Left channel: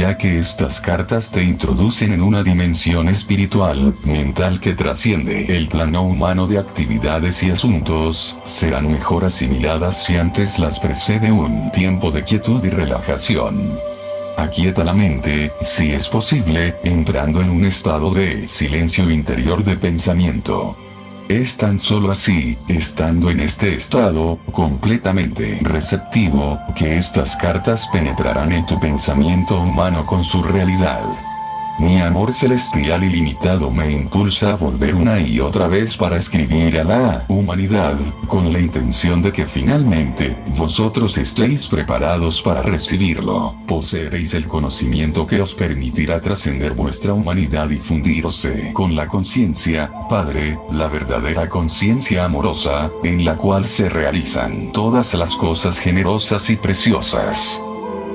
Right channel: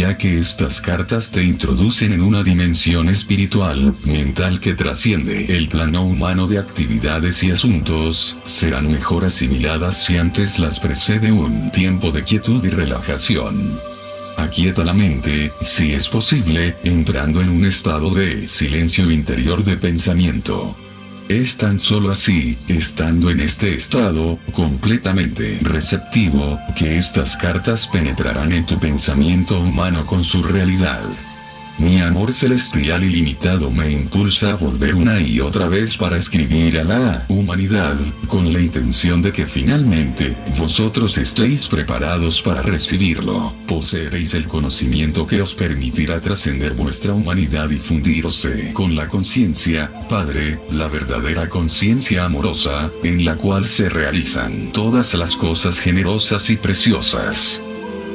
ya que estas cartas te introducen en una dimensión espiritual, mental que trasciende el plano humano de actividades y asuntos, serán mejor asimiladas si antes las precede un tiempo de quietud y relajación. Aquieta la mente, si es posible, entrando en un estado de silencio interior de pensamiento. Es tan solo así, estando en este estado, completamente receptivo, que estas cartas penetrarán en tu pensamiento humano con su realidad. Mi amor celestial ilimitado me impulsa a volver una y otra vez para escribir a la humanidad, con la intención de que finalmente, vosotros estéis preparados para recibirlo, poseeréis el conocimiento que os permitirá trascender vuestra humanidad y fundirse con la conciencia, Padre, la verdadera conciencia amorosa, en la cual se realizan todas las cosas generosas y preciosas.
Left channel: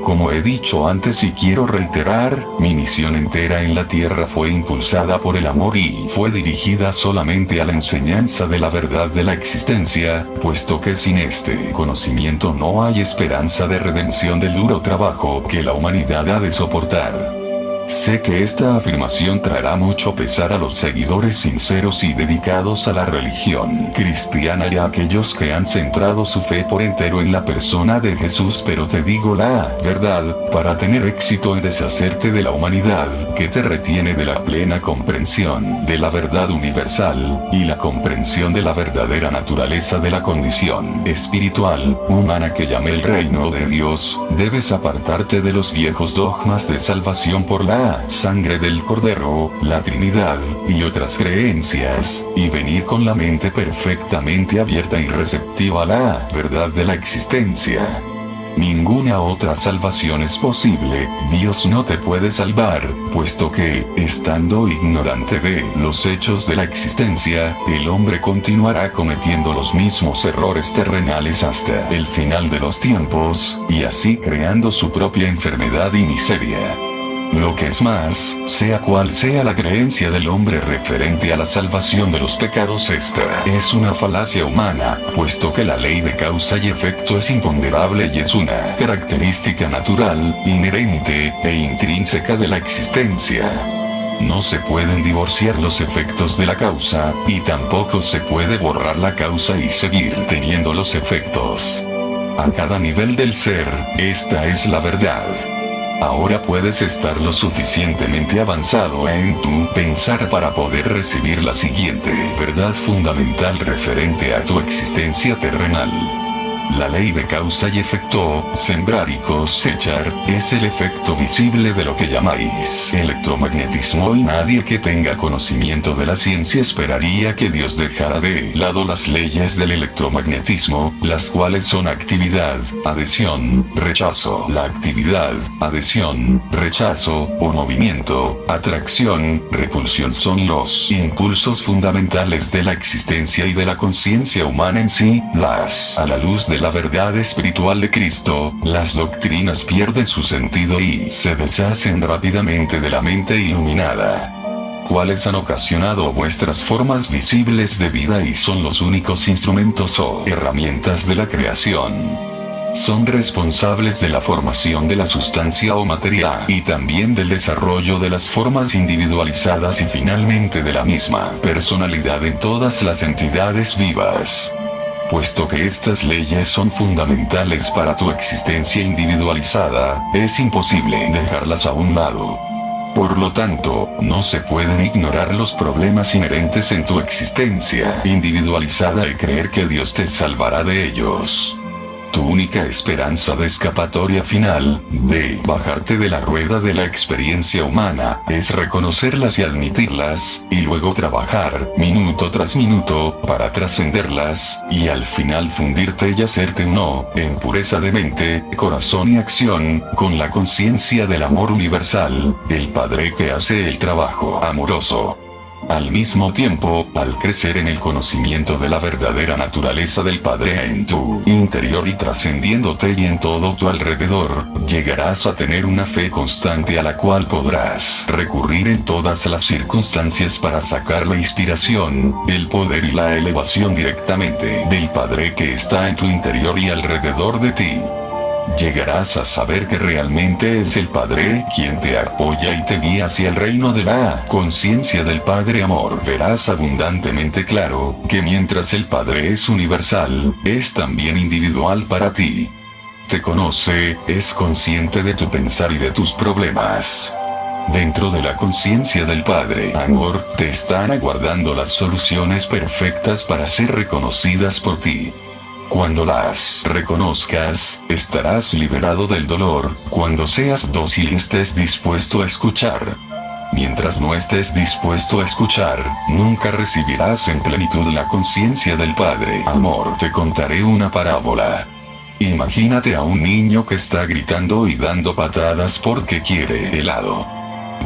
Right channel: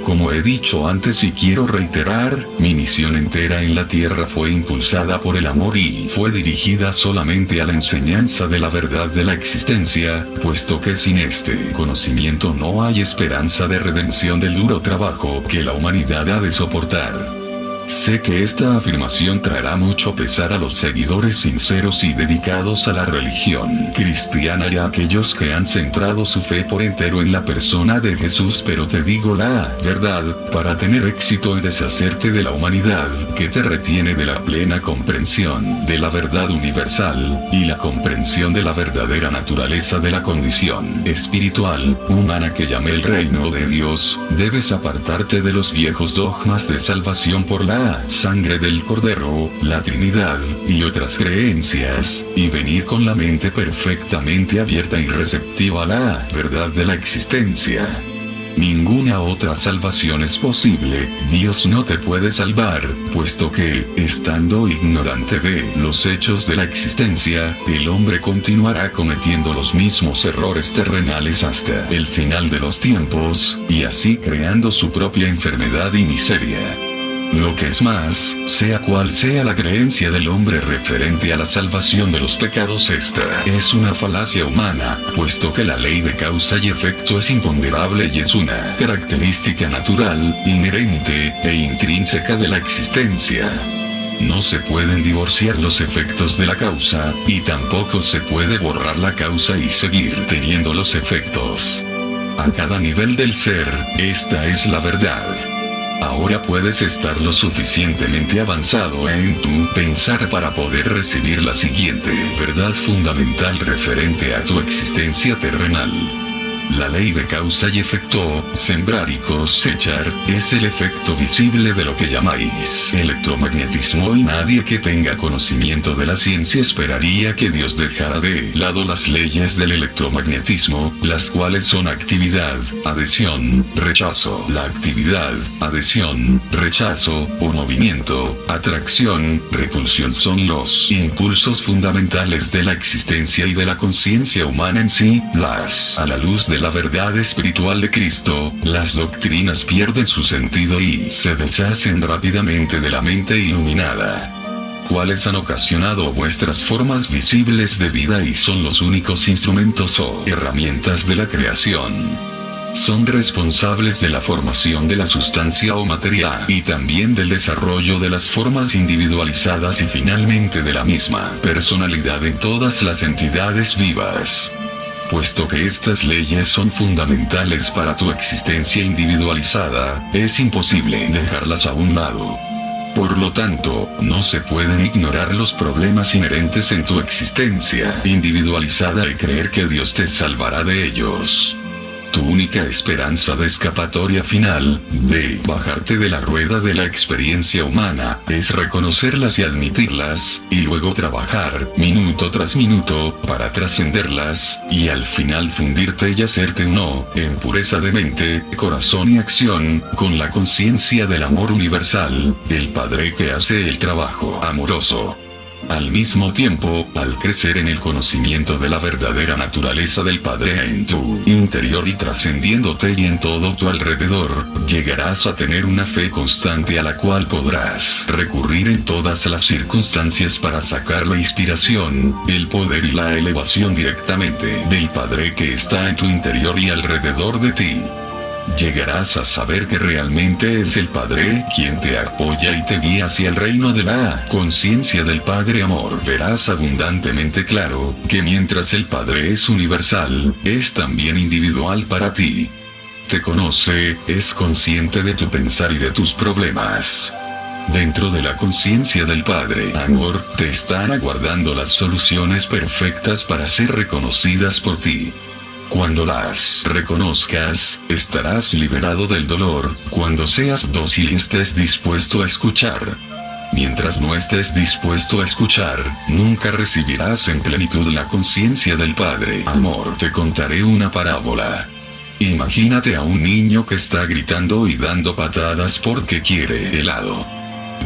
Como he dicho antes y quiero reiterar, mi misión entera en la tierra fue impulsada por el amor y fue dirigida solamente a la enseñanza de la verdad de la existencia, puesto que sin este conocimiento no hay esperanza de redención del duro trabajo que la humanidad ha de soportar. Sé que esta afirmación traerá mucho pesar a los seguidores sinceros y dedicados a la religión cristiana y a aquellos que han centrado su fe por entero en la persona de Jesús, pero te digo la verdad, para tener éxito en deshacerte de la humanidad que te retiene de la plena comprensión de la verdad universal, y la comprensión de la verdadera naturaleza de la condición espiritual, humana que llamé el reino de Dios, debes apartarte de los viejos dogmas de salvación por la sangre del Cordero, la Trinidad, y otras creencias, y venir con la mente perfectamente abierta y receptiva a la verdad de la existencia. Ninguna otra salvación es posible, Dios no te puede salvar, puesto que, estando ignorante de los hechos de la existencia, el hombre continuará cometiendo los mismos errores terrenales hasta el final de los tiempos, y así creando su propia enfermedad y miseria. Lo que es más, sea cual sea la creencia del hombre referente a la salvación de los pecados, esta es una falacia humana, puesto que la ley de causa y efecto es imponderable y es una característica natural, inherente e intrínseca de la existencia. No se pueden divorciar los efectos de la causa, y tampoco se puede borrar la causa y seguir teniendo los efectos. A cada nivel del ser, esta es la verdad. Ahora puedes estar lo suficientemente avanzado en tu pensar para poder recibir la siguiente verdad fundamental referente a tu existencia terrenal. La ley de causa y efecto, sembrar y cosechar, es el efecto visible de lo que llamáis electromagnetismo, y nadie que tenga conocimiento de la ciencia esperaría que Dios dejara de lado las leyes del electromagnetismo, las cuales son actividad, adhesión, rechazo. La actividad, adhesión, rechazo, o movimiento, atracción, repulsión son los impulsos fundamentales de la existencia y de la conciencia humana en sí. A la luz de la verdad espiritual de Cristo, las doctrinas pierden su sentido y se deshacen rápidamente de la mente iluminada. Cuáles han ocasionado vuestras formas visibles de vida y son los únicos instrumentos o herramientas de la creación. Son responsables de la formación de la sustancia o materia, y también del desarrollo de las formas individualizadas y finalmente de la misma personalidad en todas las entidades vivas. Puesto que estas leyes son fundamentales para tu existencia individualizada, es imposible dejarlas a un lado. Por lo tanto, no se pueden ignorar los problemas inherentes en tu existencia individualizada y creer que Dios te salvará de ellos. Tu única esperanza de escapatoria final, de bajarte de la rueda de la experiencia humana, es reconocerlas y admitirlas, y luego trabajar, minuto tras minuto, para trascenderlas, y al final fundirte y hacerte uno, en pureza de mente, corazón y acción, con la conciencia del amor universal, el Padre que hace el trabajo amoroso. Al mismo tiempo, al crecer en el conocimiento de la verdadera naturaleza del Padre en tu interior y trascendiéndote y en todo tu alrededor, llegarás a tener una fe constante a la cual podrás recurrir en todas las circunstancias para sacar la inspiración, el poder y la elevación directamente del Padre que está en tu interior y alrededor de ti. llegarás a saber que realmente es el Padre quien te apoya y te guía hacia el reino de la conciencia del Padre Amor. Verás abundantemente claro que mientras el Padre es universal, es también individual para ti. Te conoce, es consciente de tu pensar y de tus problemas. Dentro de la conciencia del Padre Amor, te están aguardando las soluciones perfectas para ser reconocidas por ti. Cuando las reconozcas, estarás liberado del dolor. Cuando seas dócil y estés dispuesto a escuchar. Mientras no estés dispuesto a escuchar, nunca recibirás en plenitud la conciencia del Padre Amor. Te contaré una parábola. Imagínate a un niño que está gritando y dando patadas porque quiere helado.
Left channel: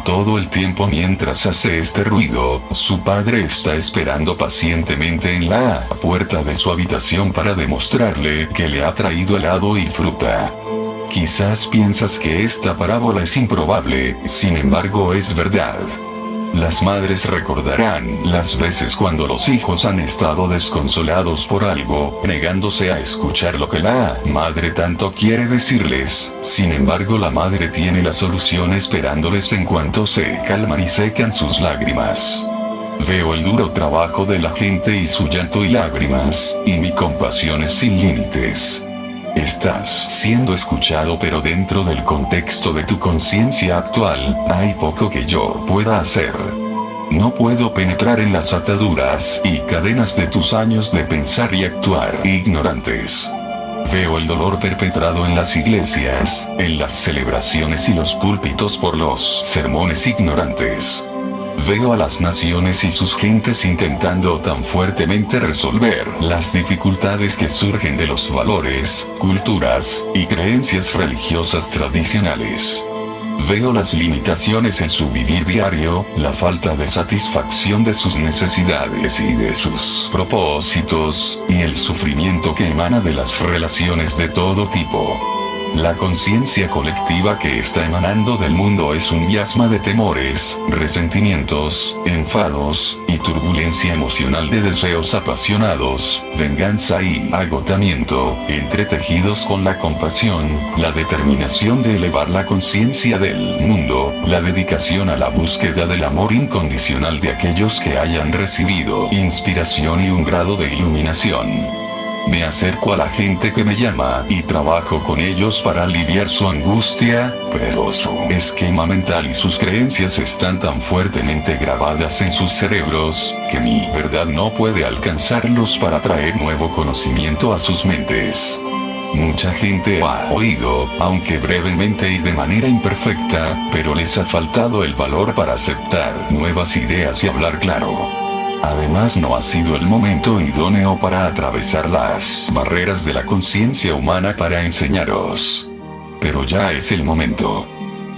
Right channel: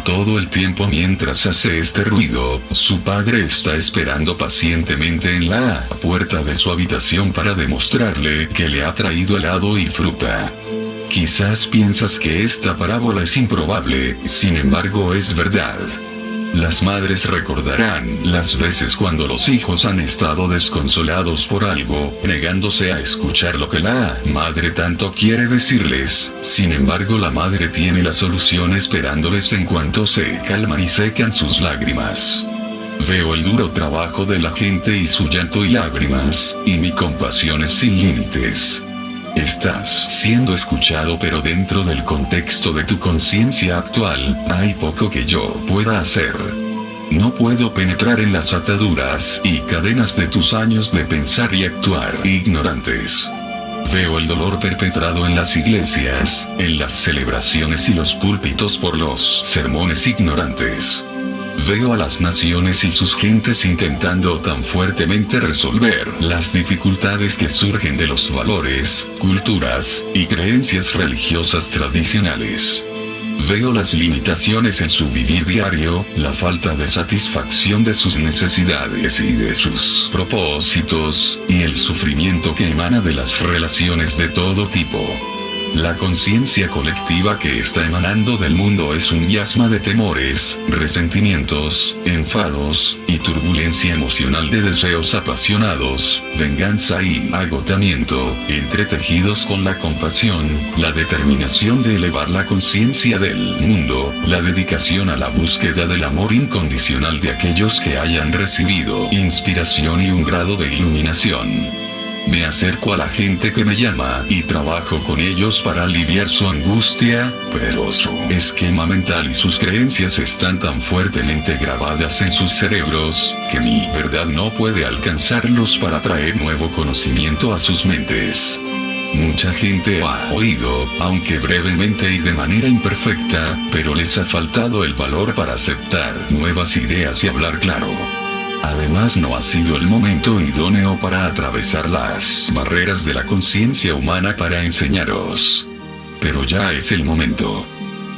Todo el tiempo mientras hace este ruido, su padre está esperando pacientemente en la puerta de su habitación para demostrarle que le ha traído helado y fruta. Quizás piensas que esta parábola es improbable, sin embargo es verdad. Las madres recordarán las veces cuando los hijos han estado desconsolados por algo, negándose a escuchar lo que la madre tanto quiere decirles. Sin embargo, la madre tiene la solución esperándoles en cuanto se calman y secan sus lágrimas. Veo el duro trabajo de la gente y su llanto y lágrimas, y mi compasión es sin límites. Estás siendo escuchado, pero dentro del contexto de tu conciencia actual, hay poco que yo pueda hacer. No puedo penetrar en las ataduras y cadenas de tus años de pensar y actuar ignorantes. Veo el dolor perpetrado en las iglesias, en las celebraciones y los púlpitos por los sermones ignorantes. Veo a las naciones y sus gentes intentando tan fuertemente resolver las dificultades que surgen de los valores, culturas y creencias religiosas tradicionales. Veo las limitaciones en su vivir diario, la falta de satisfacción de sus necesidades y de sus propósitos, y el sufrimiento que emana de las relaciones de todo tipo. La conciencia colectiva que está emanando del mundo es un miasma de temores, resentimientos, enfados, y turbulencia emocional de deseos apasionados, venganza y agotamiento, entretejidos con la compasión, la determinación de elevar la conciencia del mundo, la dedicación a la búsqueda del amor incondicional de aquellos que hayan recibido inspiración y un grado de iluminación. Me acerco a la gente que me llama y trabajo con ellos para aliviar su angustia, pero su esquema mental y sus creencias están tan fuertemente grabadas en sus cerebros, que mi verdad no puede alcanzarlos para traer nuevo conocimiento a sus mentes. Mucha gente ha oído, aunque brevemente y de manera imperfecta, pero les ha faltado el valor para aceptar nuevas ideas y hablar claro. Además, no ha sido el momento idóneo para atravesar las barreras de la conciencia humana para enseñaros. Pero ya es el momento.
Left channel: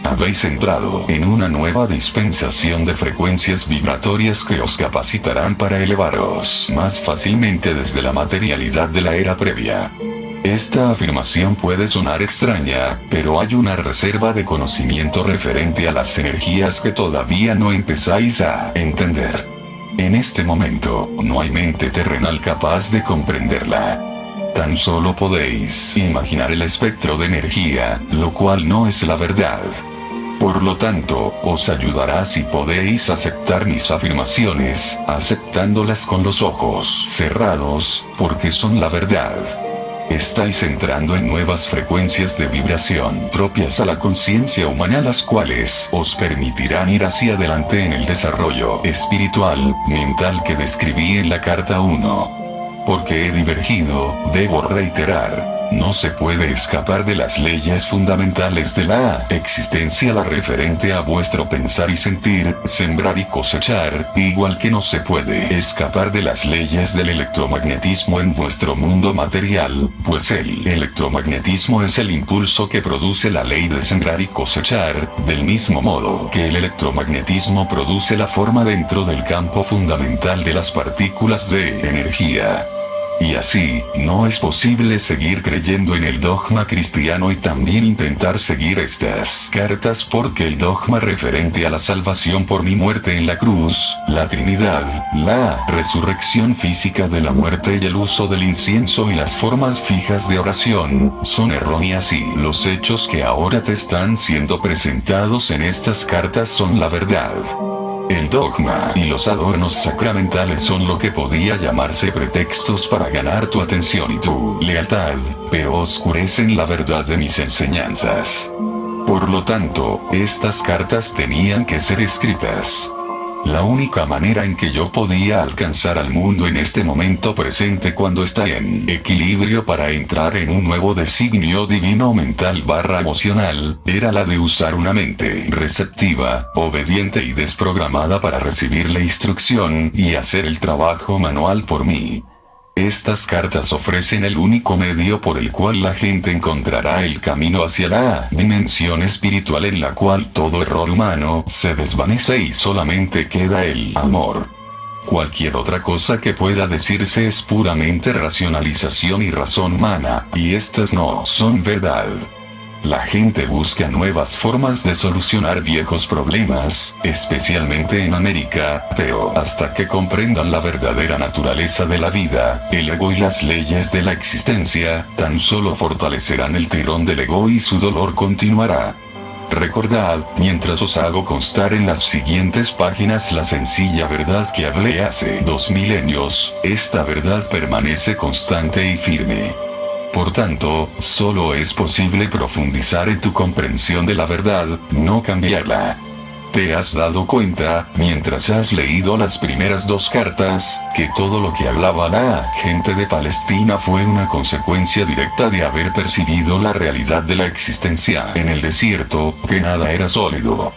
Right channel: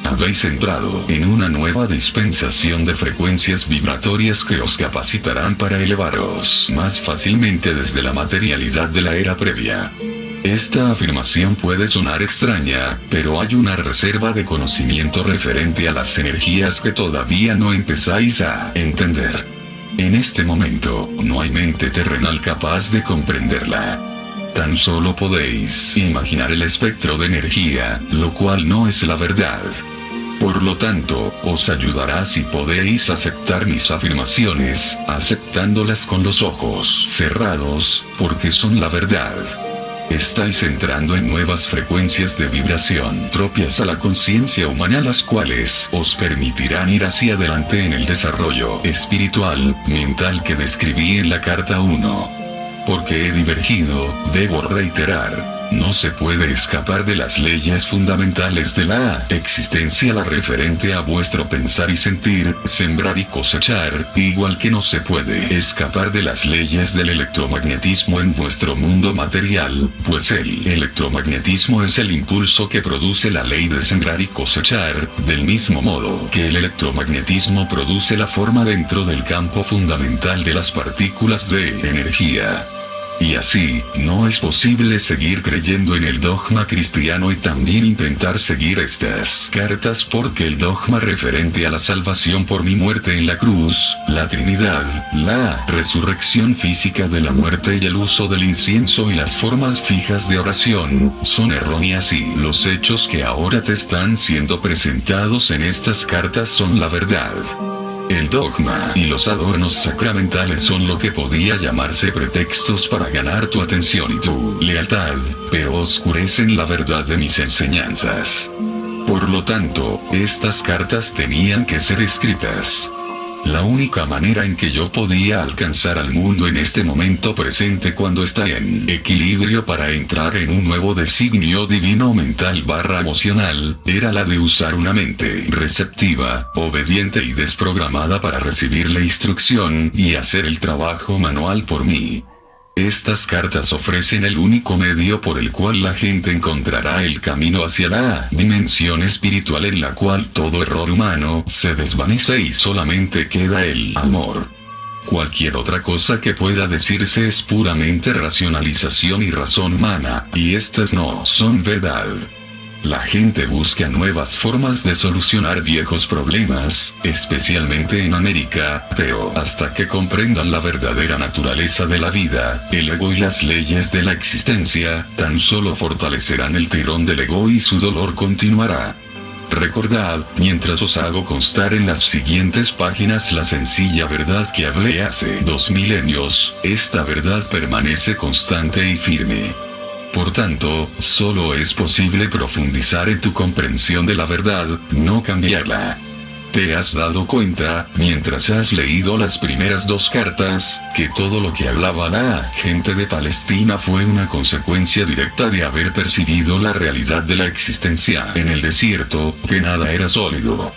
Habéis entrado en una nueva dispensación de frecuencias vibratorias que os capacitarán para elevaros más fácilmente desde la materialidad de la era previa. Esta afirmación puede sonar extraña, pero hay una reserva de conocimiento referente a las energías que todavía no empezáis a entender. En este momento, no hay mente terrenal capaz de comprenderla. Tan solo podéis imaginar el espectro de energía, lo cual no es la verdad. Por lo tanto, os ayudará si podéis aceptar mis afirmaciones, aceptándolas con los ojos cerrados, porque son la verdad. Estáis entrando en nuevas frecuencias de vibración propias a la conciencia humana, las cuales os permitirán ir hacia adelante en el desarrollo espiritual, mental que describí en la carta 1. Porque he divergido, debo reiterar, no se puede escapar de las leyes fundamentales de la existencia, la referente a vuestro pensar y sentir, sembrar y cosechar, igual que no se puede escapar de las leyes del electromagnetismo en vuestro mundo material, pues el electromagnetismo es el impulso que produce la ley de sembrar y cosechar, del mismo modo que el electromagnetismo produce la forma dentro del campo fundamental de las partículas de energía. Y así, no es posible seguir creyendo en el dogma cristiano y también intentar seguir estas cartas porque el dogma referente a la salvación por mi muerte en la cruz, la Trinidad, la resurrección física de la muerte y el uso del incienso y las formas fijas de oración, son erróneas y los hechos que ahora te están siendo presentados en estas cartas son la verdad. El dogma y los adornos sacramentales son lo que podía llamarse pretextos para ganar tu atención y tu lealtad, pero oscurecen la verdad de mis enseñanzas. Por lo tanto, estas cartas tenían que ser escritas. La única manera en que yo podía alcanzar al mundo en este momento presente cuando está en equilibrio para entrar en un nuevo designio divino mental/emocional, era la de usar una mente receptiva, obediente y desprogramada para recibir la instrucción y hacer el trabajo manual por mí. Estas cartas ofrecen el único medio por el cual la gente encontrará el camino hacia la dimensión espiritual en la cual todo error humano se desvanece y solamente queda el amor. Cualquier otra cosa que pueda decirse es puramente racionalización y razón humana, y estas no son verdad. La gente busca nuevas formas de solucionar viejos problemas, especialmente en América, pero hasta que comprendan la verdadera naturaleza de la vida, el ego y las leyes de la existencia, tan solo fortalecerán el tirón del ego y su dolor continuará. Recordad, mientras os hago constar en las siguientes páginas la sencilla verdad que hablé hace 2 milenios, esta verdad permanece constante y firme. Por tanto, solo es posible profundizar en tu comprensión de la verdad, no cambiarla. ¿Te has dado cuenta, mientras has leído las primeras 2 cartas, que todo lo que hablaba la gente de Palestina fue una consecuencia directa de haber percibido la realidad de la existencia en el desierto, que nada era sólido?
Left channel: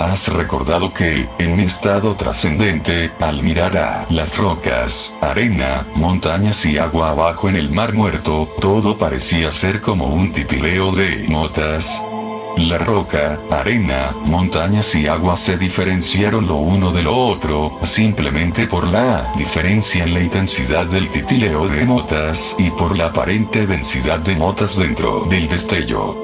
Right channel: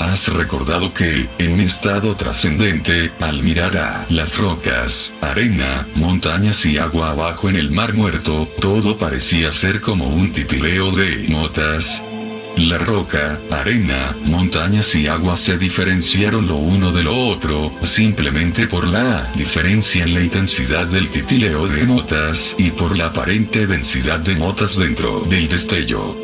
¿Has recordado que, en mi estado trascendente, al mirar a las rocas, arena, montañas y agua abajo en el mar muerto, todo parecía ser como un titileo de notas? La roca, arena, montañas y agua se diferenciaron lo uno de lo otro, simplemente por la diferencia en la intensidad del titileo de notas y por la aparente densidad de notas dentro del destello.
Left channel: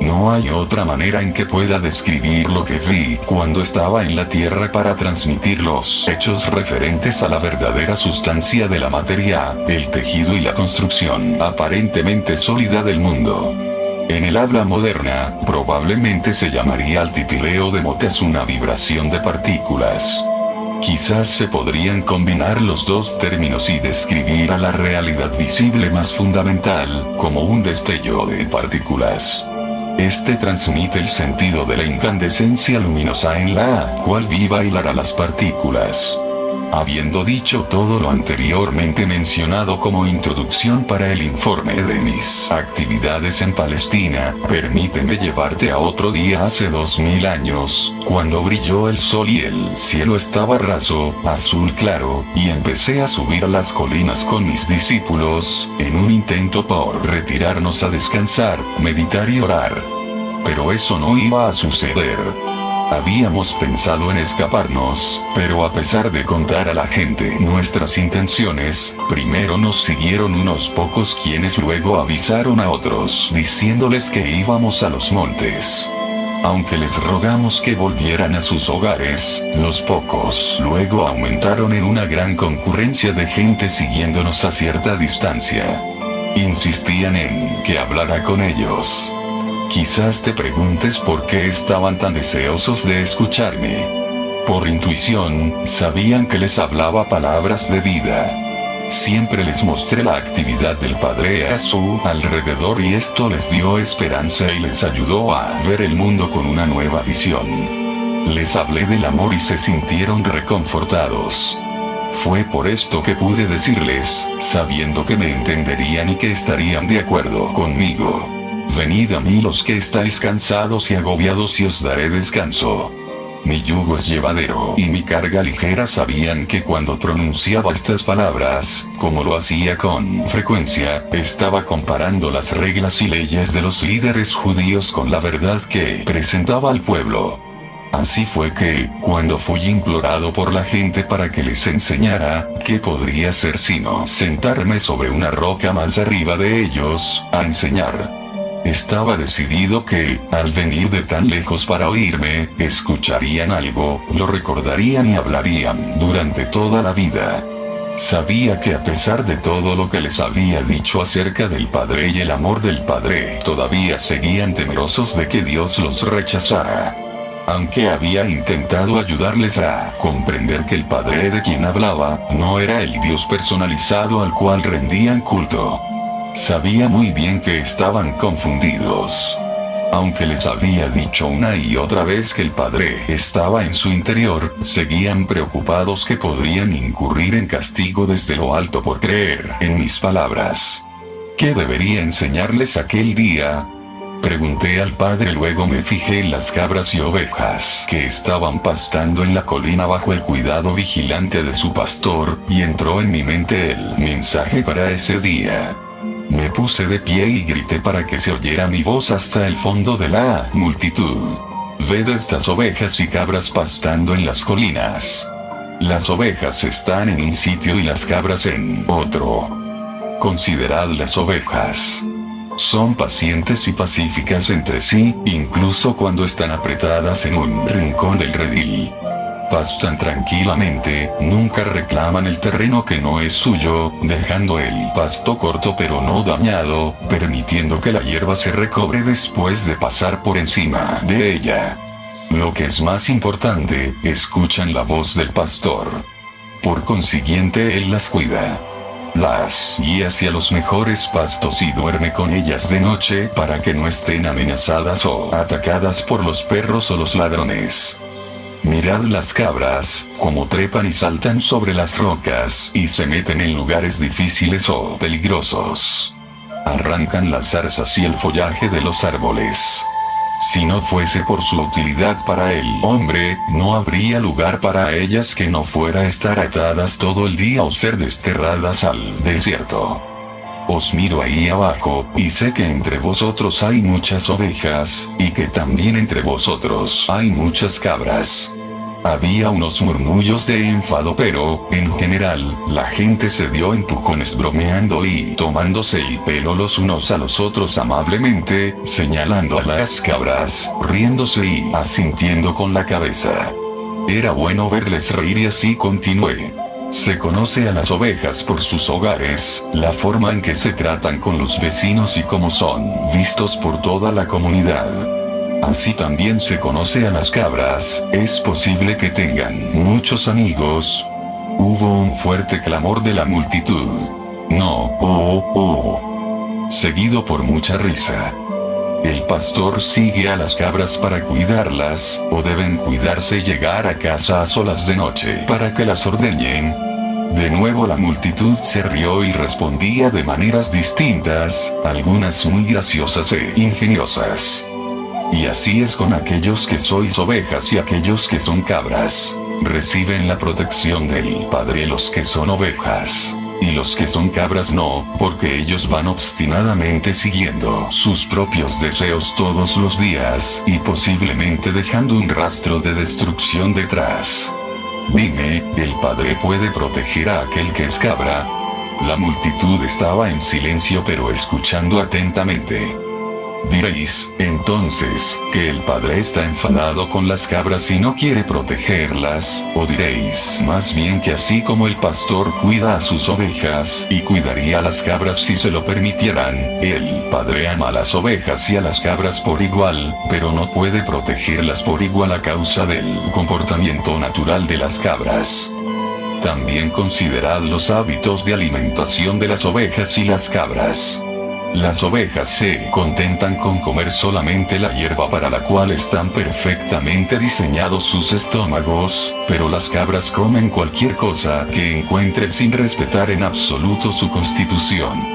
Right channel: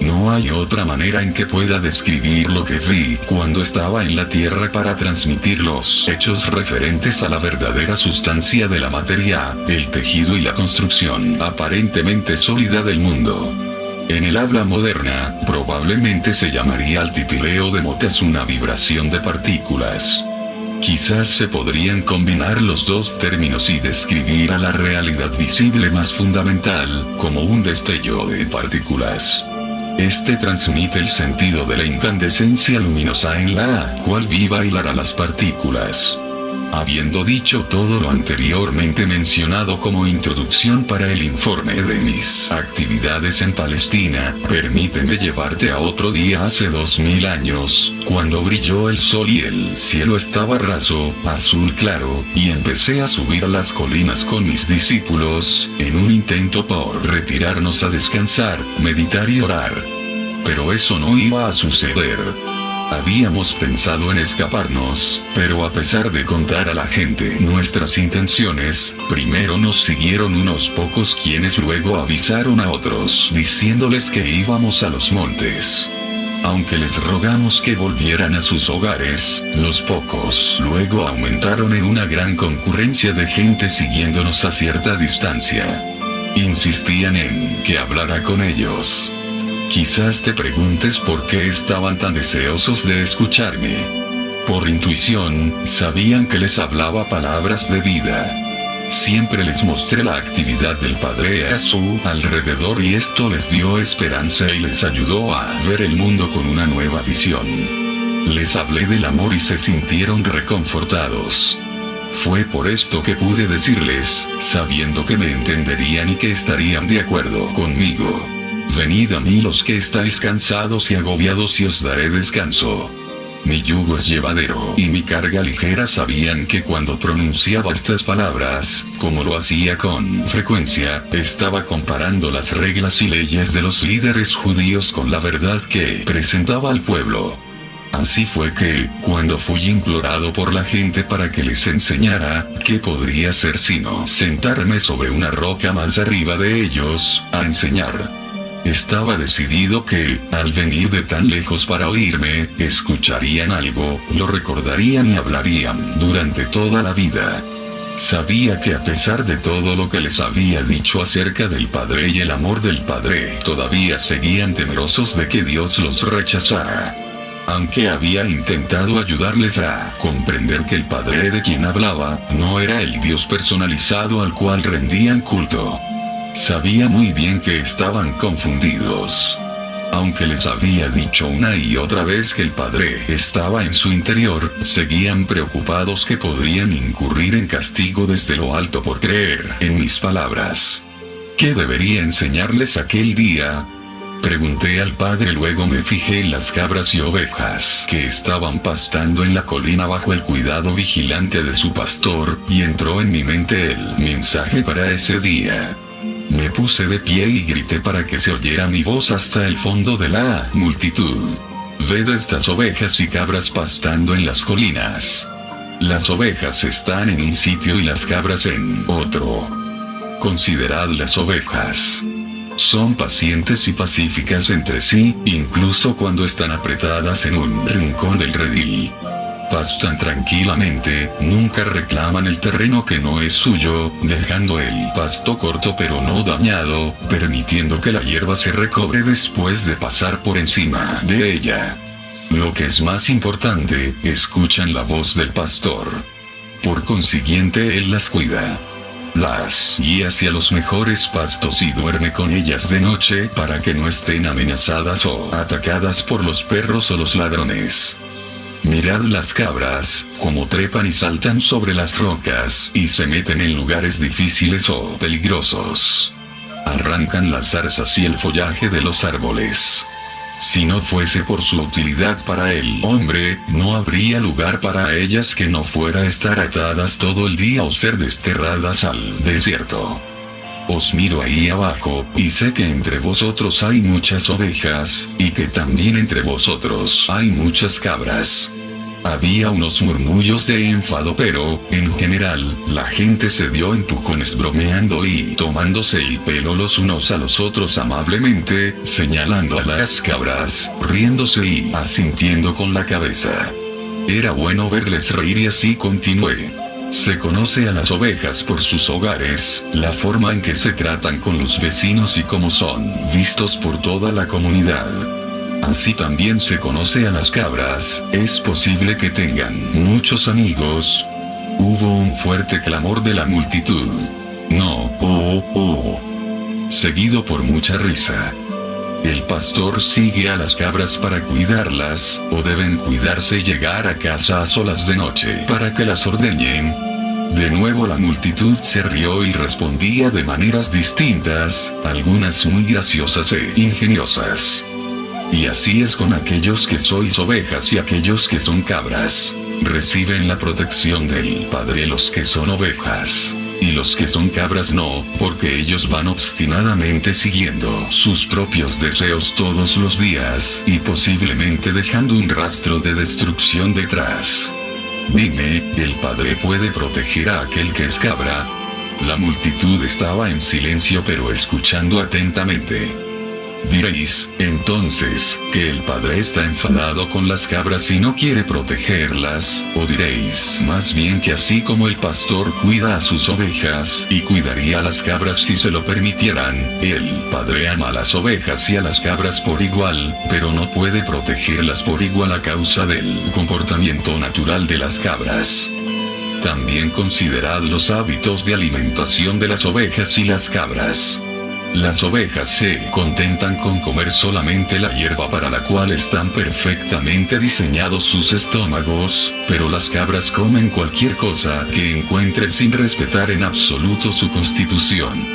No hay otra manera en que pueda describir lo que vi cuando estaba en la Tierra para transmitir los hechos referentes a la verdadera sustancia de la materia, el tejido y la construcción aparentemente sólida del mundo. En el habla moderna, probablemente se llamaría al titileo de notas una vibración de partículas. Quizás se podrían combinar los 2 términos y describir a la realidad visible más fundamental, como un destello de partículas. Este transmite el sentido de la incandescencia luminosa en la cual viva hilará las partículas. Habiendo dicho todo lo anteriormente mencionado como introducción para el informe de mis actividades en Palestina, permíteme llevarte a otro día hace 2000 años, cuando brilló el sol y el cielo estaba raso, azul claro, y empecé a subir a las colinas con mis discípulos, en un intento por retirarnos a descansar, meditar y orar. Pero eso no iba a suceder. Habíamos pensado en escaparnos, pero a pesar de contar a la gente nuestras intenciones, primero nos siguieron unos pocos quienes luego avisaron a otros diciéndoles que íbamos a los montes. Aunque les rogamos que volvieran a sus hogares, los pocos luego aumentaron en una gran concurrencia de gente siguiéndonos a cierta distancia. Insistían en que hablara con ellos. Quizás te preguntes por qué estaban tan deseosos de escucharme. Por intuición, sabían que les hablaba palabras de vida. Siempre les mostré la actividad del Padre a su alrededor y esto les dio esperanza y les ayudó a ver el mundo con una nueva visión. Les hablé del amor y se sintieron reconfortados. Fue por esto que pude decirles, sabiendo que me entenderían y que estarían de acuerdo conmigo: venid a mí los que estáis cansados y agobiados y os daré descanso. Mi yugo es llevadero y mi carga ligera. Sabían que cuando pronunciaba estas palabras, como lo hacía con frecuencia, estaba comparando las reglas y leyes de los líderes judíos con la verdad que presentaba al pueblo. Así fue que, cuando fui implorado por la gente para que les enseñara, ¿qué podría ser sino sentarme sobre una roca más arriba de ellos, a enseñar? Estaba decidido que, al venir de tan lejos para oírme, escucharían algo, lo recordarían y hablarían durante toda la vida. Sabía que a pesar de todo lo que les había dicho acerca del Padre y el amor del Padre, todavía seguían temerosos de que Dios los rechazara. Aunque había intentado ayudarles a comprender que el Padre de quien hablaba, no era el Dios personalizado al cual rendían culto. Sabía muy bien que estaban confundidos. Aunque les había dicho una y otra vez que el Padre estaba en su interior, seguían preocupados que podrían incurrir en castigo desde lo alto por creer en mis palabras. ¿Qué debería enseñarles aquel día? Pregunté al Padre, luego me fijé en las cabras y ovejas que estaban pastando en la colina bajo el cuidado vigilante de su pastor, y entró en mi mente el mensaje para ese día. Me puse de pie y grité para que se oyera mi voz hasta el fondo de la multitud. Ved estas ovejas y cabras pastando en las colinas. Las ovejas están en un sitio y las cabras en otro. Considerad las ovejas. Son pacientes y pacíficas entre sí, incluso cuando están apretadas en un rincón del redil. Pastan tranquilamente, nunca reclaman el terreno que no es suyo, dejando el pasto corto pero no dañado, permitiendo que la hierba se recobre después de pasar por encima de ella. Lo que es más importante, escuchan la voz del pastor. Por consiguiente, él las cuida. Las guía hacia los mejores pastos y duerme con ellas de noche para que no estén amenazadas o atacadas por los perros o los ladrones. Mirad las cabras, como trepan y saltan sobre las rocas, y se meten en lugares difíciles o peligrosos. Arrancan las zarzas y el follaje de los árboles. Si no fuese por su utilidad para el hombre, no habría lugar para ellas que no fuera estar atadas todo el día o ser desterradas al desierto. Os miro ahí abajo, y sé que entre vosotros hay muchas ovejas, y que también entre vosotros hay muchas cabras. Había unos murmullos de enfado, pero, en general, la gente se dio empujones bromeando y tomándose el pelo los unos a los otros amablemente, señalando a las cabras, riéndose y asintiendo con la cabeza. Era bueno verles reír y así continué. Se conoce a las ovejas por sus hogares, la forma en que se tratan con los vecinos y cómo son vistos por toda la comunidad. Así también se conoce a las cabras, es posible que tengan muchos amigos. Hubo un fuerte clamor de la multitud. No, seguido por mucha risa. El pastor sigue a las cabras para cuidarlas, o deben cuidarse y llegar a casa a solas de noche para que las ordeñen. De nuevo la multitud se rió y respondía de maneras distintas, algunas muy graciosas e ingeniosas. Y así es con aquellos que sois ovejas y aquellos que son cabras. Reciben la protección del Padre los que son ovejas. Y los que son cabras no, porque ellos van obstinadamente siguiendo sus propios deseos todos los días, y posiblemente dejando un rastro de destrucción detrás. Dime, ¿el Padre puede proteger a aquel que es cabra? La multitud estaba en silencio pero escuchando atentamente. Diréis, entonces, que el Padre está enfadado con las cabras y no quiere protegerlas, o diréis, más bien que así como el pastor cuida a sus ovejas, y cuidaría a las cabras si se lo permitieran, el Padre ama a las ovejas y a las cabras por igual, pero no puede protegerlas por igual a causa del comportamiento natural de las cabras. También considerad los hábitos de alimentación de las ovejas y las cabras. Las ovejas se contentan con comer solamente la hierba para la cual están perfectamente diseñados sus estómagos, pero las cabras comen cualquier cosa que encuentren sin respetar en absoluto su constitución.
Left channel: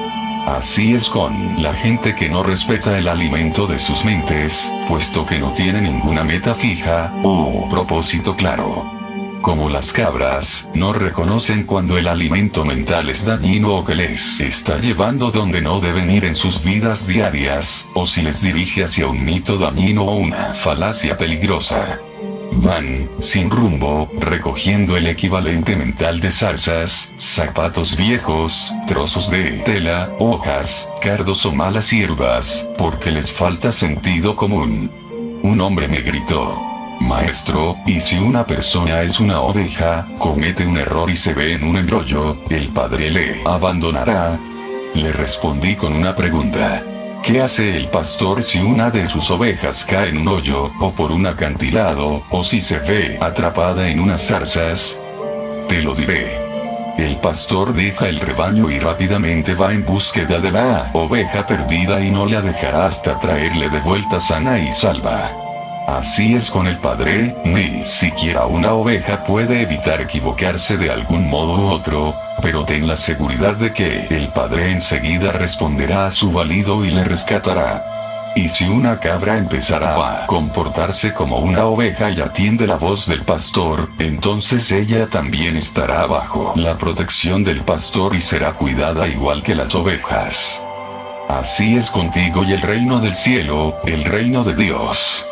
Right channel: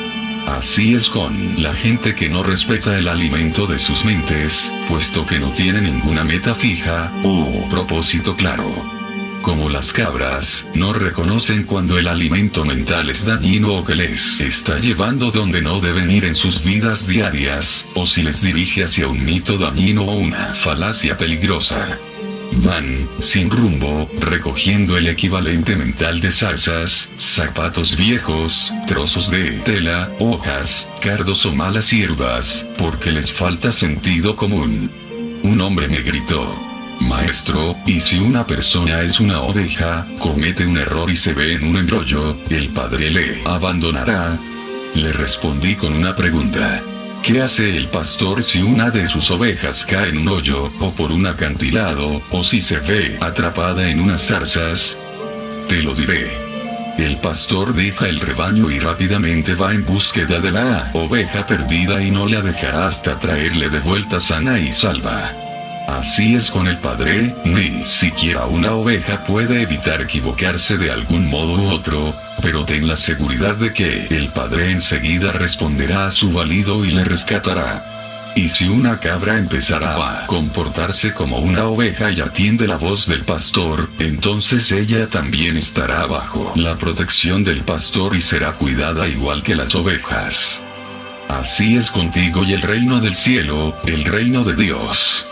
Así es con la gente que no respeta el alimento de sus mentes, puesto que no tiene ninguna meta fija, o propósito claro. Como las cabras, no reconocen cuando el alimento mental es dañino o que les está llevando donde no deben ir en sus vidas diarias, o si les dirige hacia un mito dañino o una falacia peligrosa. Van, sin rumbo, recogiendo el equivalente mental de zarzas, zapatos viejos, trozos de tela, hojas, cardos o malas hierbas, porque les falta sentido común. Un hombre me gritó: Maestro, ¿y si una persona es una oveja, comete un error y se ve en un embrollo, el padre le abandonará? Le respondí con una pregunta: ¿qué hace el pastor si una de sus ovejas cae en un hoyo, o por un acantilado, o si se ve atrapada en unas zarzas? Te lo diré. El pastor deja el rebaño y rápidamente va en búsqueda de la oveja perdida y no la dejará hasta traerle de vuelta sana y salva. Así es con el Padre, ni siquiera una oveja puede evitar equivocarse de algún modo u otro, pero ten la seguridad de que el Padre enseguida responderá a su balido y le rescatará. Y si una cabra empezará a comportarse como una oveja y atiende la voz del pastor, entonces ella también estará bajo la protección del pastor y será cuidada igual que las ovejas. Así es contigo y el reino del cielo, el reino de Dios.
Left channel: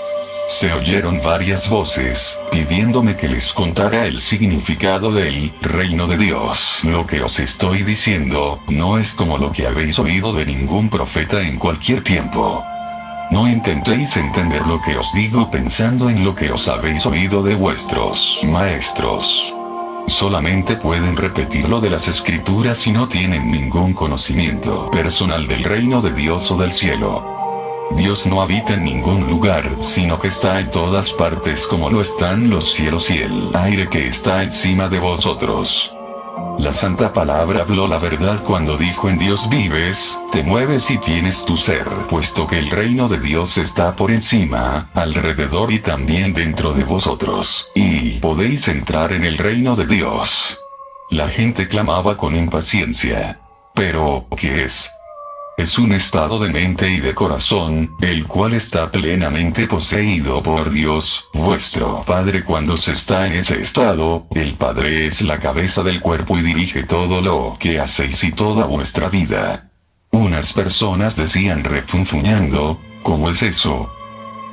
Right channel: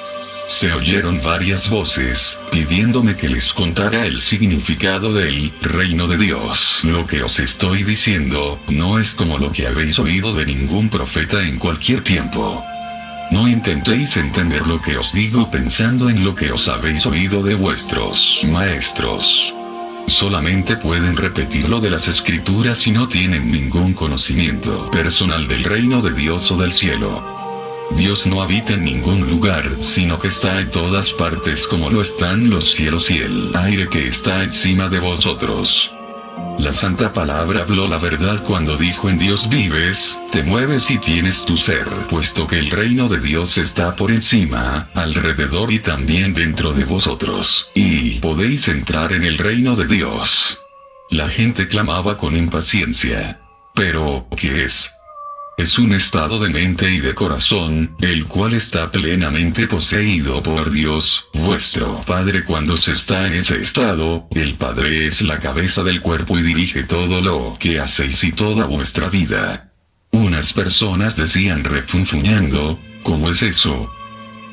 Se oyeron varias voces, pidiéndome que les contara el significado del reino de Dios. Lo que os estoy diciendo, no es como lo que habéis oído de ningún profeta en cualquier tiempo. No intentéis entender lo que os digo pensando en lo que os habéis oído de vuestros maestros. Solamente pueden repetirlo de las escrituras y no tienen ningún conocimiento personal del reino de Dios o del cielo. Dios no habita en ningún lugar, sino que está en todas partes como lo están los cielos y el aire que está encima de vosotros. La Santa Palabra habló la verdad cuando dijo: en Dios vives, te mueves y tienes tu ser, puesto que el reino de Dios está por encima, alrededor y también dentro de vosotros, y podéis entrar en el reino de Dios. La gente clamaba con impaciencia: ¿pero qué es? Es un estado de mente y de corazón, el cual está plenamente poseído por Dios, vuestro Padre. Cuando se está en ese estado, el Padre es la cabeza del cuerpo y dirige todo lo que hacéis y toda vuestra vida. Unas personas decían refunfuñando: ¿cómo es eso?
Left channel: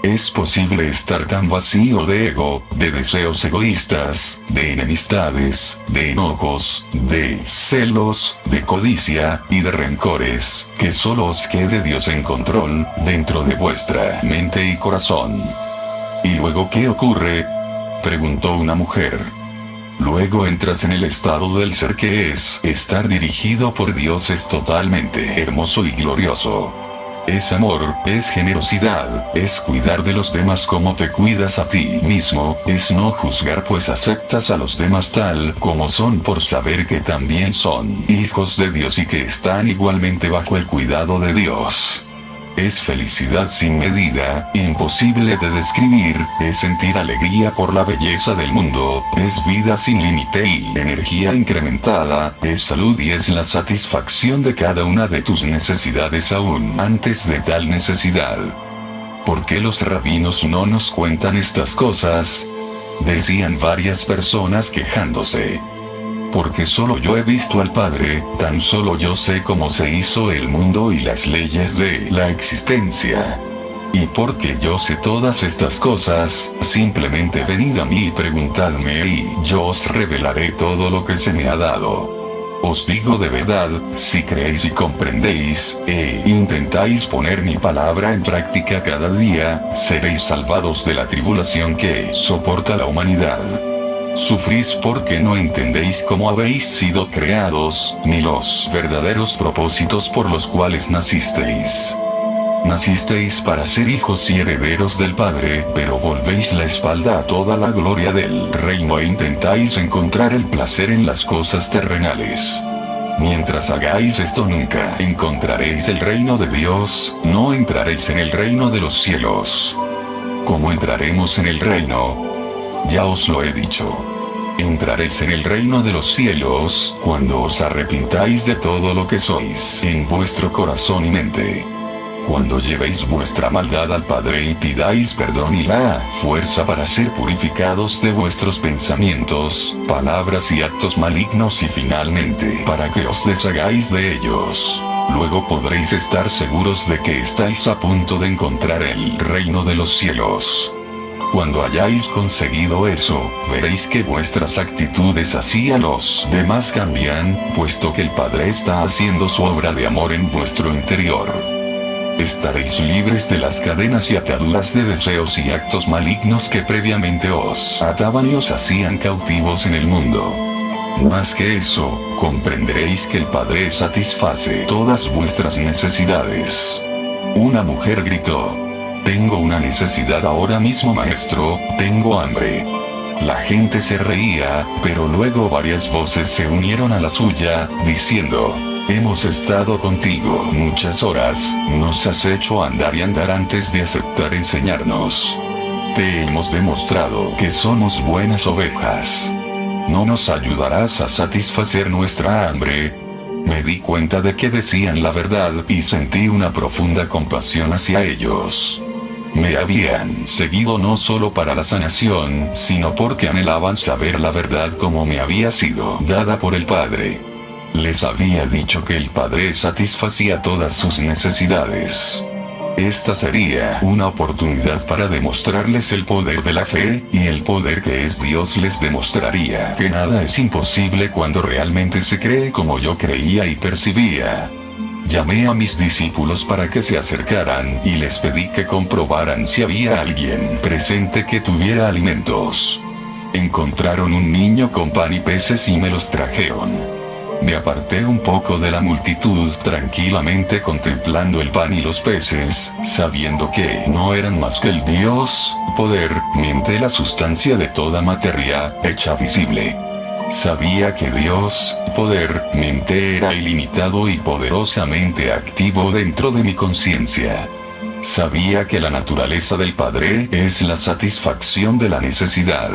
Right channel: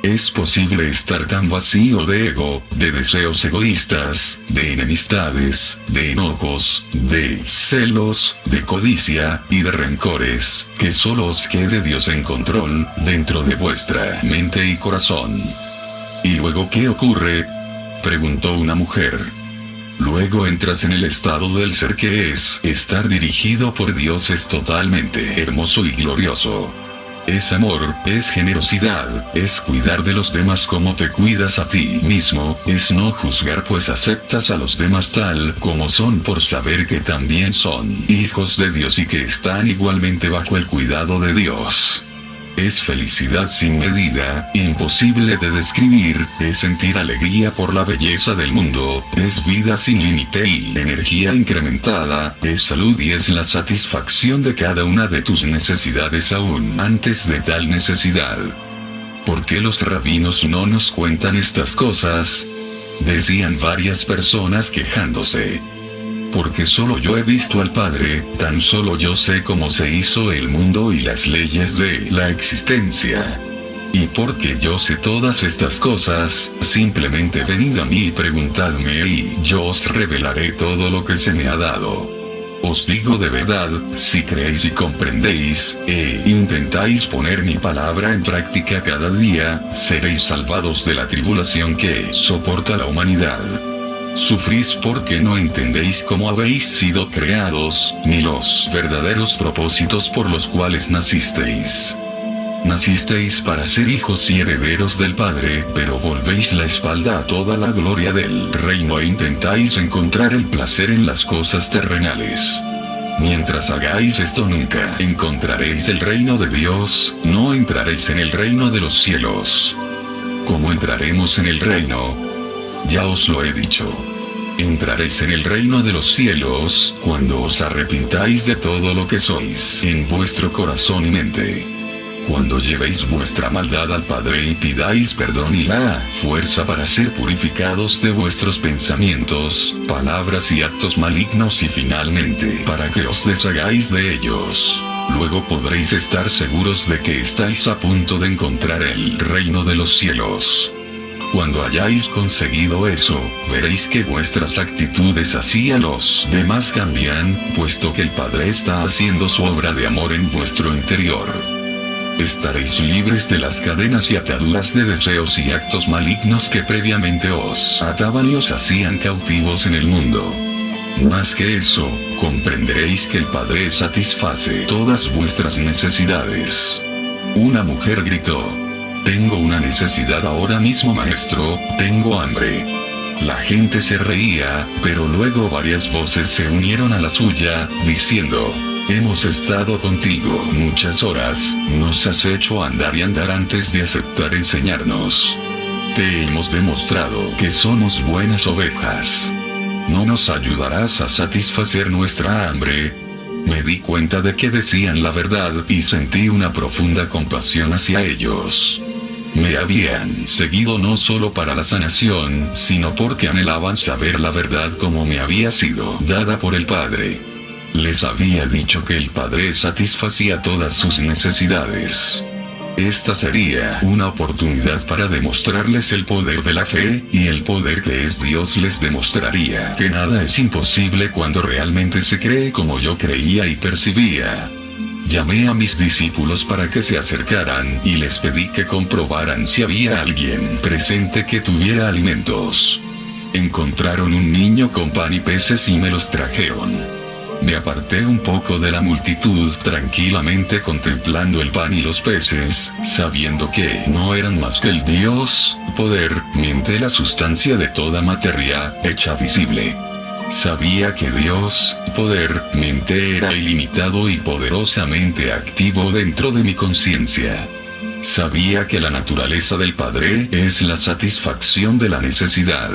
¿Es posible estar tan vacío de ego, de deseos egoístas, de enemistades, de enojos, de celos, de codicia, y de rencores, que solo os quede Dios en control, dentro de vuestra mente y corazón? ¿Y luego qué ocurre?, preguntó una mujer. Luego entras en el estado del ser, que es estar dirigido por Dios. Es totalmente hermoso y glorioso. Es amor, es generosidad, es cuidar de los demás como te cuidas a ti mismo, es no juzgar pues aceptas a los demás tal como son por saber que también son hijos de Dios y que están igualmente bajo el cuidado de Dios. Es felicidad sin medida, imposible de describir, es sentir alegría por la belleza del mundo, es vida sin límite y energía incrementada, es salud y es la satisfacción de cada una de tus necesidades aún antes de tal necesidad. ¿Por qué los rabinos no nos cuentan estas cosas?, decían varias personas quejándose. Porque solo yo he visto al Padre, tan solo yo sé cómo se hizo el mundo y las leyes de la existencia. Y porque yo sé todas estas cosas, simplemente venid a mí y preguntadme y yo os revelaré todo lo que se me ha dado. Os digo de verdad, si creéis y comprendéis, e intentáis poner mi palabra en práctica cada día, seréis salvados de la tribulación que soporta la humanidad. Sufrís porque no entendéis cómo habéis sido creados, ni los verdaderos propósitos por los cuales nacisteis. Nacisteis para ser hijos y herederos del Padre, pero volvéis la espalda a toda la gloria del reino e intentáis encontrar el placer en las cosas terrenales. Mientras hagáis esto nunca encontraréis el reino de Dios, no entraréis en el reino de los cielos. ¿Cómo entraremos en el reino? Ya os lo he dicho. Entraréis en el reino de los cielos, cuando os arrepintáis de todo lo que sois en vuestro corazón y mente. Cuando llevéis vuestra maldad al Padre y pidáis perdón y la fuerza para ser purificados de vuestros pensamientos, palabras y actos malignos y finalmente para que os deshagáis de ellos. Luego podréis estar seguros de que estáis a punto de encontrar el reino de los cielos. Cuando hayáis conseguido eso, veréis que vuestras actitudes hacia los demás cambian, puesto que el Padre está haciendo su obra de amor en vuestro interior. Estaréis libres de las cadenas y ataduras de deseos y actos malignos que previamente os ataban y os hacían cautivos en el mundo. Más que eso, comprenderéis que el Padre satisface todas vuestras necesidades. Una mujer gritó: «Tengo una necesidad ahora mismo, maestro, tengo hambre». La gente se reía, pero luego varias voces se unieron a la suya, diciendo: «Hemos estado contigo muchas horas, nos has hecho andar y andar antes de aceptar enseñarnos. Te hemos demostrado que somos buenas ovejas. ¿No nos ayudarás a satisfacer nuestra hambre?». Me di cuenta de que decían la verdad y sentí una profunda compasión hacia ellos. Me habían seguido no solo para la sanación, sino porque anhelaban saber la verdad como me había sido dada por el Padre. Les había dicho que el Padre satisfacía todas sus necesidades. Esta sería una oportunidad para demostrarles el poder de la fe, y el poder que es Dios les demostraría que nada es imposible cuando realmente se cree como yo creía y percibía. Llamé a mis discípulos para que se acercaran y les pedí que comprobaran si había alguien presente que tuviera alimentos. Encontraron un niño con pan y peces y me los trajeron. Me aparté un poco de la multitud tranquilamente contemplando el pan y los peces, sabiendo que no eran más que el Dios, poder, mente, la sustancia de toda materia, hecha visible. Sabía que Dios, poder, mente era ilimitado y poderosamente activo dentro de mi conciencia. Sabía que la naturaleza del Padre es la satisfacción de la necesidad.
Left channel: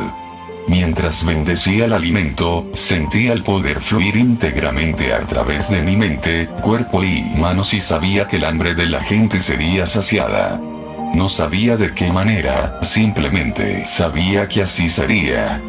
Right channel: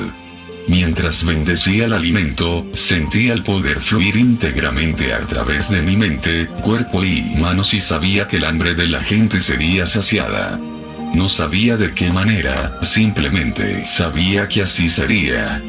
Mientras bendecía el alimento, sentía el poder fluir íntegramente a través de mi mente, cuerpo y manos y sabía que el hambre de la gente sería saciada. No sabía de qué manera, simplemente sabía que así sería.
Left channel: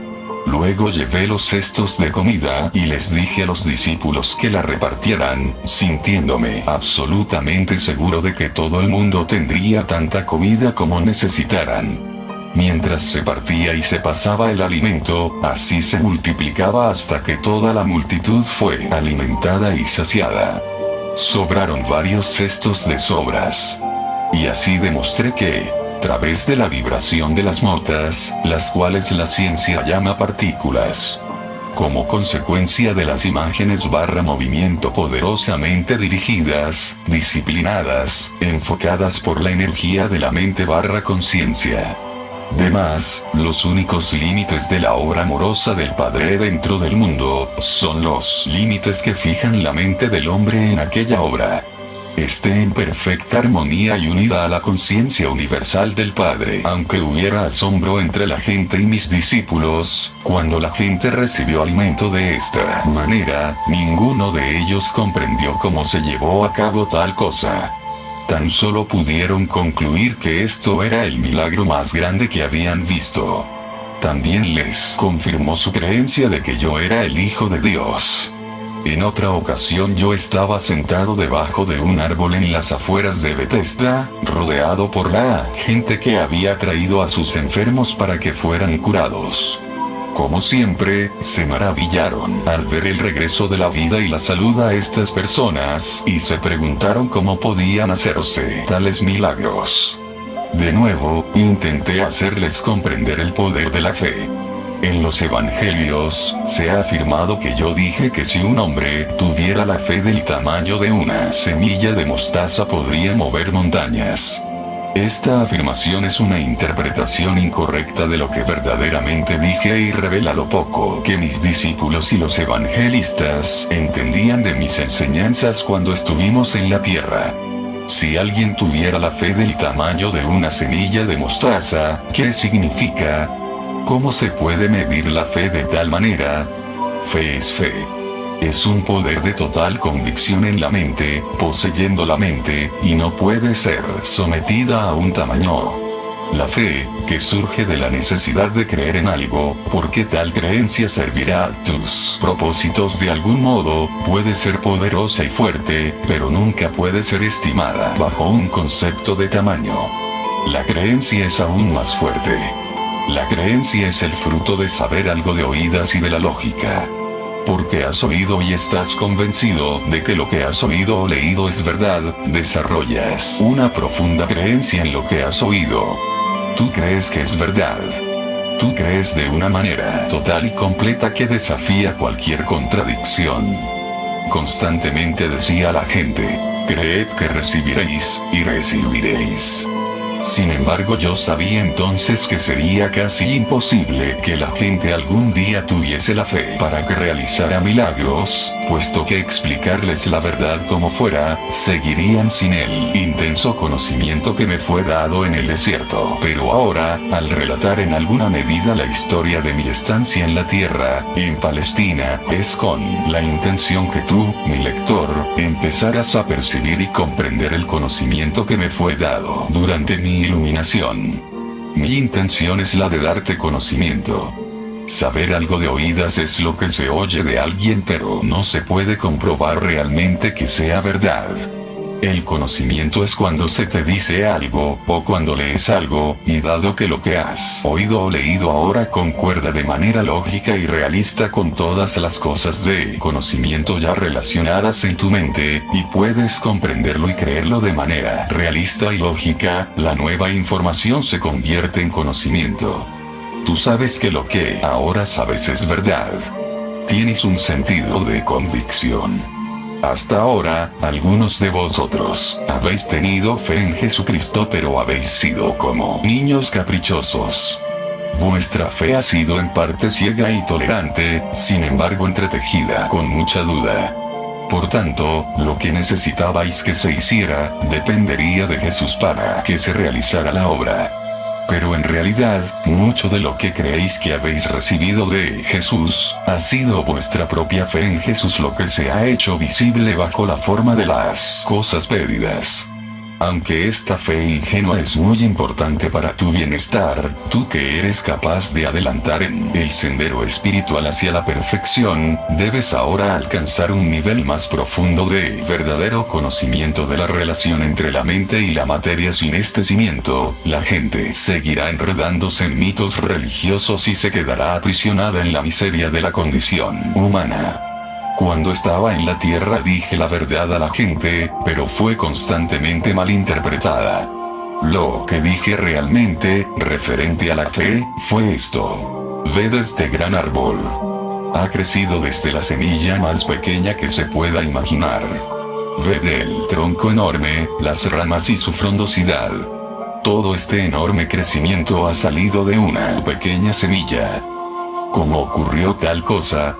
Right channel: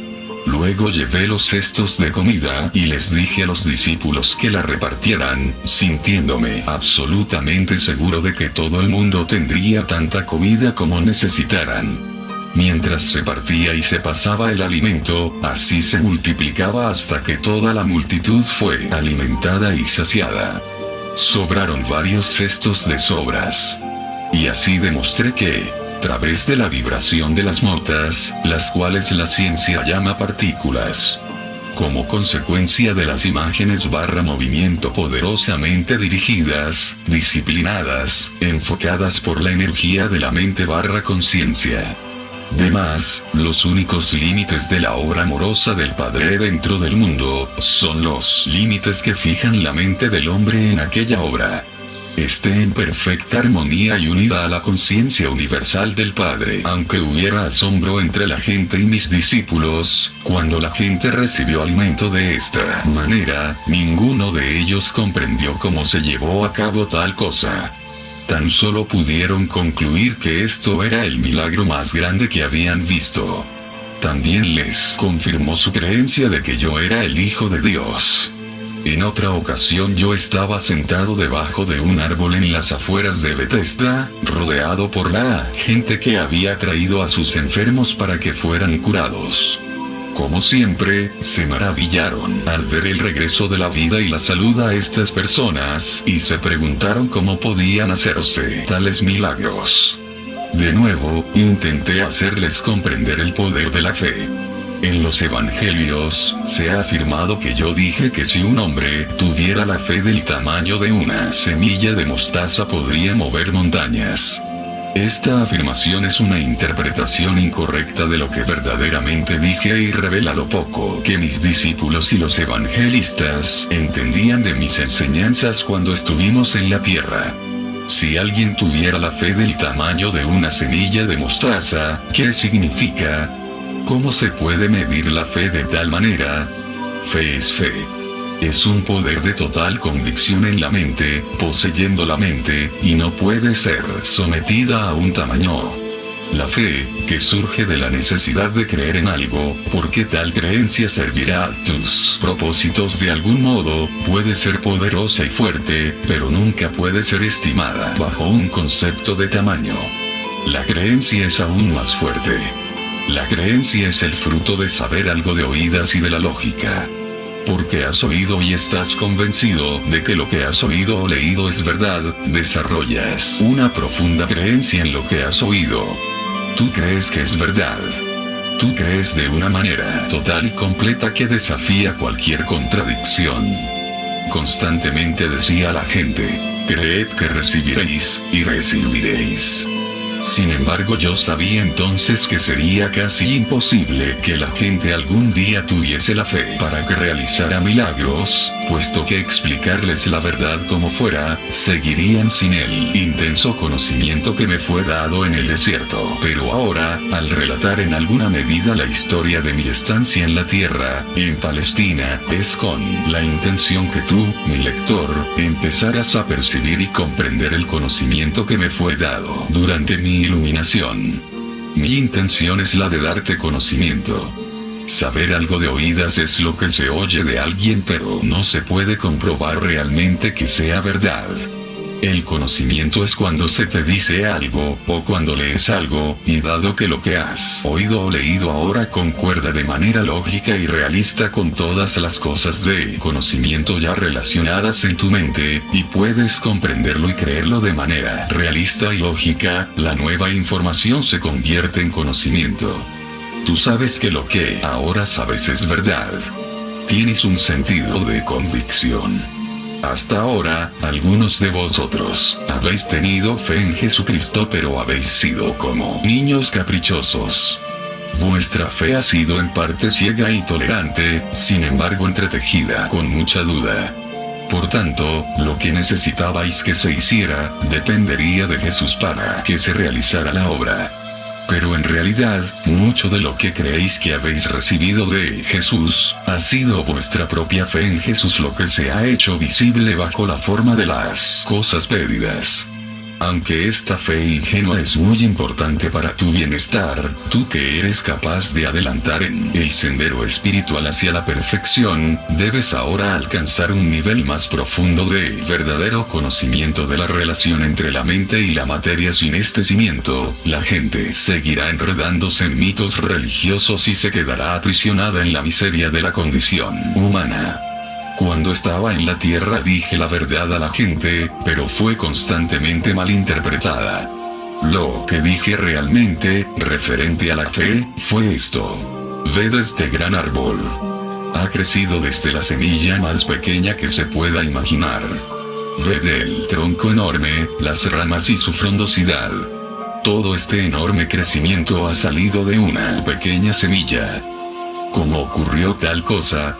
Luego llevé los cestos de comida y les dije a los discípulos que la repartieran, sintiéndome absolutamente seguro de que todo el mundo tendría tanta comida como necesitaran. Mientras se partía y se pasaba el alimento, así se multiplicaba hasta que toda la multitud fue alimentada y saciada. Sobraron varios cestos de sobras. Y así demostré que, a través de la vibración de las notas, las cuales la ciencia llama partículas, como consecuencia de las imágenes / movimiento poderosamente dirigidas, disciplinadas, enfocadas por la energía de la mente / conciencia. Además, los únicos límites de la obra amorosa del Padre dentro del mundo, son los límites que fijan la mente del hombre en aquella obra. Esté en perfecta armonía y unida a la conciencia universal del Padre. Aunque hubiera asombro entre la gente y mis discípulos, cuando la gente recibió alimento de esta manera, ninguno de ellos comprendió cómo se llevó a cabo tal cosa. Tan solo pudieron concluir que esto era el milagro más grande que habían visto. También les confirmó su creencia de que yo era el Hijo de Dios. En otra ocasión yo estaba sentado debajo de un árbol en las afueras de Bethesda, rodeado por la gente que había traído a sus enfermos para que fueran curados. Como siempre, se maravillaron al ver el regreso de la vida y la salud a estas personas, y se preguntaron cómo podían hacerse tales milagros. De nuevo, intenté hacerles comprender el poder de la fe. En los evangelios, se ha afirmado que yo dije que si un hombre tuviera la fe del tamaño de una semilla de mostaza podría mover montañas. Esta afirmación es una interpretación incorrecta de lo que verdaderamente dije y revela lo poco que mis discípulos y los evangelistas entendían de mis enseñanzas cuando estuvimos en la tierra. Si alguien tuviera la fe del tamaño de una semilla de mostaza, ¿qué significa? ¿Cómo se puede medir la fe de tal manera? Fe es fe. Es un poder de total convicción en la mente, poseyendo la mente, y no puede ser sometida a un tamaño. La fe, que surge de la necesidad de creer en algo, porque tal creencia servirá a tus propósitos de algún modo, puede ser poderosa y fuerte, pero nunca puede ser estimada bajo un concepto de tamaño. La creencia es aún más fuerte. La creencia es el fruto de saber algo de oídas y de la lógica. Porque has oído y estás convencido de que lo que has oído o leído es verdad, desarrollas una profunda creencia en lo que has oído. Tú crees que es verdad. Tú crees de una manera total y completa que desafía cualquier contradicción. Constantemente decía la gente, creed que recibiréis, y recibiréis. Sin embargo, yo sabía entonces que sería casi imposible que la gente algún día tuviese la fe para que realizara milagros, puesto que explicarles la verdad como fuera, seguirían sin el intenso conocimiento que me fue dado en el desierto. Pero ahora, al relatar en alguna medida la historia de mi estancia en la tierra, en Palestina, es con la intención que tú, mi lector, empezaras a percibir y comprender el conocimiento que me fue dado durante mi iluminación. Mi intención es la de darte conocimiento. Saber algo de oídas es lo que se oye de alguien, pero no se puede comprobar realmente que sea verdad. El conocimiento es cuando se te dice algo, o cuando lees algo, y dado que lo que has oído o leído ahora concuerda de manera lógica y realista con todas las cosas de conocimiento ya relacionadas en tu mente, y puedes comprenderlo y creerlo de manera realista y lógica, la nueva información se convierte en conocimiento. Tú sabes que lo que ahora sabes es verdad. Tienes un sentido de convicción. Hasta ahora, algunos de vosotros habéis tenido fe en Jesucristo, pero habéis sido como niños caprichosos. Vuestra fe ha sido en parte ciega y tolerante, sin embargo entretejida con mucha duda. Por tanto, lo que necesitabais que se hiciera, dependería de Jesús para que se realizara la obra. Pero en realidad, mucho de lo que creéis que habéis recibido de Jesús, ha sido vuestra propia fe en Jesús lo que se ha hecho visible bajo la forma de las cosas pedidas. Aunque esta fe ingenua es muy importante para tu bienestar, tú que eres capaz de adelantar en el sendero espiritual hacia la perfección, debes ahora alcanzar un nivel más profundo de verdadero conocimiento de la relación entre la mente y la materia. Sin este cimiento, la gente seguirá enredándose en mitos religiosos y se quedará aprisionada en la miseria de la condición humana. Cuando estaba en la tierra dije la verdad a la gente, pero fue constantemente malinterpretada. Lo que dije realmente, referente a la fe, fue esto. Ved este gran árbol. Ha crecido desde la semilla más pequeña que se pueda imaginar. Ved el tronco enorme, las ramas y su frondosidad. Todo este enorme crecimiento ha salido de una pequeña semilla. ¿Cómo ocurrió tal cosa?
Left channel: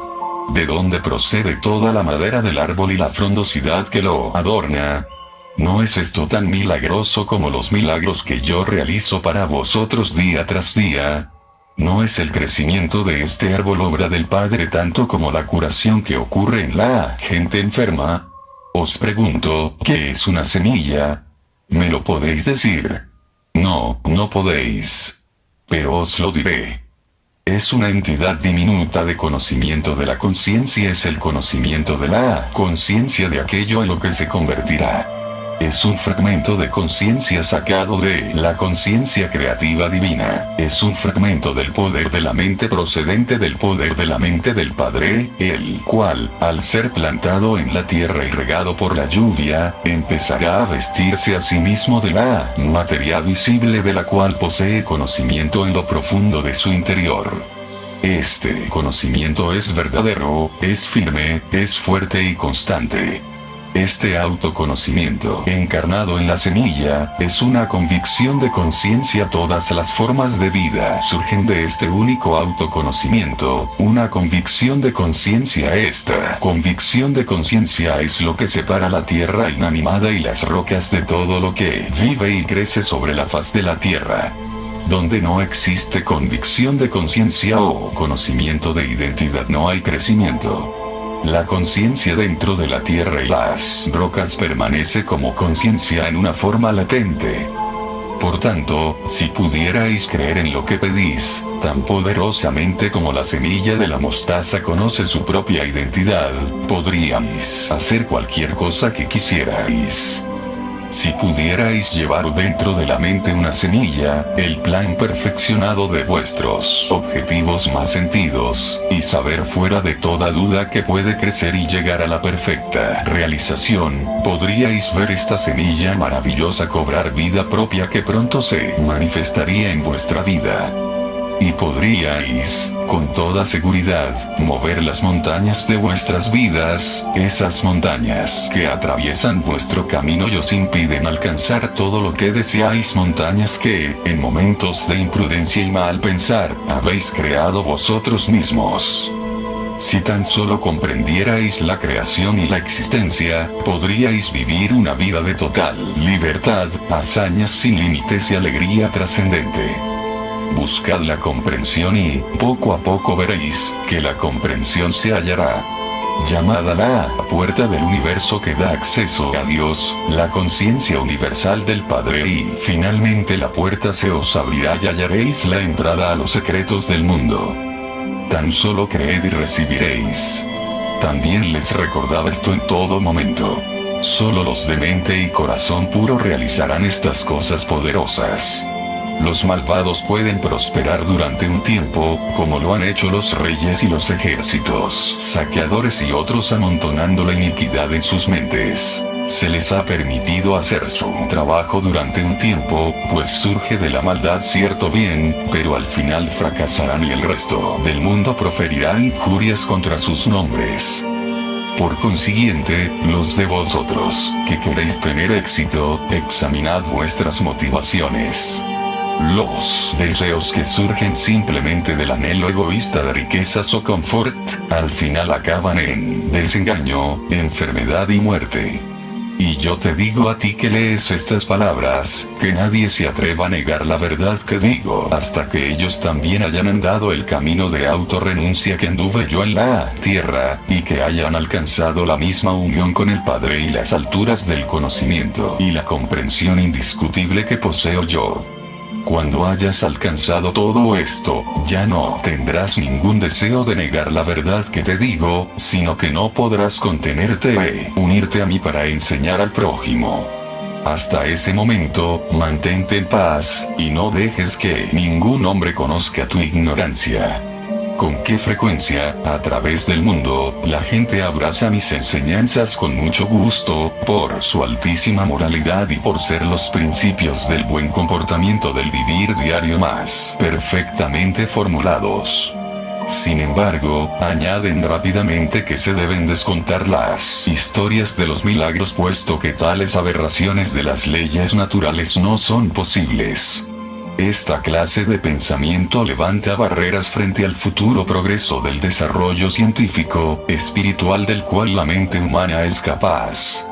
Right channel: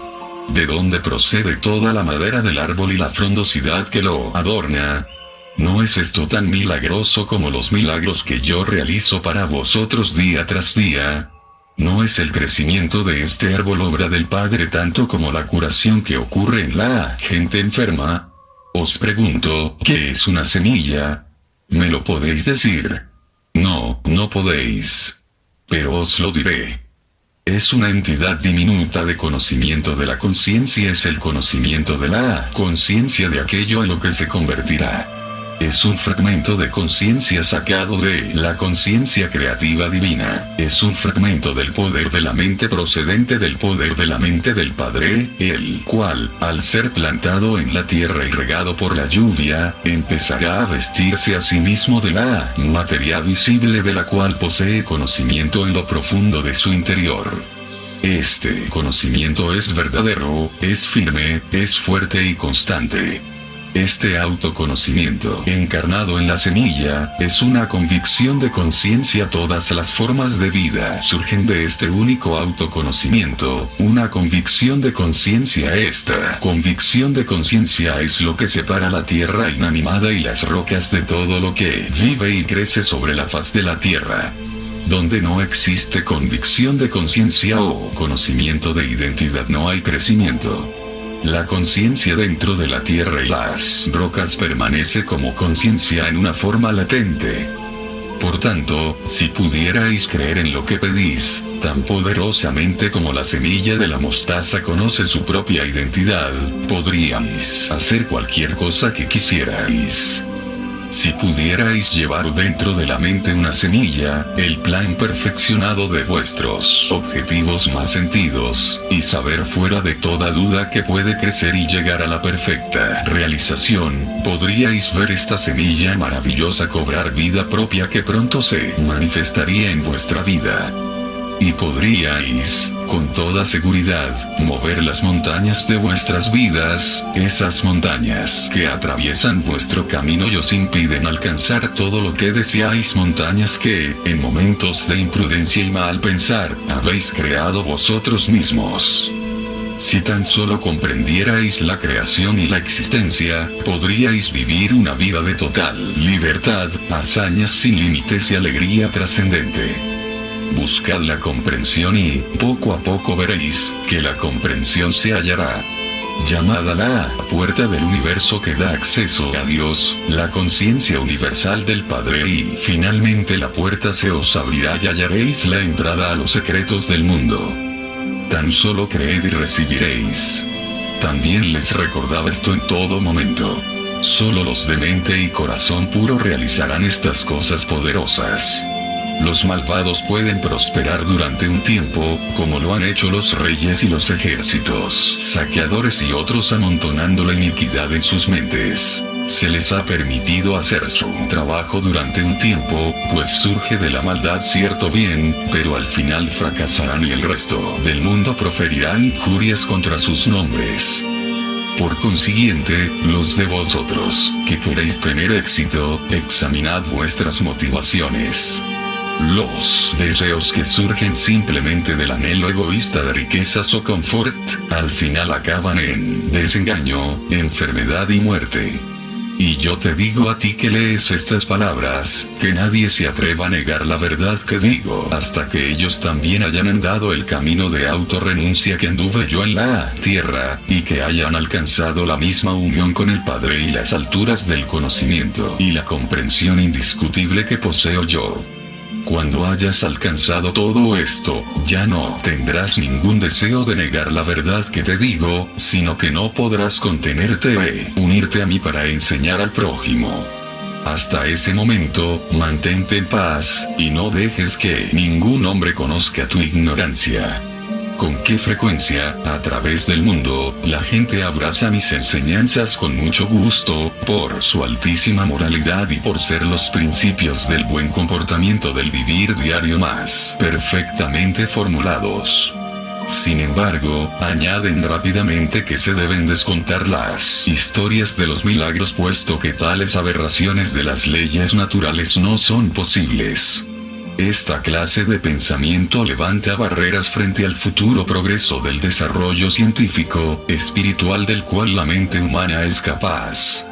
¿De dónde procede toda la madera del árbol y la frondosidad que lo adorna? ¿No es esto tan milagroso como los milagros que yo realizo para vosotros día tras día? ¿No es el crecimiento de este árbol obra del Padre tanto como la curación que ocurre en la gente enferma? Os pregunto, ¿qué es una semilla? ¿Me lo podéis decir? No, no podéis. Pero os lo diré. Es una entidad diminuta de conocimiento de la conciencia, es el conocimiento de la conciencia de aquello en lo que se convertirá. Es un fragmento de conciencia sacado de la conciencia creativa divina. Es un fragmento del poder de la mente procedente del poder de la mente del Padre, el cual, al ser plantado en la tierra y regado por la lluvia, empezará a vestirse a sí mismo de la materia visible de la cual posee conocimiento en lo profundo de su interior. Este conocimiento es verdadero, es firme, es fuerte y constante. Este autoconocimiento, encarnado en la semilla, es una convicción de conciencia. Todas las formas de vida surgen de este único autoconocimiento, una convicción de conciencia. Esta convicción de conciencia es lo que separa la tierra inanimada y las rocas de todo lo que vive y crece sobre la faz de la tierra. Donde no existe convicción de conciencia o conocimiento de identidad, no hay crecimiento. La conciencia dentro de la tierra y las rocas permanece como conciencia en una forma latente. Por tanto, si pudierais creer en lo que pedís, tan poderosamente como la semilla de la mostaza conoce su propia identidad, podríais hacer cualquier cosa que quisierais. Si pudierais llevar dentro de la mente una semilla, el plan perfeccionado de vuestros objetivos más sentidos, y saber fuera de toda duda que puede crecer y llegar a la perfecta realización, podríais ver esta semilla maravillosa cobrar vida propia que pronto se manifestaría en vuestra vida. Y podríais, con toda seguridad, mover las montañas de vuestras vidas, esas montañas que atraviesan vuestro camino y os impiden alcanzar todo lo que deseáis, montañas que, en momentos de imprudencia y mal pensar, habéis creado vosotros mismos. Si tan solo comprendierais la creación y la existencia, podríais vivir una vida de total libertad, hazañas sin límites y alegría trascendente. Buscad la comprensión y, poco a poco veréis, que la comprensión se hallará. Llamad a la puerta del universo que da acceso a Dios, la conciencia universal del Padre, y finalmente la puerta se os abrirá y hallaréis la entrada a los secretos del mundo. Tan solo creed y recibiréis. También les recordaba esto en todo momento. Solo los de mente y corazón puro realizarán estas cosas poderosas. Los malvados pueden prosperar durante un tiempo, como lo han hecho los reyes y los ejércitos saqueadores y otros amontonando la iniquidad en sus mentes. Se les ha permitido hacer su trabajo durante un tiempo, pues surge de la maldad cierto bien, pero al final fracasarán y el resto del mundo proferirá injurias contra sus nombres. Por consiguiente, los de vosotros, que queréis tener éxito, examinad vuestras motivaciones. Los deseos que surgen simplemente del anhelo egoísta de riquezas o confort, al final acaban en desengaño, enfermedad y muerte. Y yo te digo a ti que lees estas palabras, que nadie se atreva a negar la verdad que digo, hasta que ellos también hayan andado el camino de autorrenuncia que anduve yo en la tierra, y que hayan alcanzado la misma unión con el Padre y las alturas del conocimiento y la comprensión indiscutible que poseo yo. Cuando hayas alcanzado todo esto, ya no tendrás ningún deseo de negar la verdad que te digo, sino que no podrás contenerte e unirte a mí para enseñar al prójimo. Hasta ese momento, mantente en paz, y no dejes que ningún hombre conozca tu ignorancia. ¿Con qué frecuencia, a través del mundo, la gente abraza mis enseñanzas con mucho gusto, por su altísima moralidad y por ser los principios del buen comportamiento del vivir diario más perfectamente formulados? Sin embargo, añaden rápidamente que se deben descontar las historias de los milagros, puesto que tales aberraciones de las leyes naturales no son posibles. Esta clase de pensamiento levanta barreras frente al futuro progreso del desarrollo científico, espiritual del cual la mente humana es capaz.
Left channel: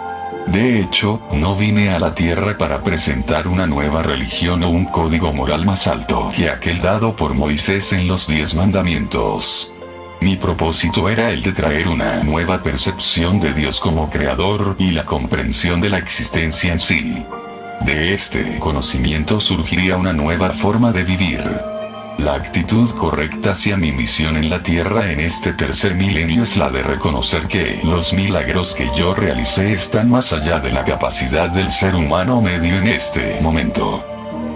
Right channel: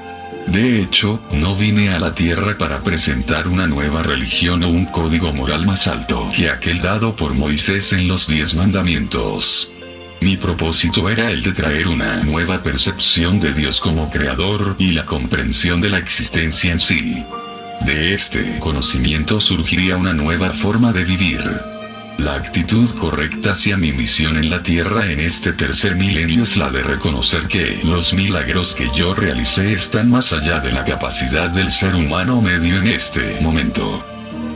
De hecho, no vine a la Tierra para presentar una nueva religión o un código moral más alto que aquel dado por Moisés en los 10 mandamientos. Mi propósito era el de traer una nueva percepción de Dios como creador y la comprensión de la existencia en sí. De este conocimiento surgiría una nueva forma de vivir. La actitud correcta hacia mi misión en la Tierra en este tercer milenio es la de reconocer que los milagros que yo realicé están más allá de la capacidad del ser humano medio en este momento.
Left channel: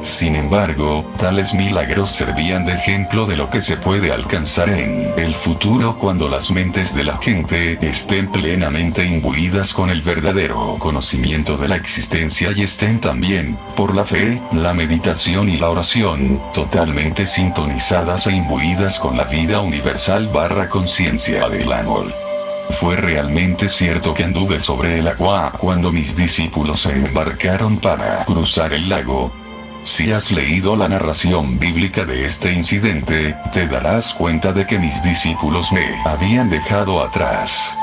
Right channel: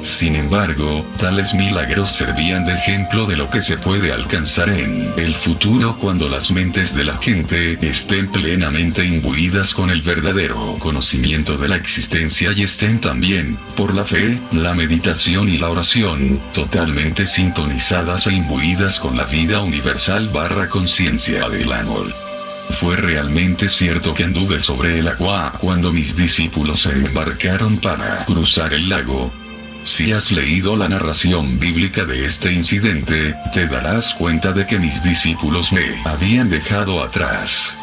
Sin embargo, tales milagros servían de ejemplo de lo que se puede alcanzar en el futuro cuando las mentes de la gente estén plenamente imbuidas con el verdadero conocimiento de la existencia y estén también, por la fe, la meditación y la oración, totalmente sintonizadas e imbuidas con la vida universal / conciencia del amor. Fue realmente cierto que anduve sobre el agua cuando mis discípulos se embarcaron para cruzar el lago. Si has leído la narración bíblica de este incidente, te darás cuenta de que mis discípulos me habían dejado atrás.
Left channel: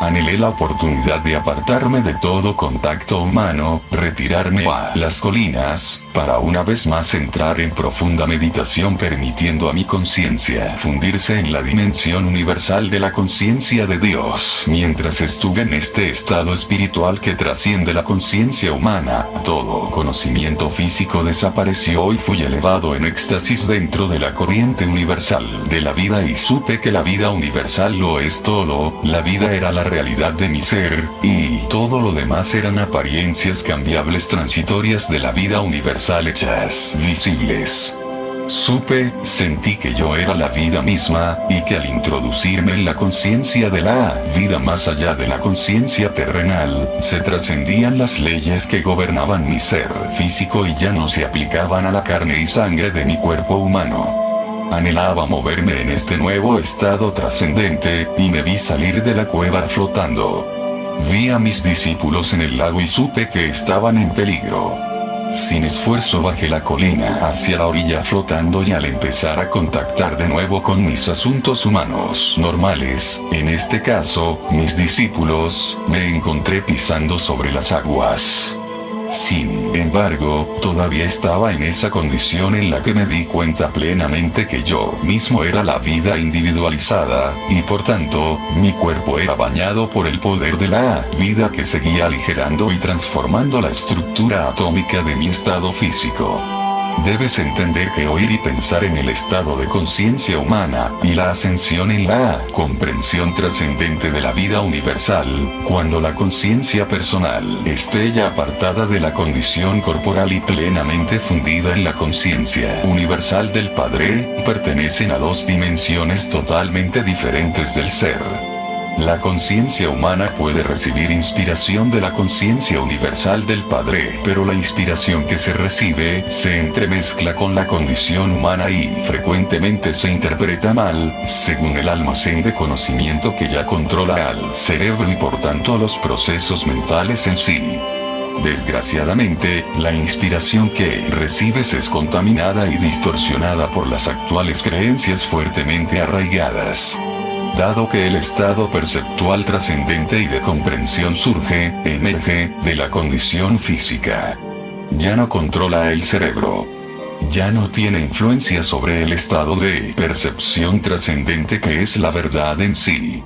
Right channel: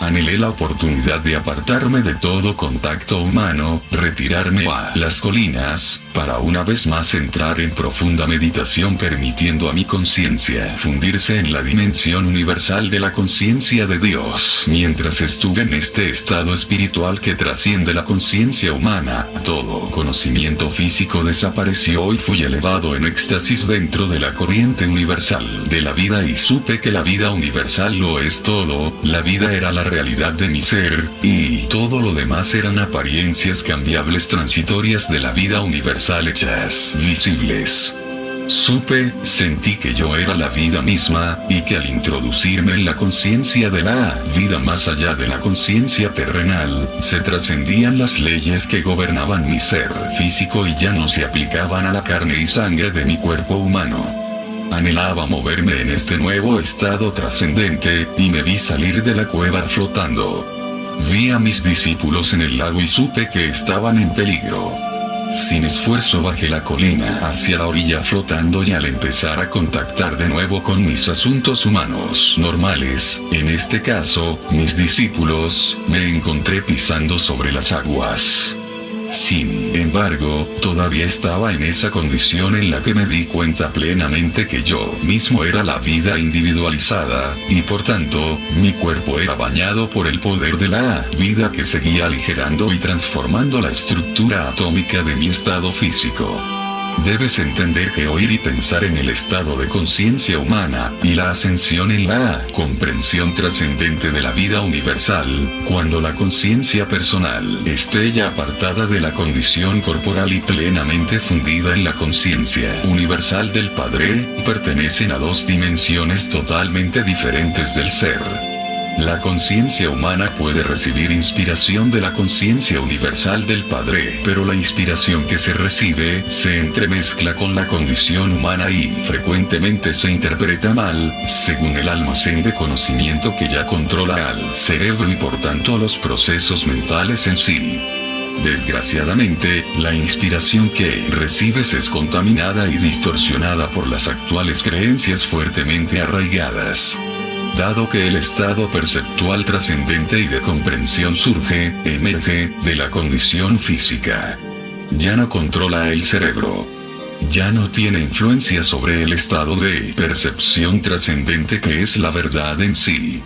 Anhelé la oportunidad de apartarme de todo contacto humano, retirarme a las colinas, para una vez más entrar en profunda meditación, permitiendo a mi conciencia fundirse en la dimensión universal de la conciencia de Dios. Mientras estuve en este estado espiritual que trasciende la conciencia humana, todo conocimiento físico desapareció y fui elevado en éxtasis dentro de la corriente universal de la vida, y supe que la vida universal lo es todo. La vida era la realidad de mi ser, y todo lo demás eran apariencias cambiables transitorias de la vida universal hechas visibles. Sentí que yo era la vida misma, y que al introducirme en la conciencia de la vida más allá de la conciencia terrenal, se trascendían las leyes que gobernaban mi ser físico y ya no se aplicaban a la carne y sangre de mi cuerpo humano. Anhelaba moverme en este nuevo estado trascendente, y me vi salir de la cueva flotando. Vi a mis discípulos en el lago y supe que estaban en peligro. Sin esfuerzo bajé la colina hacia la orilla flotando y al empezar a contactar de nuevo con mis asuntos humanos normales, en este caso, mis discípulos, me encontré pisando sobre las aguas. Sin embargo, todavía estaba en esa condición en la que me di cuenta plenamente que yo mismo era la vida individualizada, y por tanto, mi cuerpo era bañado por el poder de la vida que seguía aligerando y transformando la estructura atómica de mi estado físico. Debes entender que oír y pensar en el estado de conciencia humana, y la ascensión en la comprensión trascendente de la vida universal, cuando la conciencia personal esté ya apartada de la condición corporal y plenamente fundida en la conciencia universal del Padre, pertenecen a dos dimensiones totalmente diferentes del ser. La conciencia humana puede recibir inspiración de la conciencia universal del Padre, pero la inspiración que se recibe se entremezcla con la condición humana y frecuentemente se interpreta mal, según el almacén de conocimiento que ya controla al cerebro y por tanto los procesos mentales en sí. Desgraciadamente, la inspiración que recibes es contaminada y distorsionada por las actuales creencias fuertemente arraigadas. Dado que el estado perceptual trascendente y de comprensión emerge, de la condición física. Ya no controla el cerebro. Ya no tiene influencia sobre el estado de percepción trascendente que es la verdad en sí.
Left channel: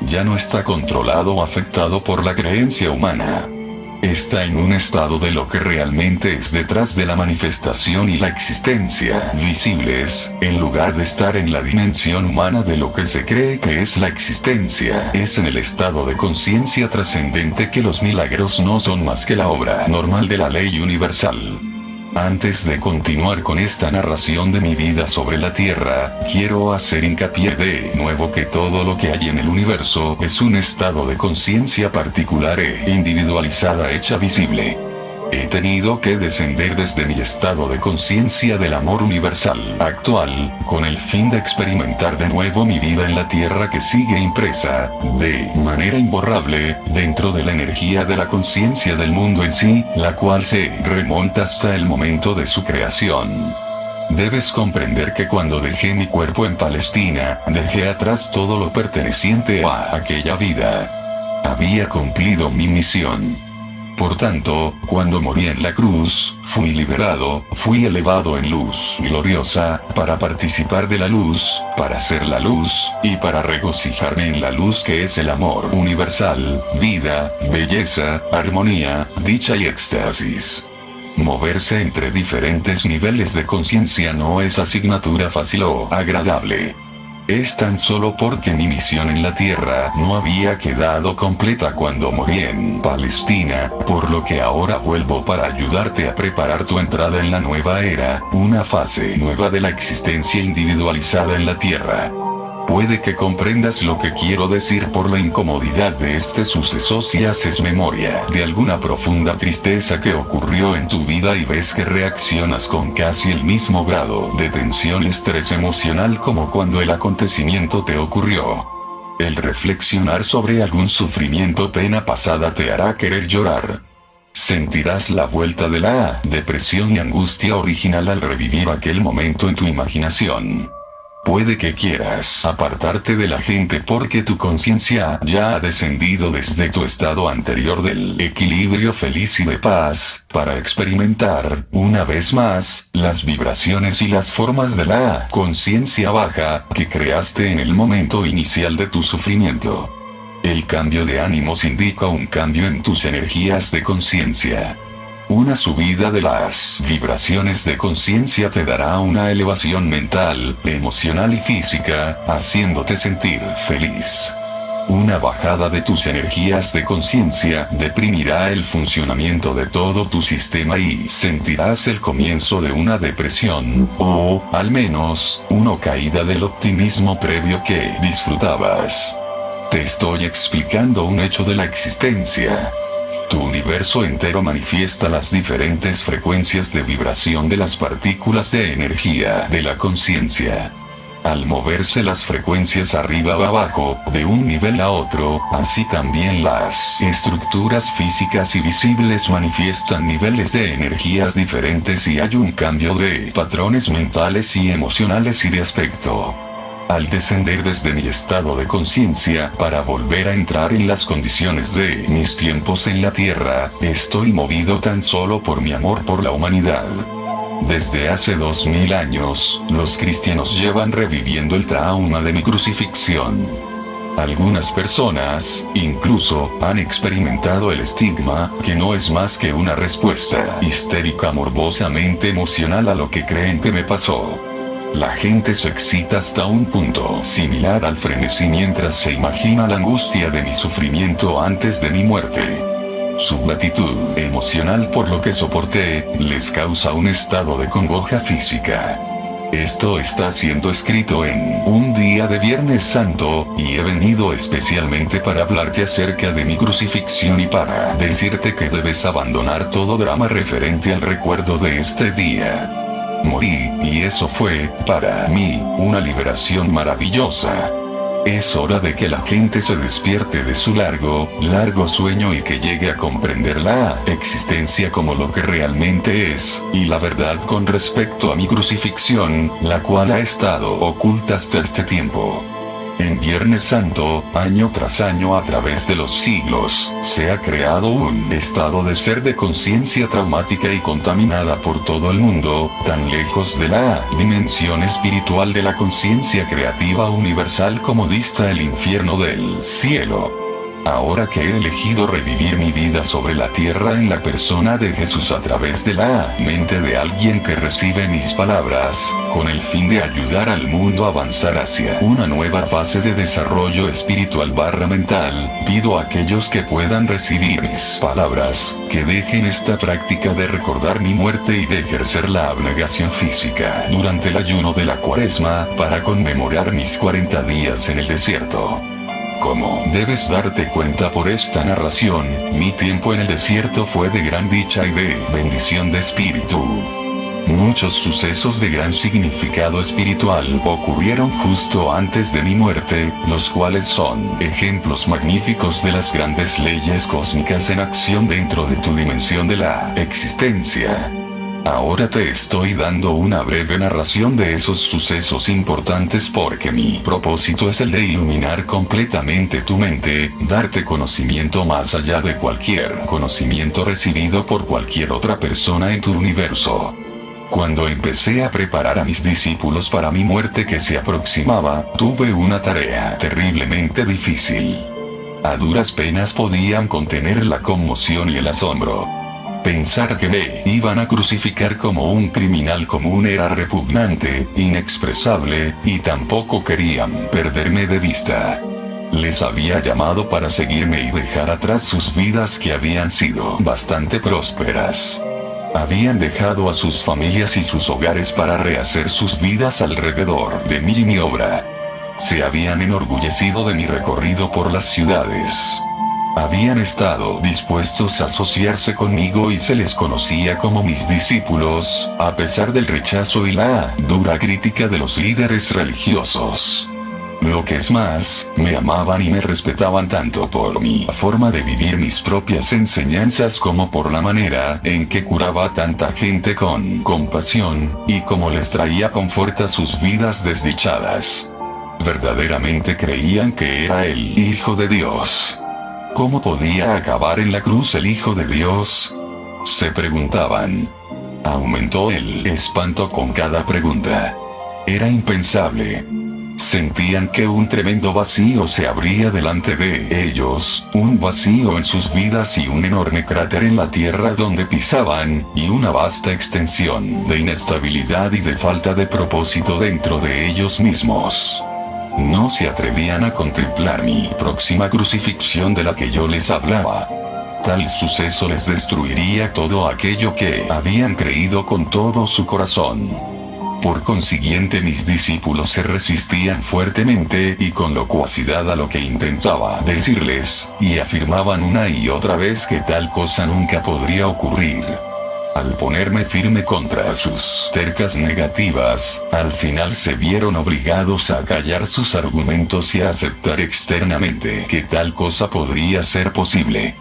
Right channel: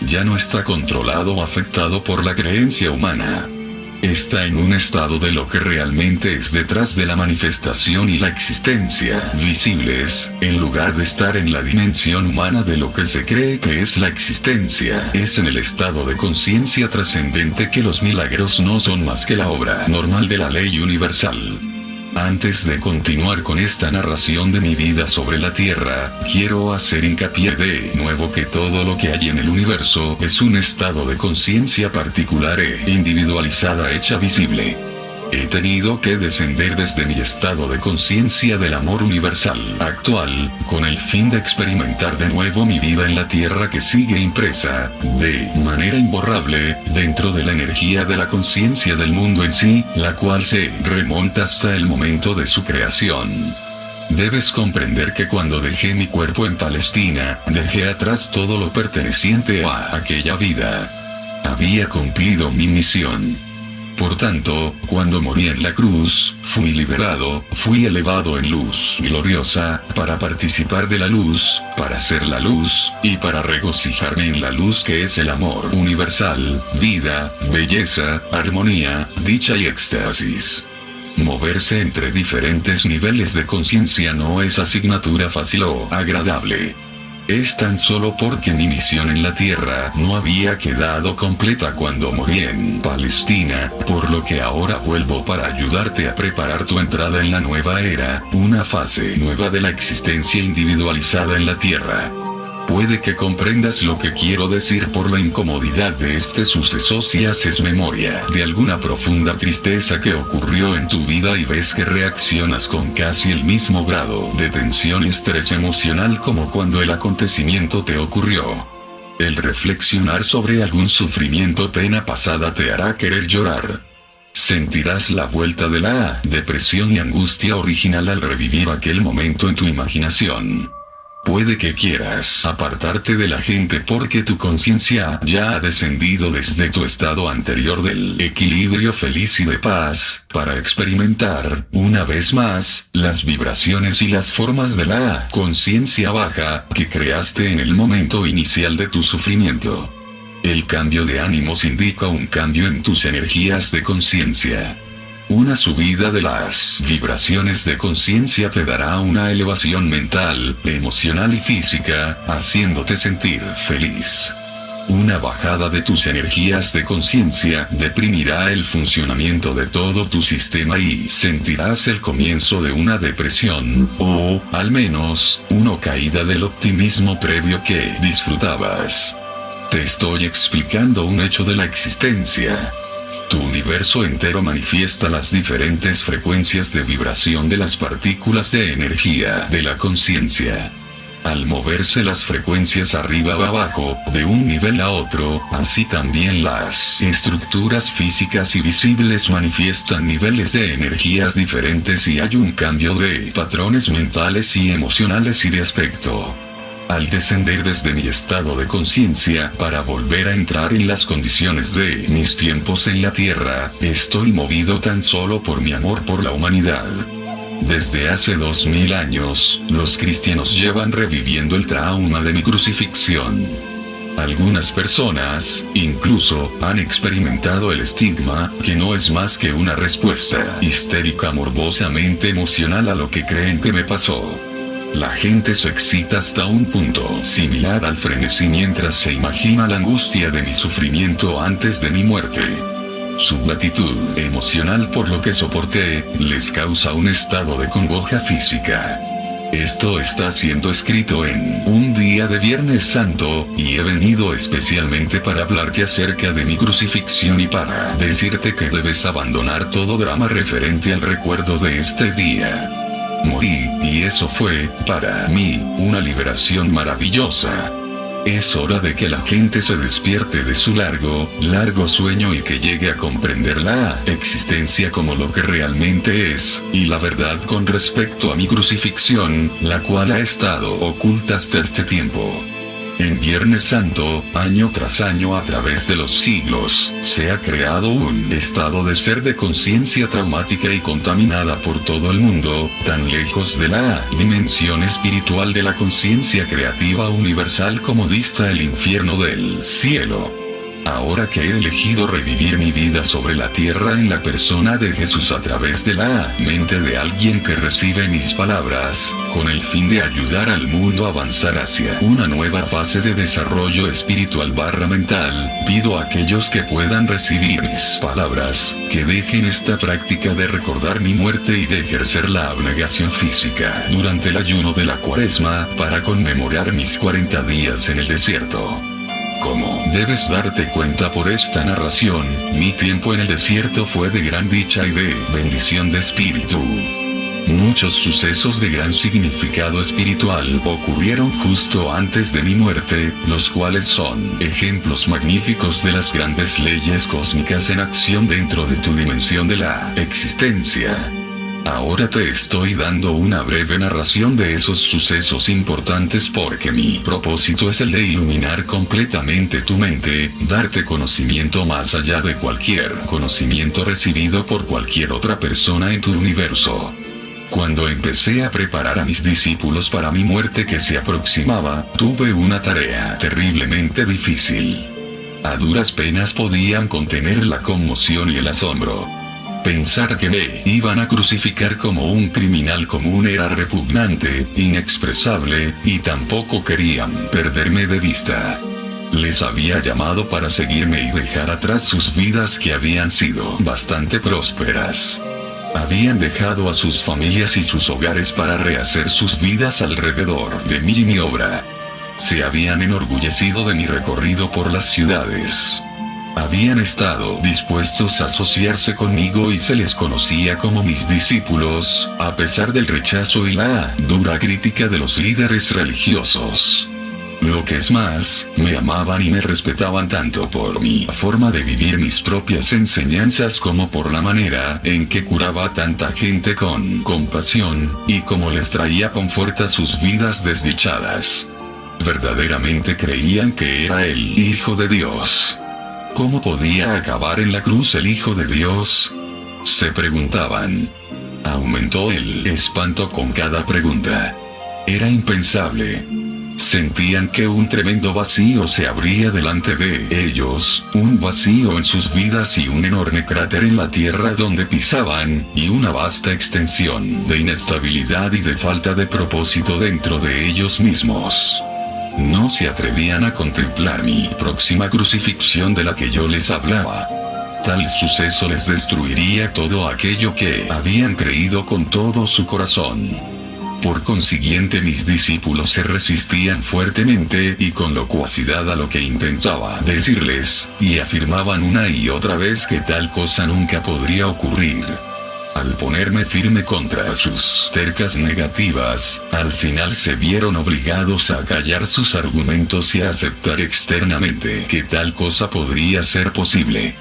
Ya no está controlado o afectado por la creencia humana. Está en un estado de lo que realmente es detrás de la manifestación y la existencia visibles, en lugar de estar en la dimensión humana de lo que se cree que es la existencia. Es en el estado de conciencia trascendente que los milagros no son más que la obra normal de la ley universal. Antes de continuar con esta narración de mi vida sobre la Tierra, quiero hacer hincapié de nuevo que todo lo que hay en el universo es un estado de conciencia particular e individualizada hecha visible. He tenido que descender desde mi estado de conciencia del amor universal actual, con el fin de experimentar de nuevo mi vida en la Tierra que sigue impresa, de manera imborrable, dentro de la energía de la conciencia del mundo en sí, la cual se remonta hasta el momento de su creación. Debes comprender que cuando dejé mi cuerpo en Palestina, dejé atrás todo lo perteneciente a aquella vida. Había cumplido mi misión. Por tanto, cuando morí en la cruz, fui liberado, fui elevado en luz gloriosa, para participar de la luz, para ser la luz, y para regocijarme en la luz que es el amor universal, vida, belleza, armonía, dicha y éxtasis. Moverse entre diferentes niveles de conciencia no es asignatura fácil o agradable. Es tan solo porque mi misión en la Tierra no había quedado completa cuando morí en Palestina, por lo que ahora vuelvo para ayudarte a preparar tu entrada en la nueva era, una fase nueva de la existencia individualizada en la Tierra. Puede que comprendas lo que quiero decir por la incomodidad de este suceso si haces memoria de alguna profunda tristeza que ocurrió en tu vida y ves que reaccionas con casi el mismo grado de tensión y estrés emocional como cuando el acontecimiento te ocurrió. El reflexionar sobre algún sufrimiento o pena pasada te hará querer llorar. Sentirás la vuelta de la depresión y angustia original al revivir aquel momento en tu imaginación. Puede que quieras apartarte de la gente porque tu conciencia ya ha descendido desde tu estado anterior del equilibrio feliz y de paz, para experimentar, una vez más, las vibraciones y las formas de la conciencia baja que creaste en el momento inicial de tu sufrimiento. El cambio de ánimos indica un cambio en tus energías de conciencia. Una subida de las vibraciones de conciencia te dará una elevación mental, emocional y física, haciéndote sentir feliz. Una bajada de tus energías de conciencia deprimirá el funcionamiento de todo tu sistema y sentirás el comienzo de una depresión, o, al menos, una caída del optimismo previo que disfrutabas. Te estoy explicando un hecho de la existencia. Tu universo entero manifiesta las diferentes frecuencias de vibración de las partículas de energía de la conciencia. Al moverse las frecuencias arriba o abajo, de un nivel a otro, así también las estructuras físicas y visibles manifiestan niveles de energías diferentes y hay un cambio de patrones mentales y emocionales y de aspecto. Al descender desde mi estado de conciencia para volver a entrar en las condiciones de mis tiempos en la Tierra, estoy movido tan solo por mi amor por la humanidad. Desde hace 2000 años, los cristianos llevan reviviendo el trauma de mi crucifixión. Algunas personas, incluso, han experimentado el estigma, que no es más que una respuesta histérica morbosamente emocional a lo que creen que me pasó. La gente se excita hasta un punto similar al frenesí mientras se imagina la angustia de mi sufrimiento antes de mi muerte. Su latitud emocional por lo que soporté, les causa un estado de congoja física. Esto está siendo escrito en un día de Viernes Santo, y he venido especialmente para hablarte acerca de mi crucifixión y para decirte que debes abandonar todo drama referente al recuerdo de este día. Morí, y eso fue, para mí, una liberación maravillosa. Es hora de que la gente se despierte de su largo sueño y que llegue a comprender la existencia como lo que realmente es, y la verdad con respecto a mi crucifixión, la cual ha estado oculta hasta este tiempo. En Viernes Santo, año tras año a través de los siglos, se ha creado un estado de ser de conciencia traumática y contaminada por todo el mundo, tan lejos de la dimensión espiritual de la conciencia creativa universal como dista el infierno del cielo. Ahora que he elegido revivir mi vida sobre la tierra en la persona de Jesús a través de la mente de alguien que recibe mis palabras, con el fin de ayudar al mundo a avanzar hacia una nueva fase de desarrollo espiritual mental, pido a aquellos que puedan recibir mis palabras, que dejen esta práctica de recordar mi muerte y de ejercer la abnegación física durante el ayuno de la Cuaresma, para conmemorar mis 40 días en el desierto. Como debes darte cuenta por esta narración, mi tiempo en el desierto fue de gran dicha y de bendición de espíritu. Muchos sucesos de gran significado espiritual ocurrieron justo antes de mi muerte, los cuales son ejemplos magníficos de las grandes leyes cósmicas en acción dentro de tu dimensión de la existencia. Ahora te estoy dando una breve narración de esos sucesos importantes porque mi propósito es el de iluminar completamente tu mente, darte conocimiento más allá de cualquier conocimiento recibido por cualquier otra persona en tu universo. Cuando empecé a preparar a mis discípulos para mi muerte que se aproximaba, tuve una tarea terriblemente difícil. A duras penas podían contener la conmoción y el asombro. Pensar que me iban a crucificar como un criminal común era repugnante, inexpresable, y tampoco querían perderme de vista. Les había llamado para seguirme y dejar atrás sus vidas que habían sido bastante prósperas. Habían dejado a sus familias y sus hogares para rehacer sus vidas alrededor de mí y mi obra. Se habían enorgullecido de mi recorrido por las ciudades. Habían estado dispuestos a asociarse conmigo y se les conocía como mis discípulos, a pesar del rechazo y la dura crítica de los líderes religiosos. Lo que es más, me amaban y me respetaban tanto por mi forma de vivir mis propias enseñanzas como por la manera en que curaba a tanta gente con compasión, y como les traía confort a sus vidas desdichadas. Verdaderamente creían que era el Hijo de Dios. ¿Cómo podía acabar en la cruz el Hijo de Dios?, se preguntaban. Aumentó el espanto con cada pregunta. Era impensable. Sentían que un tremendo vacío se abría delante de ellos, un vacío en sus vidas y un enorme cráter en la tierra donde pisaban, y una vasta extensión de inestabilidad y de falta de propósito dentro de ellos mismos. no se atrevían a contemplar mi próxima crucifixión de la que yo les hablaba. Tal suceso les destruiría todo aquello que habían creído con todo su corazón. Por consiguiente, mis discípulos se resistían fuertemente y con locuacidad a lo que intentaba decirles, y afirmaban una y otra vez que tal cosa nunca podría ocurrir. Al ponerme firme contra sus tercas negativas, al final se vieron obligados a callar sus argumentos y a aceptar externamente que tal cosa podría ser posible.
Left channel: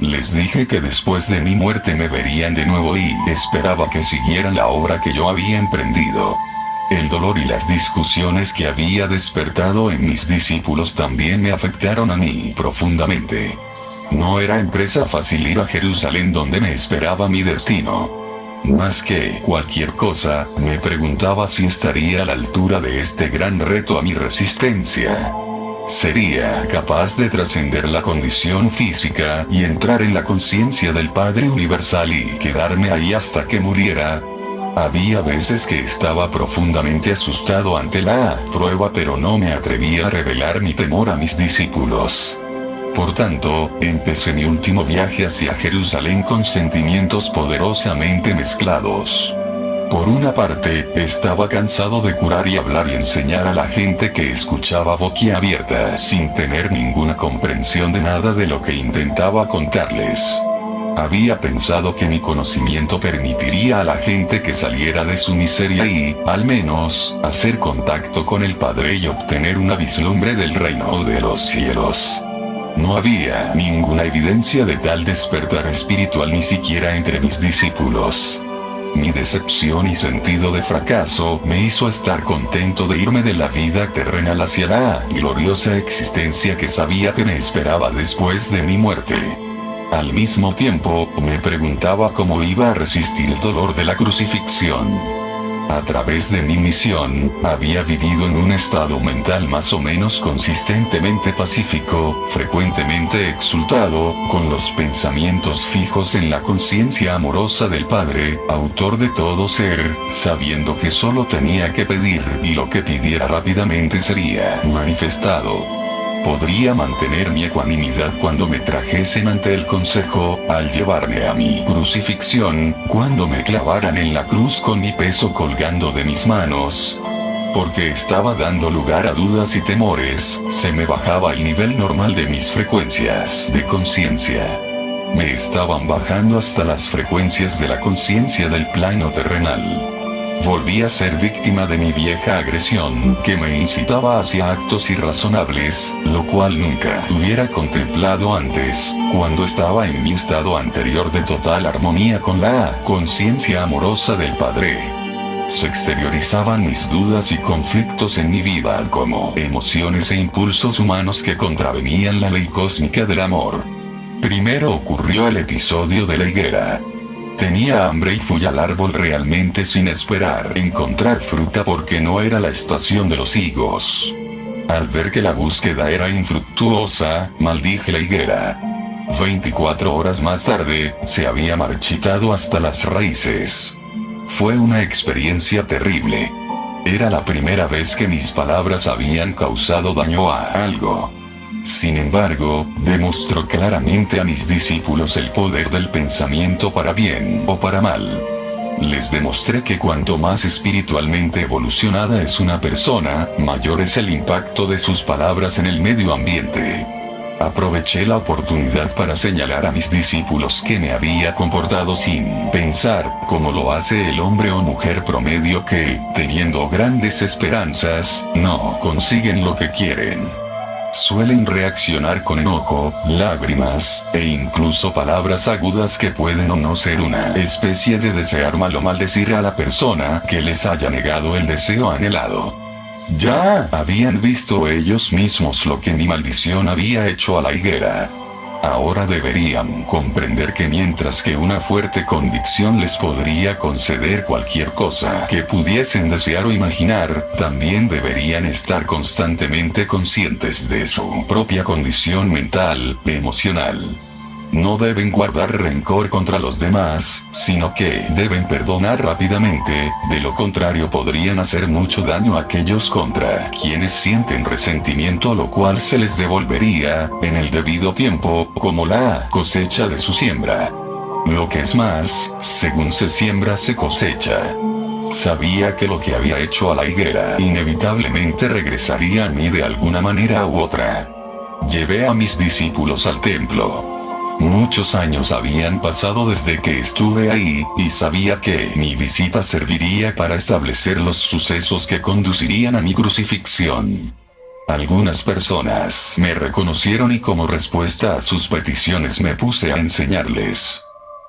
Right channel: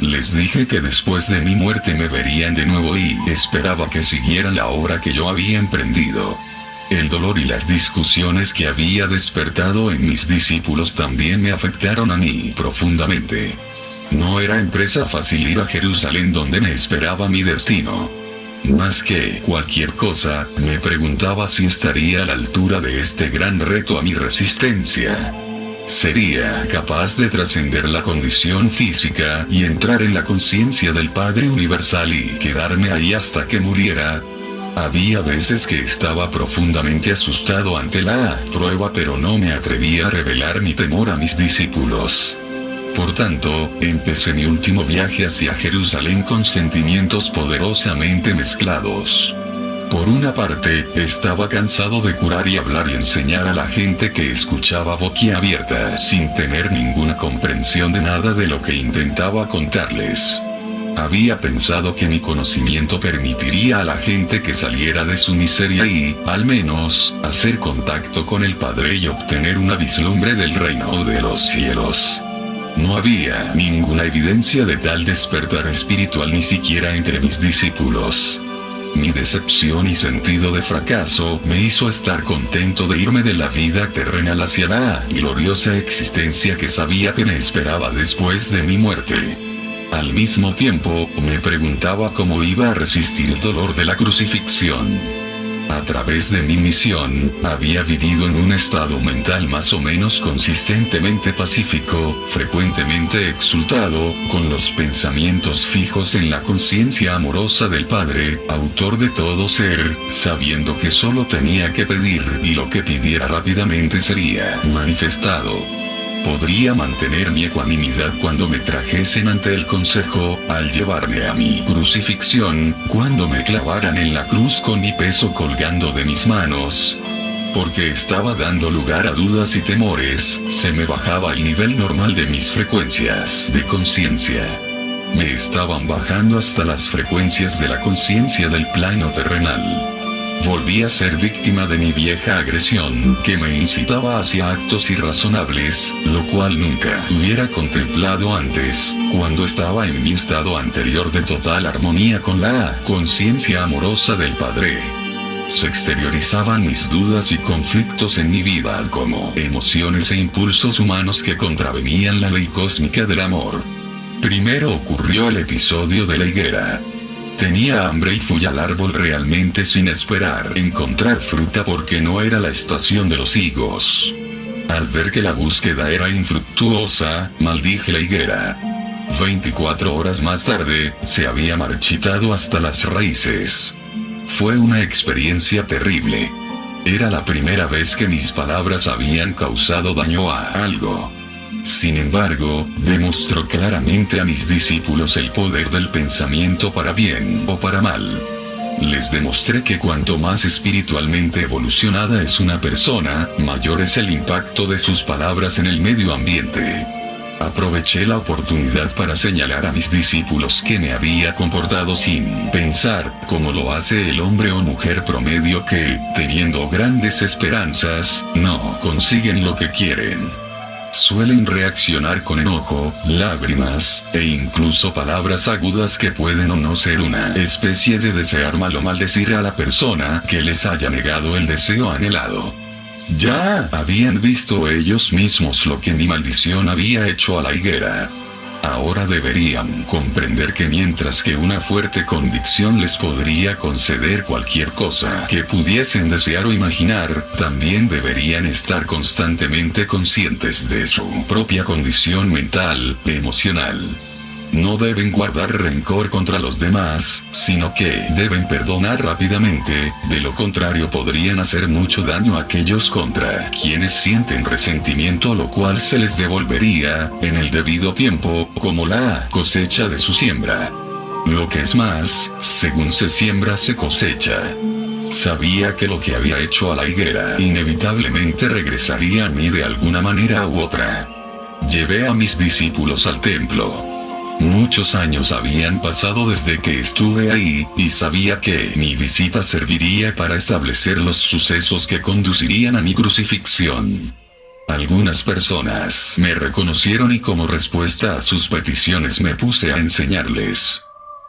Les dije que después de mi muerte me verían de nuevo y esperaba que siguieran la obra que yo había emprendido. El dolor y las discusiones que había despertado en mis discípulos también me afectaron a mí profundamente. No era empresa fácil ir a Jerusalén donde me esperaba mi destino. Más que cualquier cosa, me preguntaba si estaría a la altura de este gran reto a mi resistencia. ¿Sería capaz de trascender la condición física y entrar en la conciencia del Padre Universal y quedarme ahí hasta que muriera? Había veces que estaba profundamente asustado ante la prueba, pero no me atrevía a revelar mi temor a mis discípulos. Por tanto, empecé mi último viaje hacia Jerusalén con sentimientos poderosamente mezclados. Por una parte, estaba cansado de curar y hablar y enseñar a la gente que escuchaba boquiabierta sin tener ninguna comprensión de nada de lo que intentaba contarles. Había pensado que mi conocimiento permitiría a la gente que saliera de su miseria y, al menos, hacer contacto con el Padre y obtener una vislumbre del reino de los cielos. No había ninguna evidencia de tal despertar espiritual ni siquiera entre mis discípulos. Mi decepción y sentido de fracaso me hizo estar contento de irme de la vida terrenal hacia la gloriosa existencia que sabía que me esperaba después de mi muerte. Al mismo tiempo, me preguntaba cómo iba a resistir el dolor de la crucifixión. A través de mi misión, había vivido en un estado mental más o menos consistentemente pacífico, frecuentemente exultado, con los pensamientos fijos en la conciencia amorosa del Padre, autor de todo ser, sabiendo que solo tenía que pedir y lo que pidiera rápidamente sería manifestado. Podría mantener mi ecuanimidad cuando me trajesen ante el consejo, al llevarme a mi crucifixión, cuando me clavaran en la cruz con mi peso colgando de mis manos. Porque estaba dando lugar a dudas y temores, se me bajaba el nivel normal de mis frecuencias de conciencia. Me estaban bajando hasta las frecuencias de la conciencia del plano terrenal. Volví a ser víctima de mi vieja agresión, que me incitaba hacia actos irrazonables, lo cual nunca hubiera contemplado antes, cuando estaba en mi estado anterior de total armonía con la conciencia amorosa del Padre. Se exteriorizaban mis dudas y conflictos en mi vida como emociones e impulsos humanos que contravenían la ley cósmica del amor. Primero ocurrió el episodio de la higuera. Tenía hambre y fui al árbol realmente sin esperar encontrar fruta porque no era la estación de los higos. Al ver que la búsqueda era infructuosa, maldije la higuera. 24 horas más tarde, se había marchitado hasta las raíces. Fue una experiencia terrible. Era la primera vez que mis palabras habían causado daño a algo. Sin embargo, demostró claramente a mis discípulos el poder del pensamiento para bien o para mal. Les demostré que cuanto más espiritualmente evolucionada es una persona, mayor es el impacto de sus palabras en el medio ambiente. Aproveché la oportunidad para señalar a mis discípulos que me había comportado sin pensar, como lo hace el hombre o mujer promedio que, teniendo grandes esperanzas, no consiguen lo que quieren. Suelen reaccionar con enojo, lágrimas, e incluso palabras agudas que pueden o no ser una especie de desear mal o maldecir a la persona que les haya negado el deseo anhelado. Ya habían visto ellos mismos lo que mi maldición había hecho a la higuera. Ahora deberían comprender que mientras que una fuerte convicción les podría conceder cualquier cosa que pudiesen desear o imaginar, también deberían estar constantemente conscientes de su propia condición mental, emocional. No deben guardar rencor contra los demás, sino que deben perdonar rápidamente, de lo contrario podrían hacer mucho daño a aquellos contra quienes sienten resentimiento, lo cual se les devolvería, en el debido tiempo, como la cosecha de su siembra. Lo que es más, según se siembra se cosecha. Sabía que lo que había hecho a la higuera inevitablemente regresaría a mí de alguna manera u otra. Llevé a mis discípulos al templo. Muchos años habían pasado desde que estuve ahí, y sabía que mi visita serviría para establecer los sucesos que conducirían a mi crucifixión. Algunas personas me reconocieron y como respuesta a sus peticiones me puse a enseñarles.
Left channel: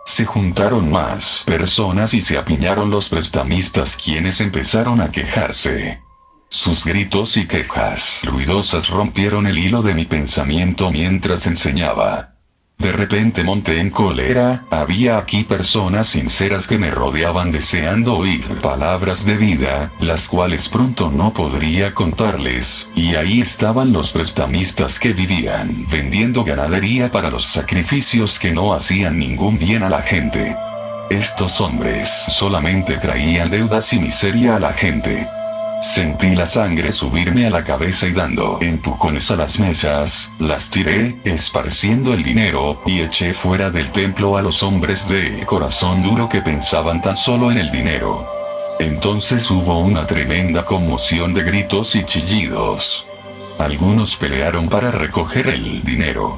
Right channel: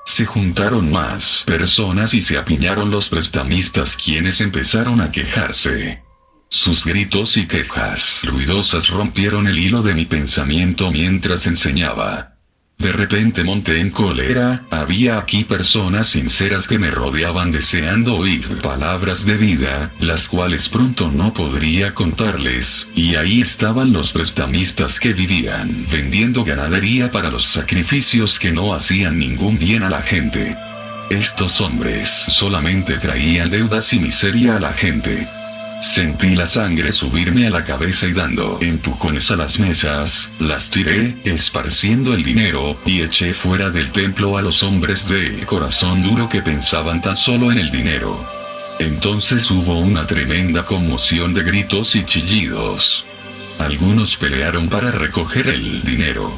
Se juntaron más personas y se apiñaron los prestamistas, quienes empezaron a quejarse. Sus gritos y quejas ruidosas rompieron el hilo de mi pensamiento mientras enseñaba. De repente monté en cólera. Había aquí personas sinceras que me rodeaban deseando oír palabras de vida, las cuales pronto no podría contarles, y ahí estaban los prestamistas que vivían vendiendo ganadería para los sacrificios que no hacían ningún bien a la gente. Estos hombres solamente traían deudas y miseria a la gente. Sentí la sangre subirme a la cabeza y dando empujones a las mesas, las tiré, esparciendo el dinero, y eché fuera del templo a los hombres de corazón duro que pensaban tan solo en el dinero. Entonces hubo una tremenda conmoción de gritos y chillidos. Algunos pelearon para recoger el dinero.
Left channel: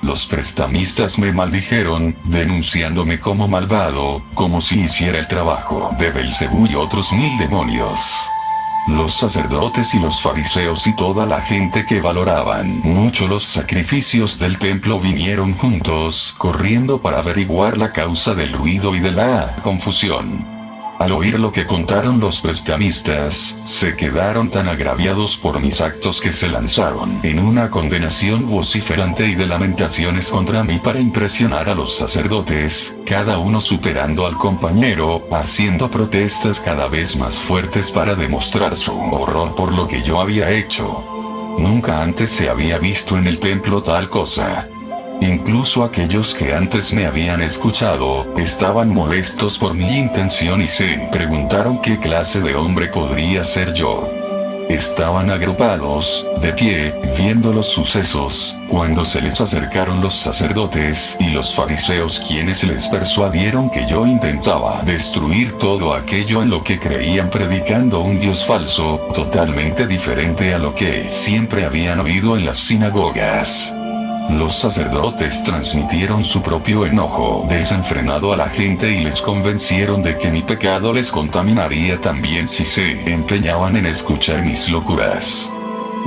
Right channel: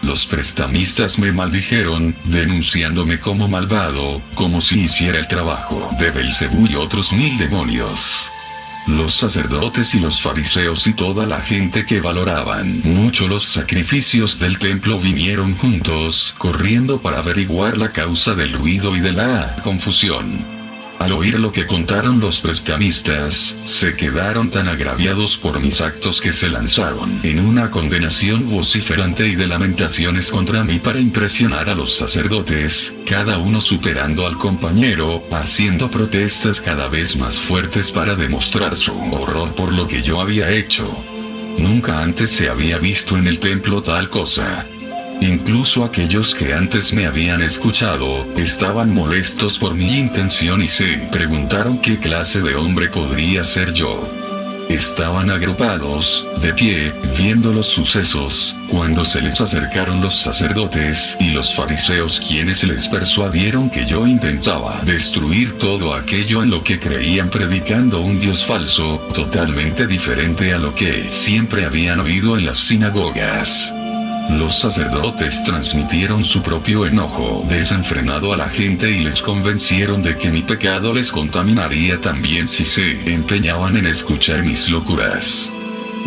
Los prestamistas me maldijeron, denunciándome como malvado, como si hiciera el trabajo de Belcebú y otros 1000 demonios. Los sacerdotes y los fariseos y toda la gente que valoraban mucho los sacrificios del templo vinieron juntos, corriendo para averiguar la causa del ruido y de la confusión. Al oír lo que contaron los prestamistas, se quedaron tan agraviados por mis actos que se lanzaron en una condenación vociferante y de lamentaciones contra mí para impresionar a los sacerdotes, cada uno superando al compañero, haciendo protestas cada vez más fuertes para demostrar su horror por lo que yo había hecho. Nunca antes se había visto en el templo tal cosa. Incluso aquellos que antes me habían escuchado, estaban molestos por mi intención y se preguntaron qué clase de hombre podría ser yo. Estaban agrupados, de pie, viendo los sucesos, cuando se les acercaron los sacerdotes y los fariseos, quienes les persuadieron que yo intentaba destruir todo aquello en lo que creían, predicando un Dios falso, totalmente diferente a lo que siempre habían oído en las sinagogas. Los sacerdotes transmitieron su propio enojo desenfrenado a la gente y les convencieron de que mi pecado les contaminaría también si se empeñaban en escuchar mis locuras.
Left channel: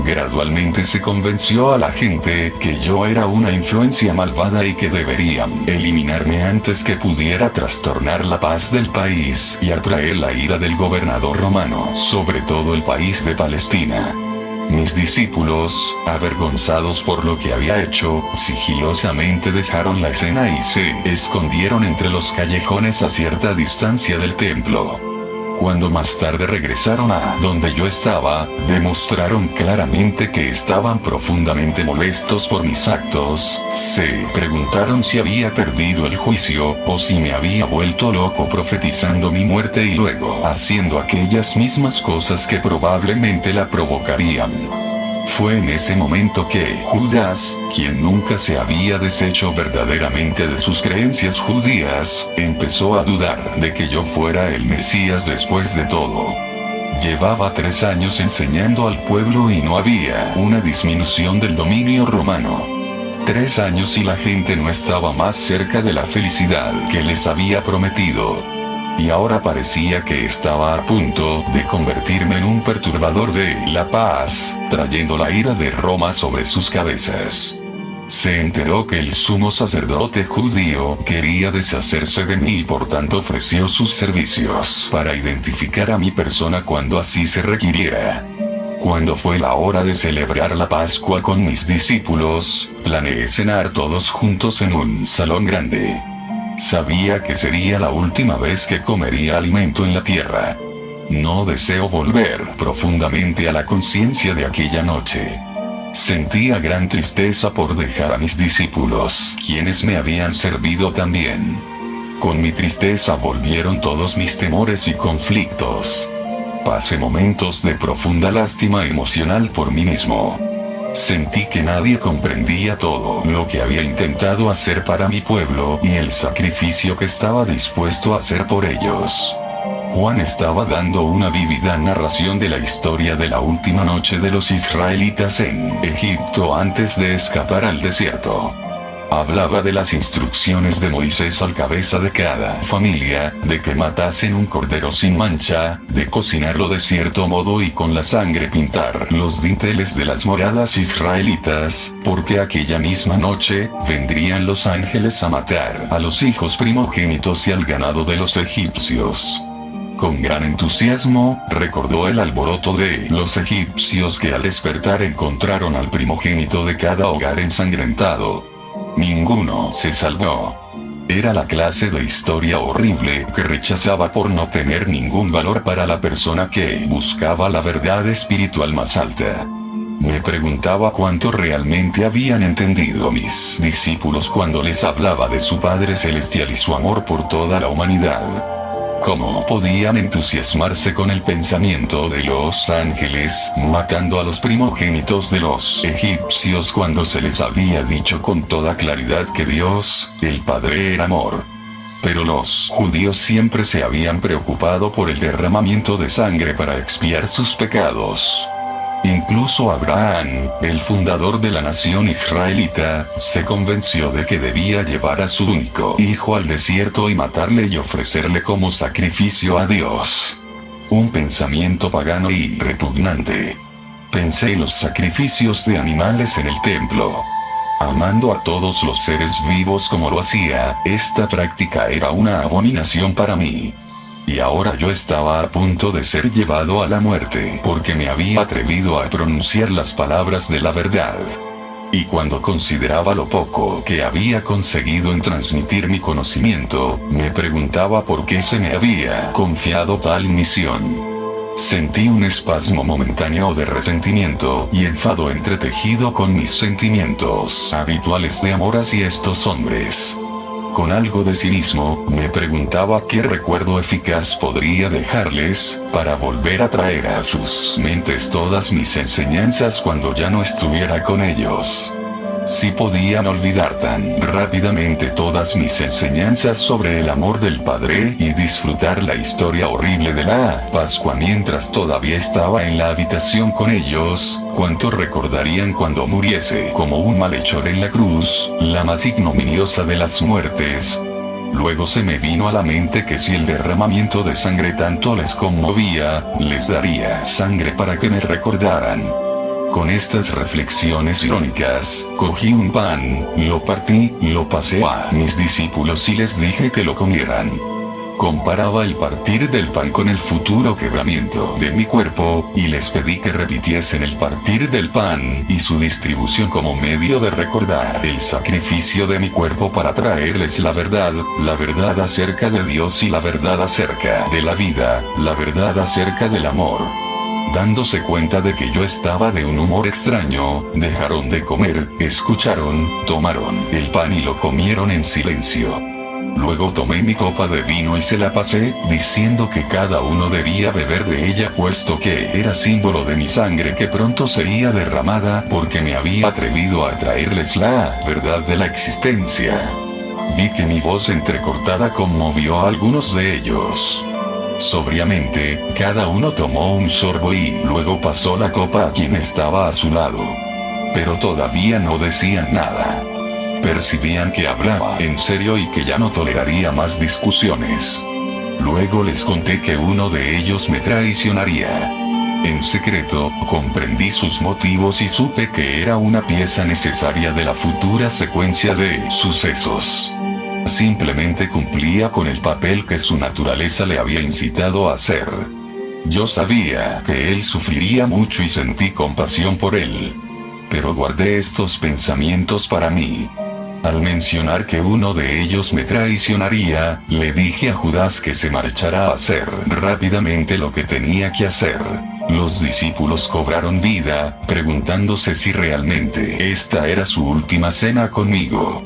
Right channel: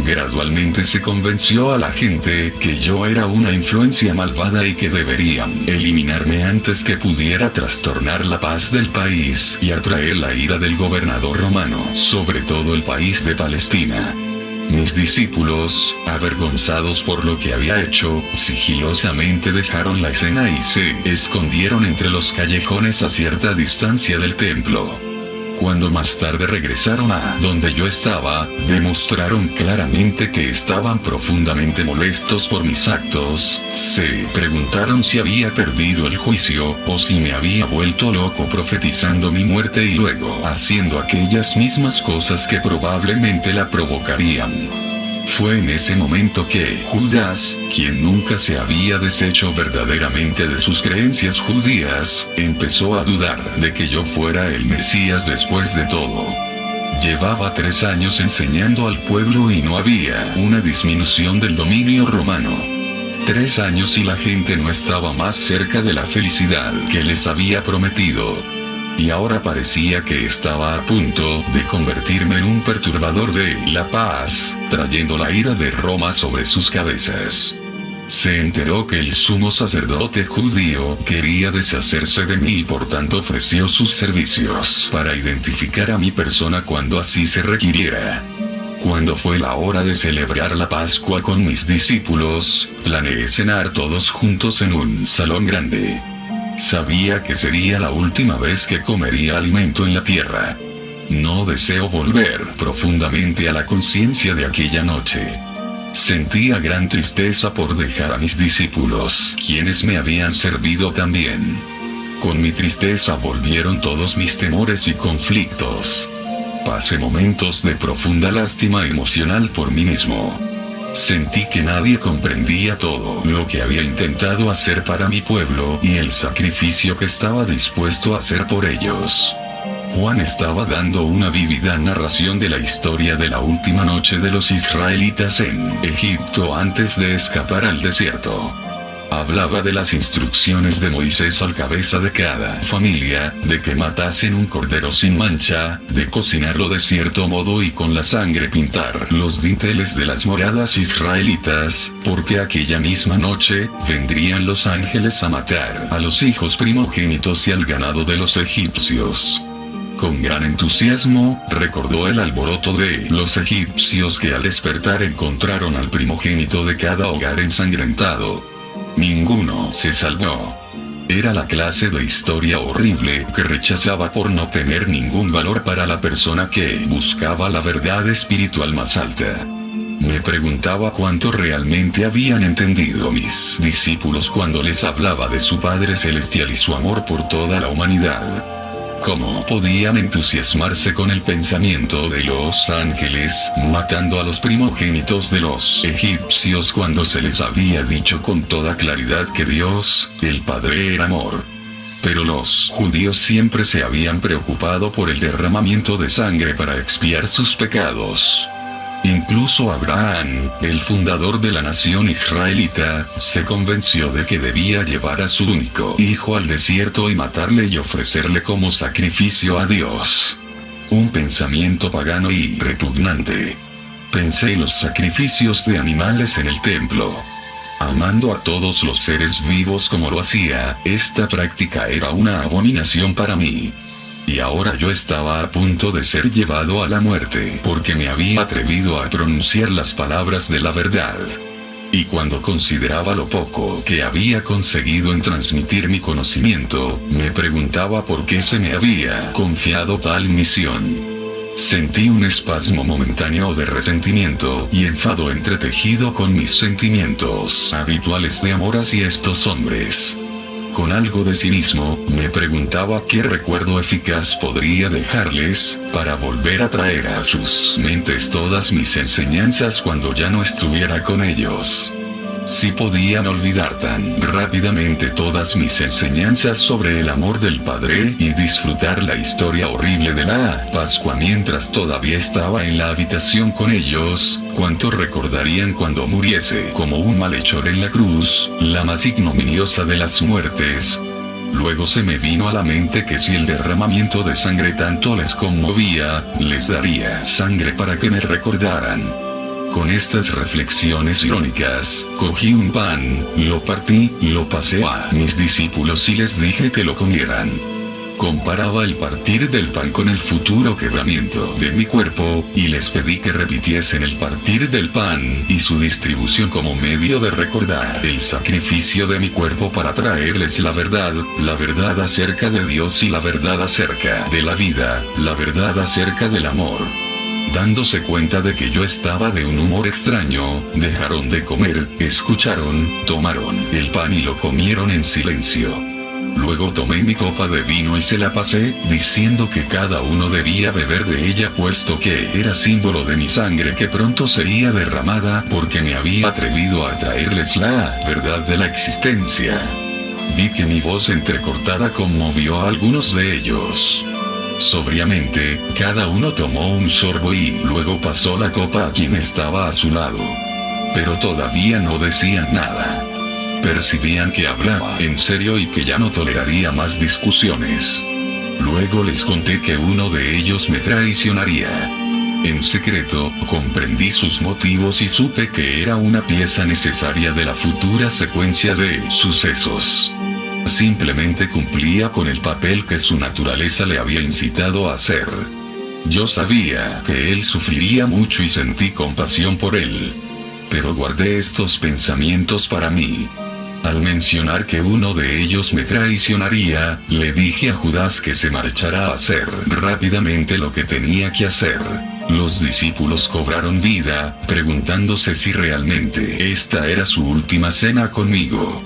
Gradualmente se convenció a la gente que yo era una influencia malvada y que deberían eliminarme antes que pudiera trastornar la paz del país y atraer la ira del gobernador romano sobre todo el país de Palestina. Mis discípulos, avergonzados por lo que había hecho, sigilosamente dejaron la escena y se escondieron entre los callejones a cierta distancia del templo. Cuando más tarde regresaron a donde yo estaba, demostraron claramente que estaban profundamente molestos por mis actos. Se preguntaron si había perdido el juicio, o si me había vuelto loco profetizando mi muerte y luego haciendo aquellas mismas cosas que probablemente la provocarían. Fue en ese momento que Judas, quien nunca se había deshecho verdaderamente de sus creencias judías, empezó a dudar de que yo fuera el Mesías después de todo. Llevaba 3 años enseñando al pueblo y no había una disminución del dominio romano. 3 años y la gente no estaba más cerca de la felicidad que les había prometido. Y ahora parecía que estaba a punto de convertirme en un perturbador de la paz, trayendo la ira de Roma sobre sus cabezas. Se enteró que el sumo sacerdote judío quería deshacerse de mí y por tanto ofreció sus servicios para identificar a mi persona cuando así se requiriera. Cuando fue la hora de celebrar la Pascua con mis discípulos, planeé cenar todos juntos en un salón grande. Sabía que sería la última vez que comería alimento en la tierra. No deseo volver profundamente a la conciencia de aquella noche. Sentía gran tristeza por dejar a mis discípulos, quienes me habían servido tan bien. Con mi tristeza volvieron todos mis temores y conflictos. Pasé momentos de profunda lástima emocional por mí mismo. Sentí que nadie comprendía todo lo que había intentado hacer para mi pueblo y el sacrificio que estaba dispuesto a hacer por ellos. Juan estaba dando una vívida narración de la historia de la última noche de los israelitas en Egipto antes de escapar al desierto. Hablaba de las instrucciones de Moisés al cabeza de cada familia, de que matasen un cordero sin mancha, de cocinarlo de cierto modo y con la sangre pintar los dinteles de las moradas israelitas, porque aquella misma noche, vendrían los ángeles a matar a los hijos primogénitos y al ganado de los egipcios. Con gran entusiasmo, recordó el alboroto de los egipcios que al despertar encontraron al primogénito de cada hogar ensangrentado. Ninguno se salvó. Era la clase de historia horrible que rechazaba por no tener ningún valor para la persona que buscaba la verdad espiritual más alta. Me preguntaba cuánto realmente habían entendido mis discípulos cuando les hablaba de su Padre Celestial y su amor por toda la humanidad. ¿Cómo podían entusiasmarse con el pensamiento de los ángeles matando a los primogénitos de los egipcios cuando se les había dicho con toda claridad que Dios, el Padre, era amor? Pero los judíos siempre se habían preocupado por el derramamiento de sangre para expiar sus pecados. Incluso Abraham, el fundador de la nación israelita, se convenció de que debía llevar a su único hijo al desierto y matarle y ofrecerle como sacrificio a Dios. Un pensamiento pagano y repugnante. Pensé en los sacrificios de animales en el templo. Amando a todos los seres vivos como lo hacía, esta práctica era una abominación para mí. Y ahora yo estaba a punto de ser llevado a la muerte porque me había atrevido a pronunciar las palabras de la verdad. Y cuando consideraba lo poco que había conseguido en transmitir mi conocimiento, me preguntaba por qué se me había confiado tal misión. Sentí un espasmo momentáneo de resentimiento y enfado entretejido con mis sentimientos habituales de amor hacia estos hombres. Con algo de cinismo, me preguntaba qué recuerdo eficaz podría dejarles, para volver a traer a sus mentes todas mis enseñanzas cuando ya no estuviera con ellos. Si podían olvidar tan rápidamente todas mis enseñanzas sobre el amor del Padre y disfrutar la historia horrible de la Pascua mientras todavía estaba en la habitación con ellos, ¿cuánto recordarían cuando muriese como un malhechor en la cruz, la más ignominiosa de las muertes? Luego se me vino a la mente que si el derramamiento de sangre tanto les conmovía, les daría sangre para que me recordaran. Con estas reflexiones irónicas, cogí un pan, lo partí, lo pasé a mis discípulos y les dije que lo comieran. Comparaba el partir del pan con el futuro quebramiento de mi cuerpo, y les pedí que repitiesen el partir del pan y su distribución como medio de recordar el sacrificio de mi cuerpo para traerles la verdad acerca de Dios y la verdad acerca de la vida, la verdad acerca del amor. Dándose cuenta de que yo estaba de un humor extraño, dejaron de comer, escucharon, tomaron el pan y lo comieron en silencio. Luego tomé mi copa de vino y se la pasé, diciendo que cada uno debía beber de ella puesto que era símbolo de mi sangre que pronto sería derramada porque me había atrevido a traerles la verdad de la existencia. Vi que mi voz entrecortada conmovió a algunos de ellos. Sobriamente, cada uno tomó un sorbo y luego pasó la copa a quien estaba a su lado. Pero todavía no decían nada. Percibían que hablaba en serio y que ya no toleraría más discusiones. Luego les conté que uno de ellos me traicionaría. En secreto, comprendí sus motivos y supe que era una pieza necesaria de la futura secuencia de sucesos. Simplemente cumplía con el papel que su naturaleza le había incitado a hacer. Yo sabía que él sufriría mucho y sentí compasión por él. Pero guardé estos pensamientos para mí. Al mencionar que uno de ellos me traicionaría, le dije a Judas que se marchara a hacer rápidamente lo que tenía que hacer. Los discípulos cobraron vida, preguntándose si realmente esta era su última cena conmigo.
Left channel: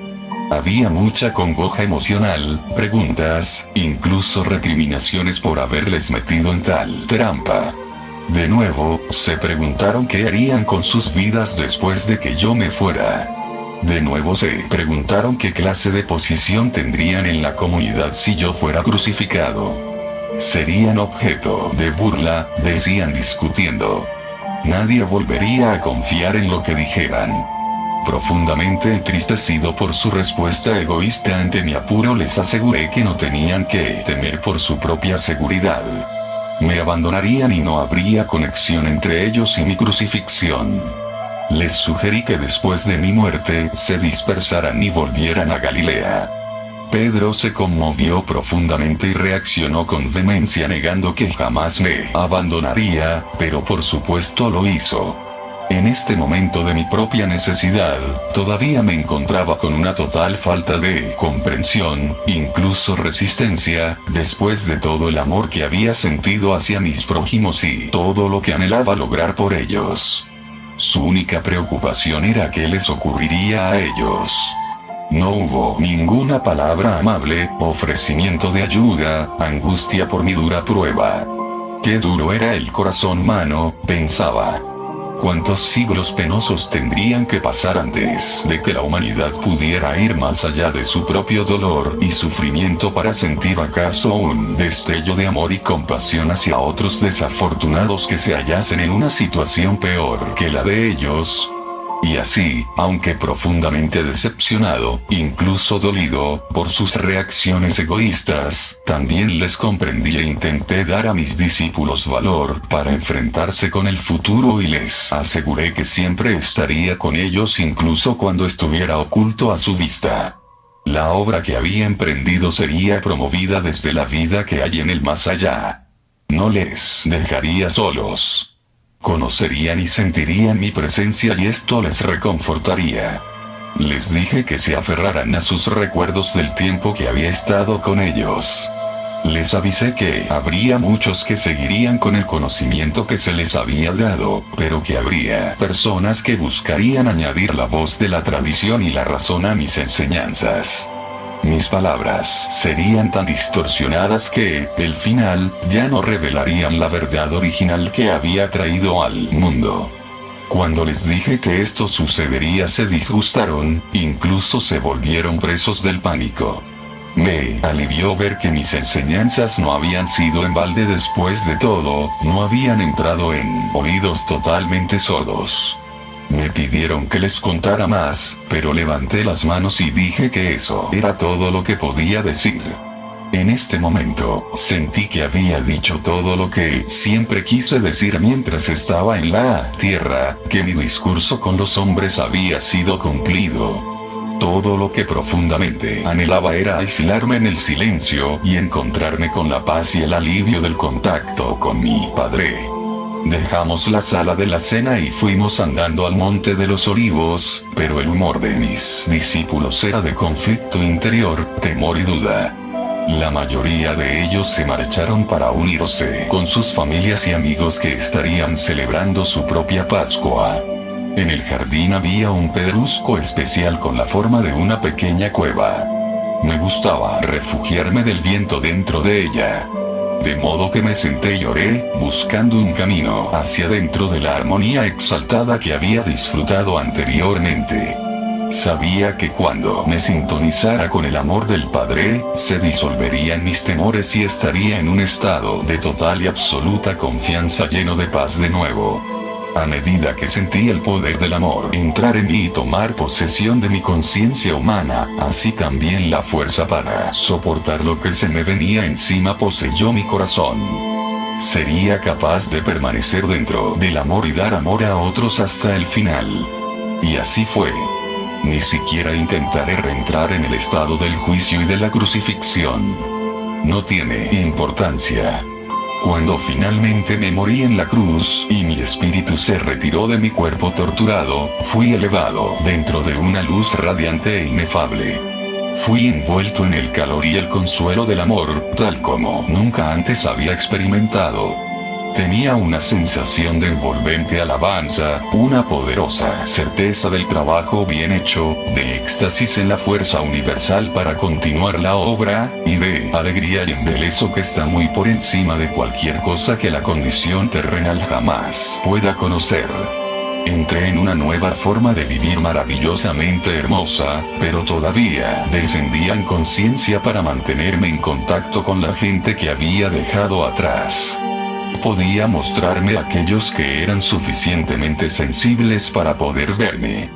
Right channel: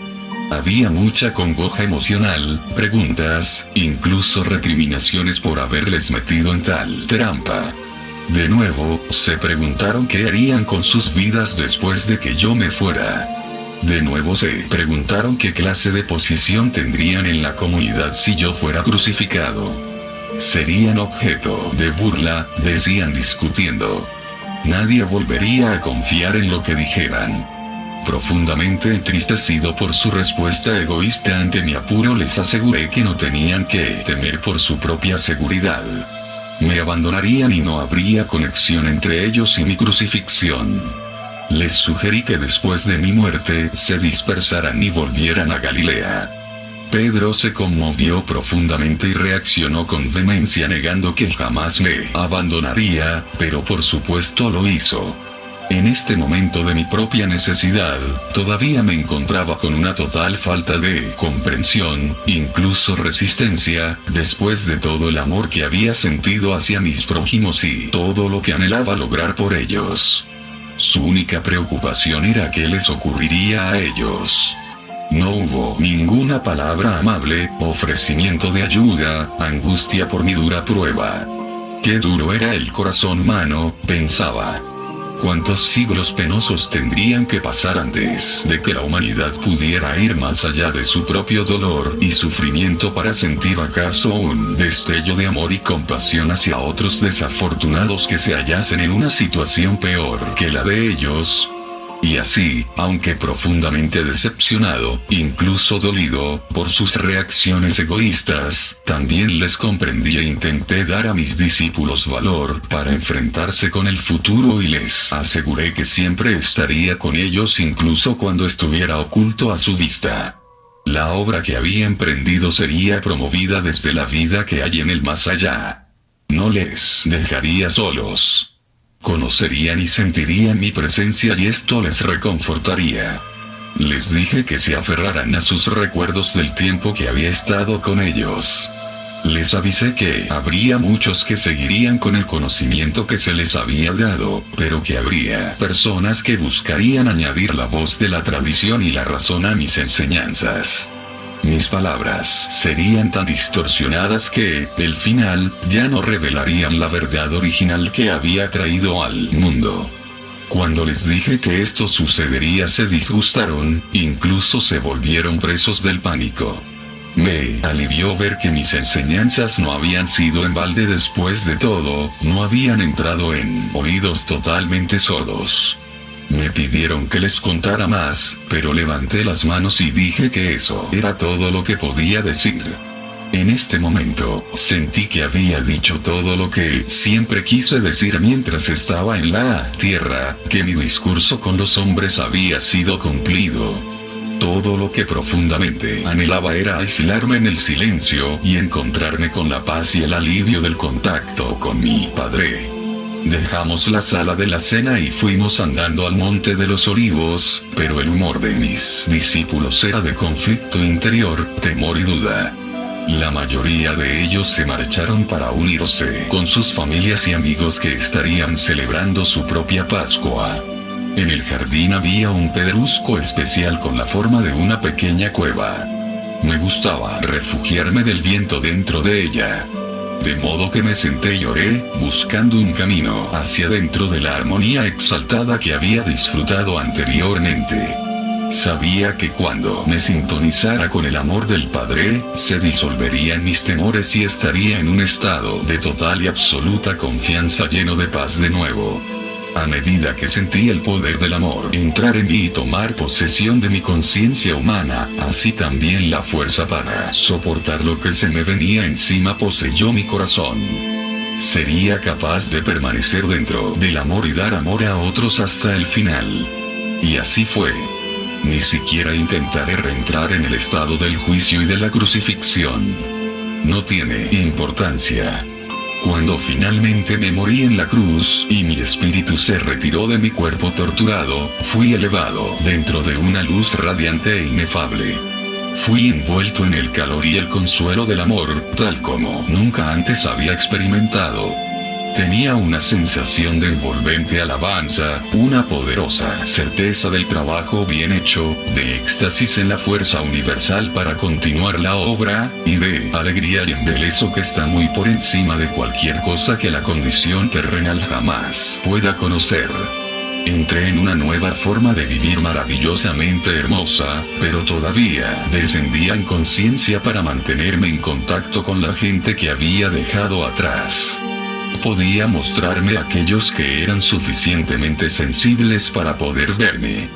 Había mucha congoja emocional, preguntas, incluso recriminaciones por haberles metido en tal trampa. De nuevo, se preguntaron qué harían con sus vidas después de que yo me fuera. De nuevo se preguntaron qué clase de posición tendrían en la comunidad si yo fuera crucificado. Serían objeto de burla, decían discutiendo. Nadie volvería a confiar en lo que dijeran. Profundamente entristecido por su respuesta egoísta ante mi apuro, les aseguré que no tenían que temer por su propia seguridad. Me abandonarían y no habría conexión entre ellos y mi crucifixión. Les sugerí que después de mi muerte se dispersaran y volvieran a Galilea. Pedro se conmovió profundamente y reaccionó con vehemencia negando que jamás me abandonaría, pero por supuesto lo hizo. En este momento de mi propia necesidad, todavía me encontraba con una total falta de comprensión, incluso resistencia, después de todo el amor que había sentido hacia mis prójimos y todo lo que anhelaba lograr por ellos. Su única preocupación era qué les ocurriría a ellos. No hubo ninguna palabra amable, ofrecimiento de ayuda, angustia por mi dura prueba. Qué duro era el corazón humano, pensaba. ¿Cuántos siglos penosos tendrían que pasar antes de que la humanidad pudiera ir más allá de su propio dolor y sufrimiento para sentir acaso un destello de amor y compasión hacia otros desafortunados que se hallasen en una situación peor que la de ellos? Y así, aunque profundamente decepcionado, incluso dolido, por sus reacciones egoístas, también les comprendí e intenté dar a mis discípulos valor para enfrentarse con el futuro y les aseguré que siempre estaría con ellos incluso cuando estuviera oculto a su vista. La obra que había emprendido sería promovida desde la vida que hay en el más allá. No les dejaría solos. Conocerían y sentirían mi presencia y esto les reconfortaría. Les dije que se aferraran a sus recuerdos del tiempo que había estado con ellos. Les avisé que habría muchos que seguirían con el conocimiento que se les había dado, pero que habría personas que buscarían añadir la voz de la tradición y la razón a mis enseñanzas. Mis palabras serían tan distorsionadas que, al final, ya no revelarían la verdad original que había traído al mundo. Cuando les dije que esto sucedería se disgustaron, incluso se volvieron presos del pánico. Me alivió ver que mis enseñanzas no habían sido en balde. Después de todo, no habían entrado en oídos totalmente sordos. Me pidieron que les contara más, pero levanté las manos y dije que eso era todo lo que podía decir. En este momento, sentí que había dicho todo lo que siempre quise decir mientras estaba en la tierra, que mi discurso con los hombres había sido cumplido. Todo lo que profundamente anhelaba era aislarme en el silencio y encontrarme con la paz y el alivio del contacto con mi Padre. Dejamos la sala de la cena y fuimos andando al Monte de los Olivos, pero el humor de mis discípulos era de conflicto interior, temor y duda. La mayoría de ellos se marcharon para unirse con sus familias y amigos que estarían celebrando su propia Pascua. En el jardín había un pedrusco especial con la forma de una pequeña cueva. Me gustaba refugiarme del viento dentro de ella. De modo que me senté y lloré, buscando un camino hacia dentro de la armonía exaltada que había disfrutado anteriormente. Sabía que cuando me sintonizara con el amor del Padre, se disolverían mis temores y estaría en un estado de total y absoluta confianza lleno de paz de nuevo. A medida que sentí el poder del amor entrar en mí y tomar posesión de mi conciencia humana, así también la fuerza para soportar lo que se me venía encima poseyó mi corazón. Sería capaz de permanecer dentro del amor y dar amor a otros hasta el final. Y así fue. Ni siquiera intentaré reentrar en el estado del juicio y de la crucifixión. No tiene importancia. Cuando finalmente me morí en la cruz, y mi espíritu se retiró de mi cuerpo torturado, fui elevado dentro de una luz radiante e inefable. Fui envuelto en el calor y el consuelo del amor, tal como nunca antes había experimentado. Tenía una sensación de envolvente alabanza, una poderosa certeza del trabajo bien hecho, de éxtasis en la fuerza universal para continuar la obra, y de alegría y embeleso que está muy por encima de cualquier cosa que la condición terrenal jamás pueda conocer. Entré en una nueva forma de vivir maravillosamente hermosa, pero todavía descendía en conciencia para mantenerme en contacto con la gente que había dejado atrás. Podía mostrarme a aquellos que eran suficientemente sensibles para poder verme.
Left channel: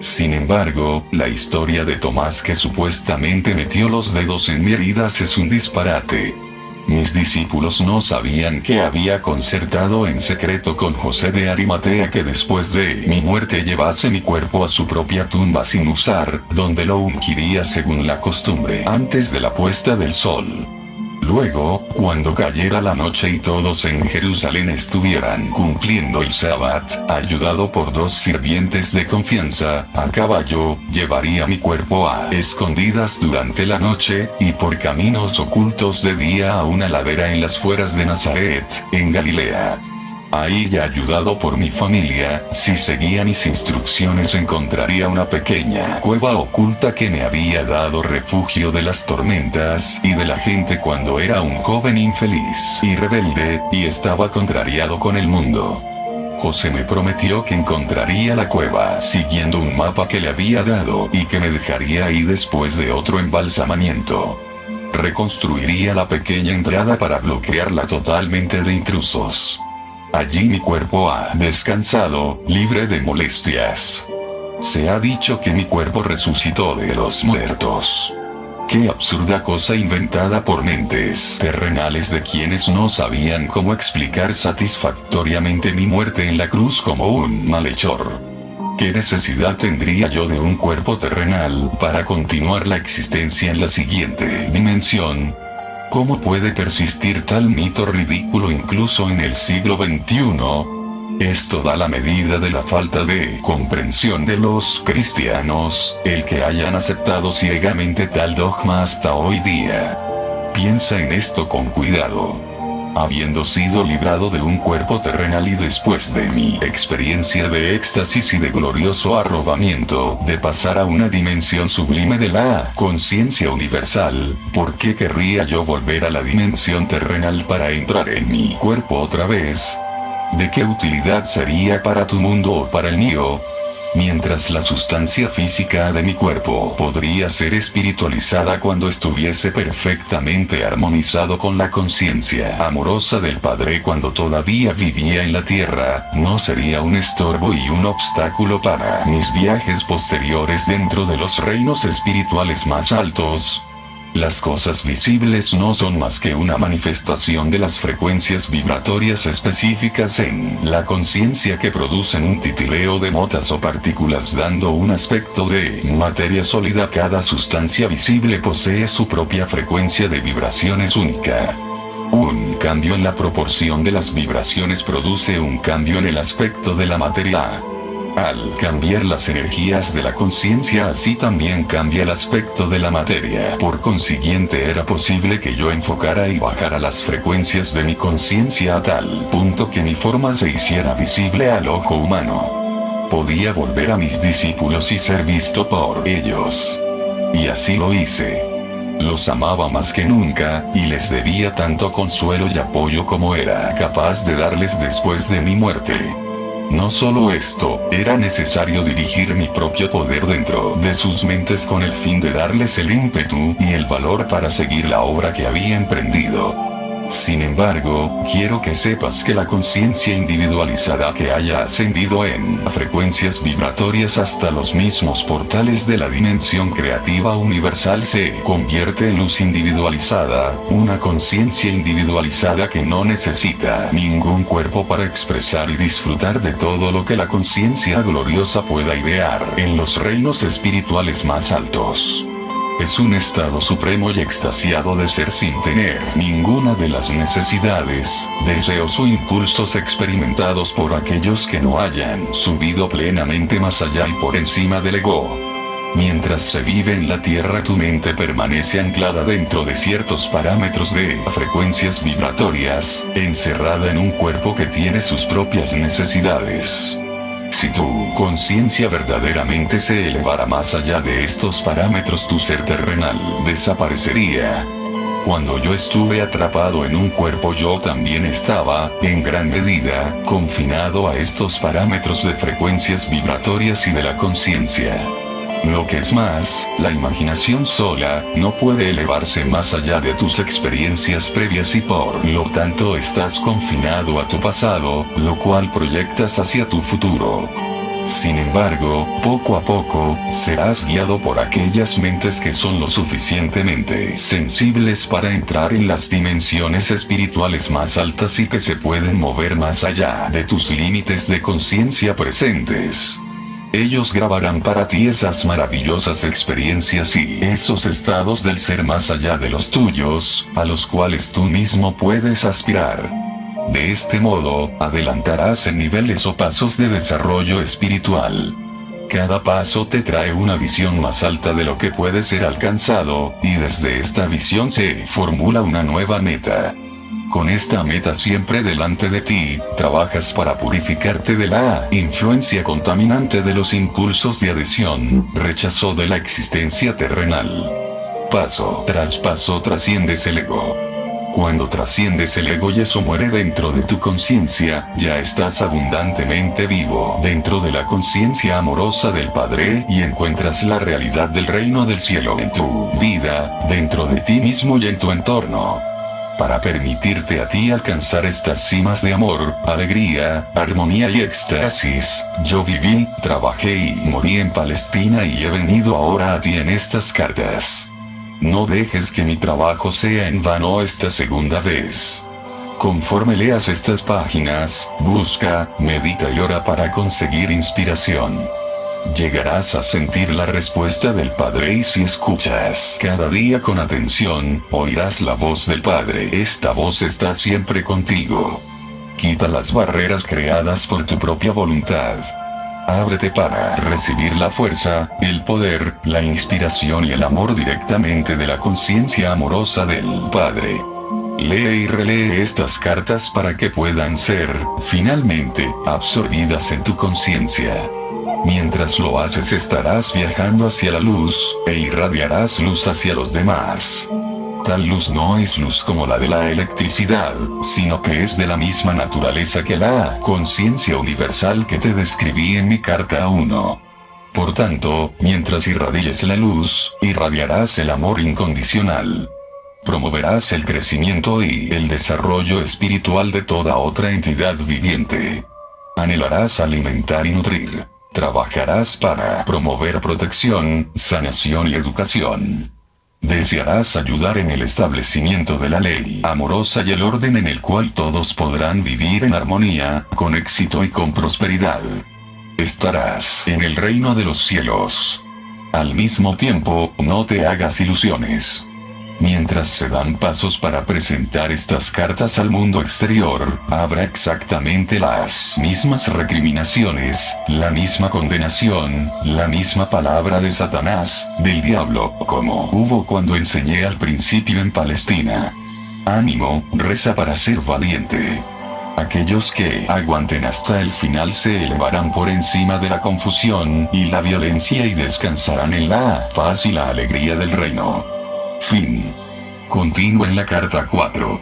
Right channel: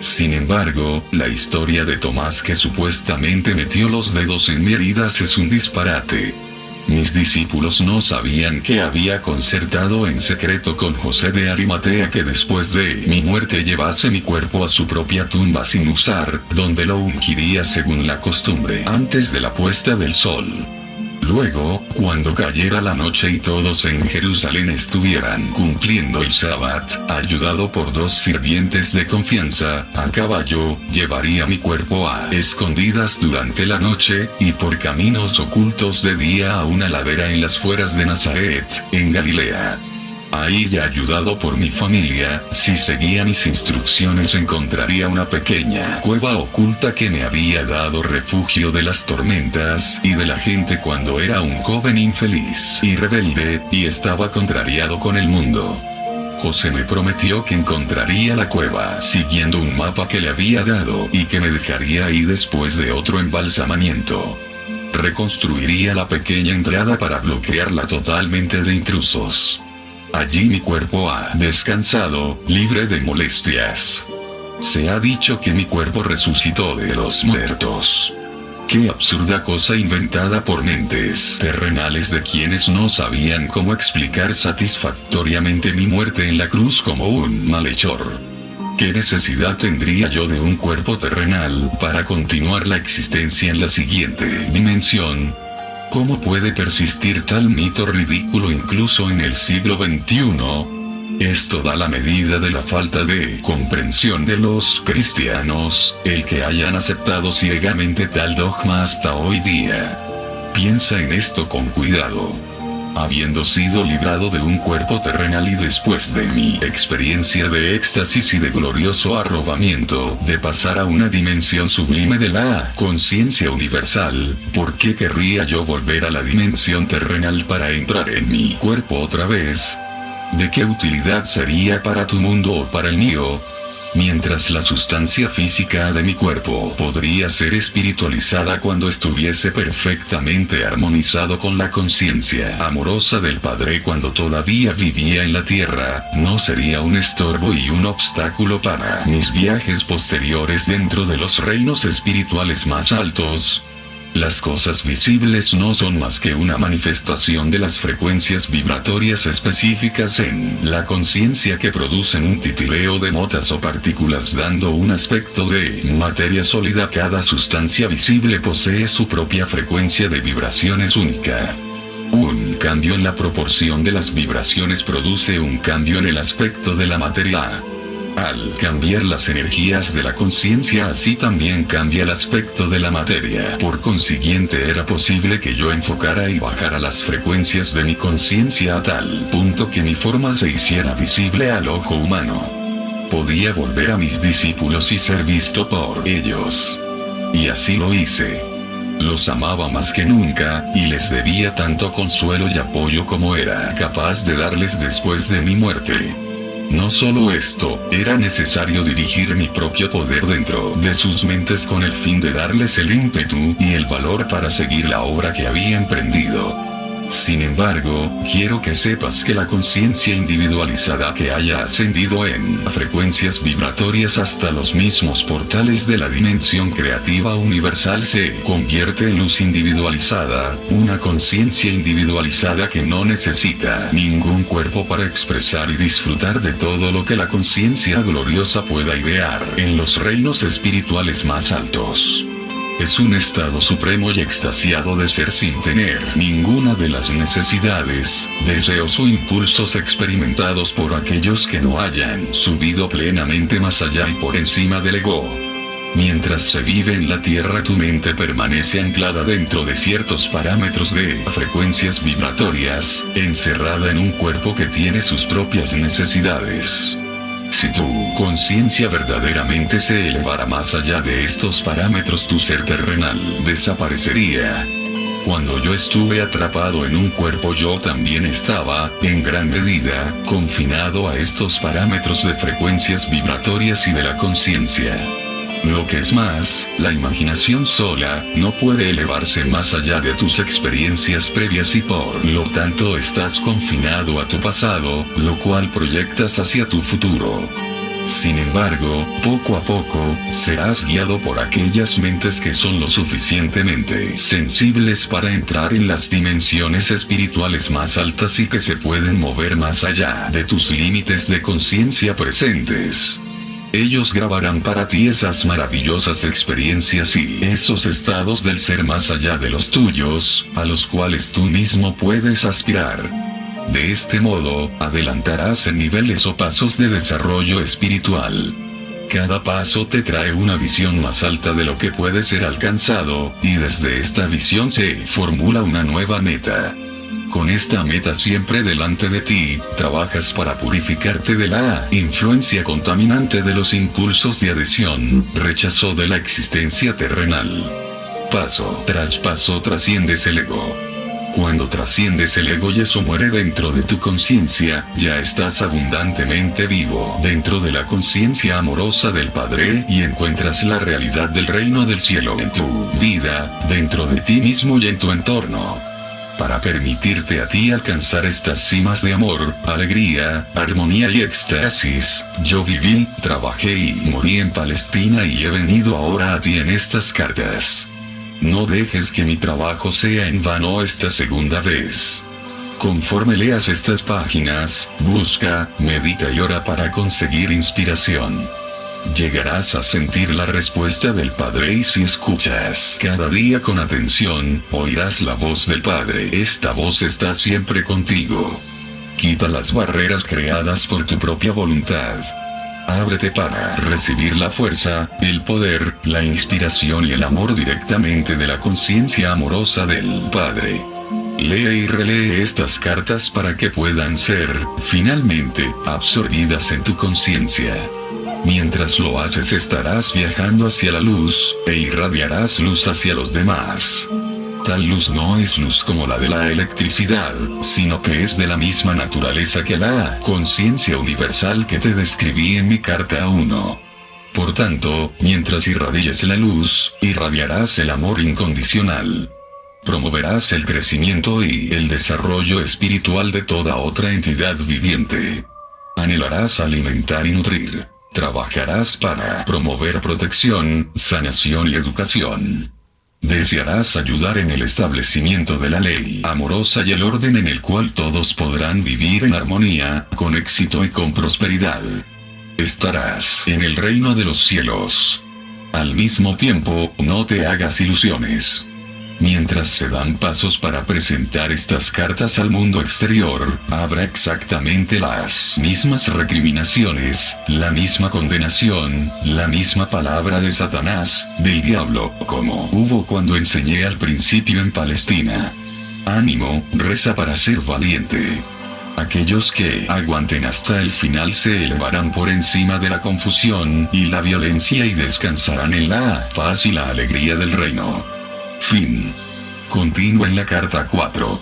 Sin embargo, la historia de Tomás que supuestamente metió los dedos en mi heridas es un disparate. Mis discípulos no sabían que había concertado en secreto con José de Arimatea que después de mi muerte llevase mi cuerpo a su propia tumba sin usar, donde lo ungiría según la costumbre antes de la puesta del sol. Luego, cuando cayera la noche y todos en Jerusalén estuvieran cumpliendo el sábat, ayudado por 2 sirvientes de confianza, a caballo, llevaría mi cuerpo a escondidas durante la noche, y por caminos ocultos de día a una ladera en las fueras de Nazaret, en Galilea. Ahí, ya ayudado por mi familia, si seguía mis instrucciones encontraría una pequeña cueva oculta que me había dado refugio de las tormentas y de la gente cuando era un joven infeliz y rebelde, y estaba contrariado con el mundo. José me prometió que encontraría la cueva siguiendo un mapa que le había dado y que me dejaría ahí después de otro embalsamamiento. Reconstruiría la pequeña entrada para bloquearla totalmente de intrusos. Allí mi cuerpo ha descansado, libre de molestias. Se ha dicho que mi cuerpo resucitó de los muertos. Qué absurda cosa inventada por mentes terrenales de quienes no sabían cómo explicar satisfactoriamente mi muerte en la cruz como un malhechor. ¿Qué necesidad tendría yo de un cuerpo terrenal para continuar la existencia en la siguiente dimensión? ¿Cómo puede persistir tal mito ridículo incluso en el siglo XXI? Esto da la medida de la falta de comprensión de los cristianos, el que hayan aceptado ciegamente tal dogma hasta hoy día. Piensa en esto con cuidado. Habiendo sido librado de un cuerpo terrenal y después de mi experiencia de éxtasis y de glorioso arrobamiento, de pasar a una dimensión sublime de la conciencia universal, ¿por qué querría yo volver a la dimensión terrenal para entrar en mi cuerpo otra vez? ¿De qué utilidad sería para tu mundo o para el mío? Mientras la sustancia física de mi cuerpo podría ser espiritualizada cuando estuviese perfectamente armonizado con la conciencia amorosa del Padre cuando todavía vivía en la tierra, no sería un estorbo y un obstáculo para mis viajes posteriores dentro de los reinos espirituales más altos. Las cosas visibles no son más que una manifestación de las frecuencias vibratorias específicas en la conciencia que producen un titileo de motas o partículas dando un aspecto de materia sólida. Cada sustancia visible posee su propia frecuencia de vibraciones única. Un cambio en la proporción de las vibraciones produce un cambio en el aspecto de la materia. Al cambiar las energías de la conciencia, así también cambia el aspecto de la materia. Por consiguiente, era posible que yo enfocara y bajara las frecuencias de mi conciencia a tal punto que mi forma se hiciera visible al ojo humano. Podía volver a mis discípulos y ser visto por ellos. Y así lo hice. Los amaba más que nunca, y les debía tanto consuelo y apoyo como era capaz de darles después de mi muerte. No solo esto, era necesario dirigir mi propio poder dentro de sus mentes con el fin de darles el ímpetu y el valor para seguir la obra que había emprendido. Sin embargo, quiero que sepas que la conciencia individualizada que haya ascendido en frecuencias vibratorias hasta los mismos portales de la dimensión creativa universal se convierte en luz individualizada, una conciencia individualizada que no necesita ningún cuerpo para expresar y disfrutar de todo lo que la conciencia gloriosa pueda idear en los reinos espirituales más altos. Es un estado supremo y extasiado de ser sin tener ninguna de las necesidades, deseos o impulsos experimentados por aquellos que no hayan subido plenamente más allá y por encima del ego. Mientras se vive en la Tierra, tu mente permanece anclada dentro de ciertos parámetros de frecuencias vibratorias, encerrada en un cuerpo que tiene sus propias necesidades. Si tu conciencia verdaderamente se elevara más allá de estos parámetros, tu ser terrenal desaparecería. Cuando yo estuve atrapado en un cuerpo, yo también estaba, en gran medida, confinado a estos parámetros de frecuencias vibratorias y de la conciencia. Lo que es más, la imaginación sola no puede elevarse más allá de tus experiencias previas y por lo tanto estás confinado a tu pasado, lo cual proyectas hacia tu futuro. Sin embargo, poco a poco, serás guiado por aquellas mentes que son lo suficientemente sensibles para entrar en las dimensiones espirituales más altas y que se pueden mover más allá de tus límites de conciencia presentes. Ellos grabarán para ti esas maravillosas experiencias y esos estados del ser más allá de los tuyos, a los cuales tú mismo puedes aspirar. De este modo, adelantarás en niveles o pasos de desarrollo espiritual. Cada paso te trae una visión más alta de lo que puede ser alcanzado, y desde esta visión se formula una nueva meta. Con esta meta siempre delante de ti, trabajas para purificarte de la influencia contaminante de los impulsos de adhesión, rechazo de la existencia terrenal. Paso tras paso trasciendes el ego. Cuando trasciendes el ego y eso muere dentro de tu conciencia, ya estás abundantemente vivo dentro de la conciencia amorosa del Padre y encuentras la realidad del reino del cielo en tu vida, dentro de ti mismo y en tu entorno. Para permitirte a ti alcanzar estas cimas de amor, alegría, armonía y éxtasis, yo viví, trabajé y morí en Palestina y he venido ahora a ti en estas cartas. No dejes que mi trabajo sea en vano esta segunda vez. Conforme leas estas páginas, busca, medita y ora para conseguir inspiración. Llegarás a sentir la respuesta del Padre y si escuchas cada día con atención, oirás la voz del Padre. Esta voz está siempre contigo. Quita las barreras creadas por tu propia voluntad. Ábrete para recibir la fuerza, el poder, la inspiración y el amor directamente de la conciencia amorosa del Padre. Lee y relee estas cartas para que puedan ser, finalmente, absorbidas en tu conciencia. Mientras lo haces estarás viajando hacia la luz, e irradiarás luz hacia los demás. Tal luz no es luz como la de la electricidad, sino que es de la misma naturaleza que la conciencia universal que te describí en mi carta 1. Por tanto, mientras irradies la luz, irradiarás el amor incondicional. Promoverás el crecimiento y el desarrollo espiritual de toda otra entidad viviente. Anhelarás alimentar y nutrir. Trabajarás para promover protección, sanación y educación. Desearás ayudar en el establecimiento de la ley amorosa y el orden en el cual todos podrán vivir en armonía, con éxito y con prosperidad. Estarás en el reino de los cielos. Al mismo tiempo, no te hagas ilusiones. Mientras se dan pasos para presentar estas cartas al mundo exterior, habrá exactamente las mismas recriminaciones, la misma condenación, la misma palabra de Satanás, del diablo, como hubo cuando enseñé al principio en Palestina. Ánimo, reza para ser valiente. Aquellos que aguanten hasta el final se elevarán por encima de la confusión y la violencia y descansarán en la paz y la alegría del reino. Fin. Continúa en la carta 4.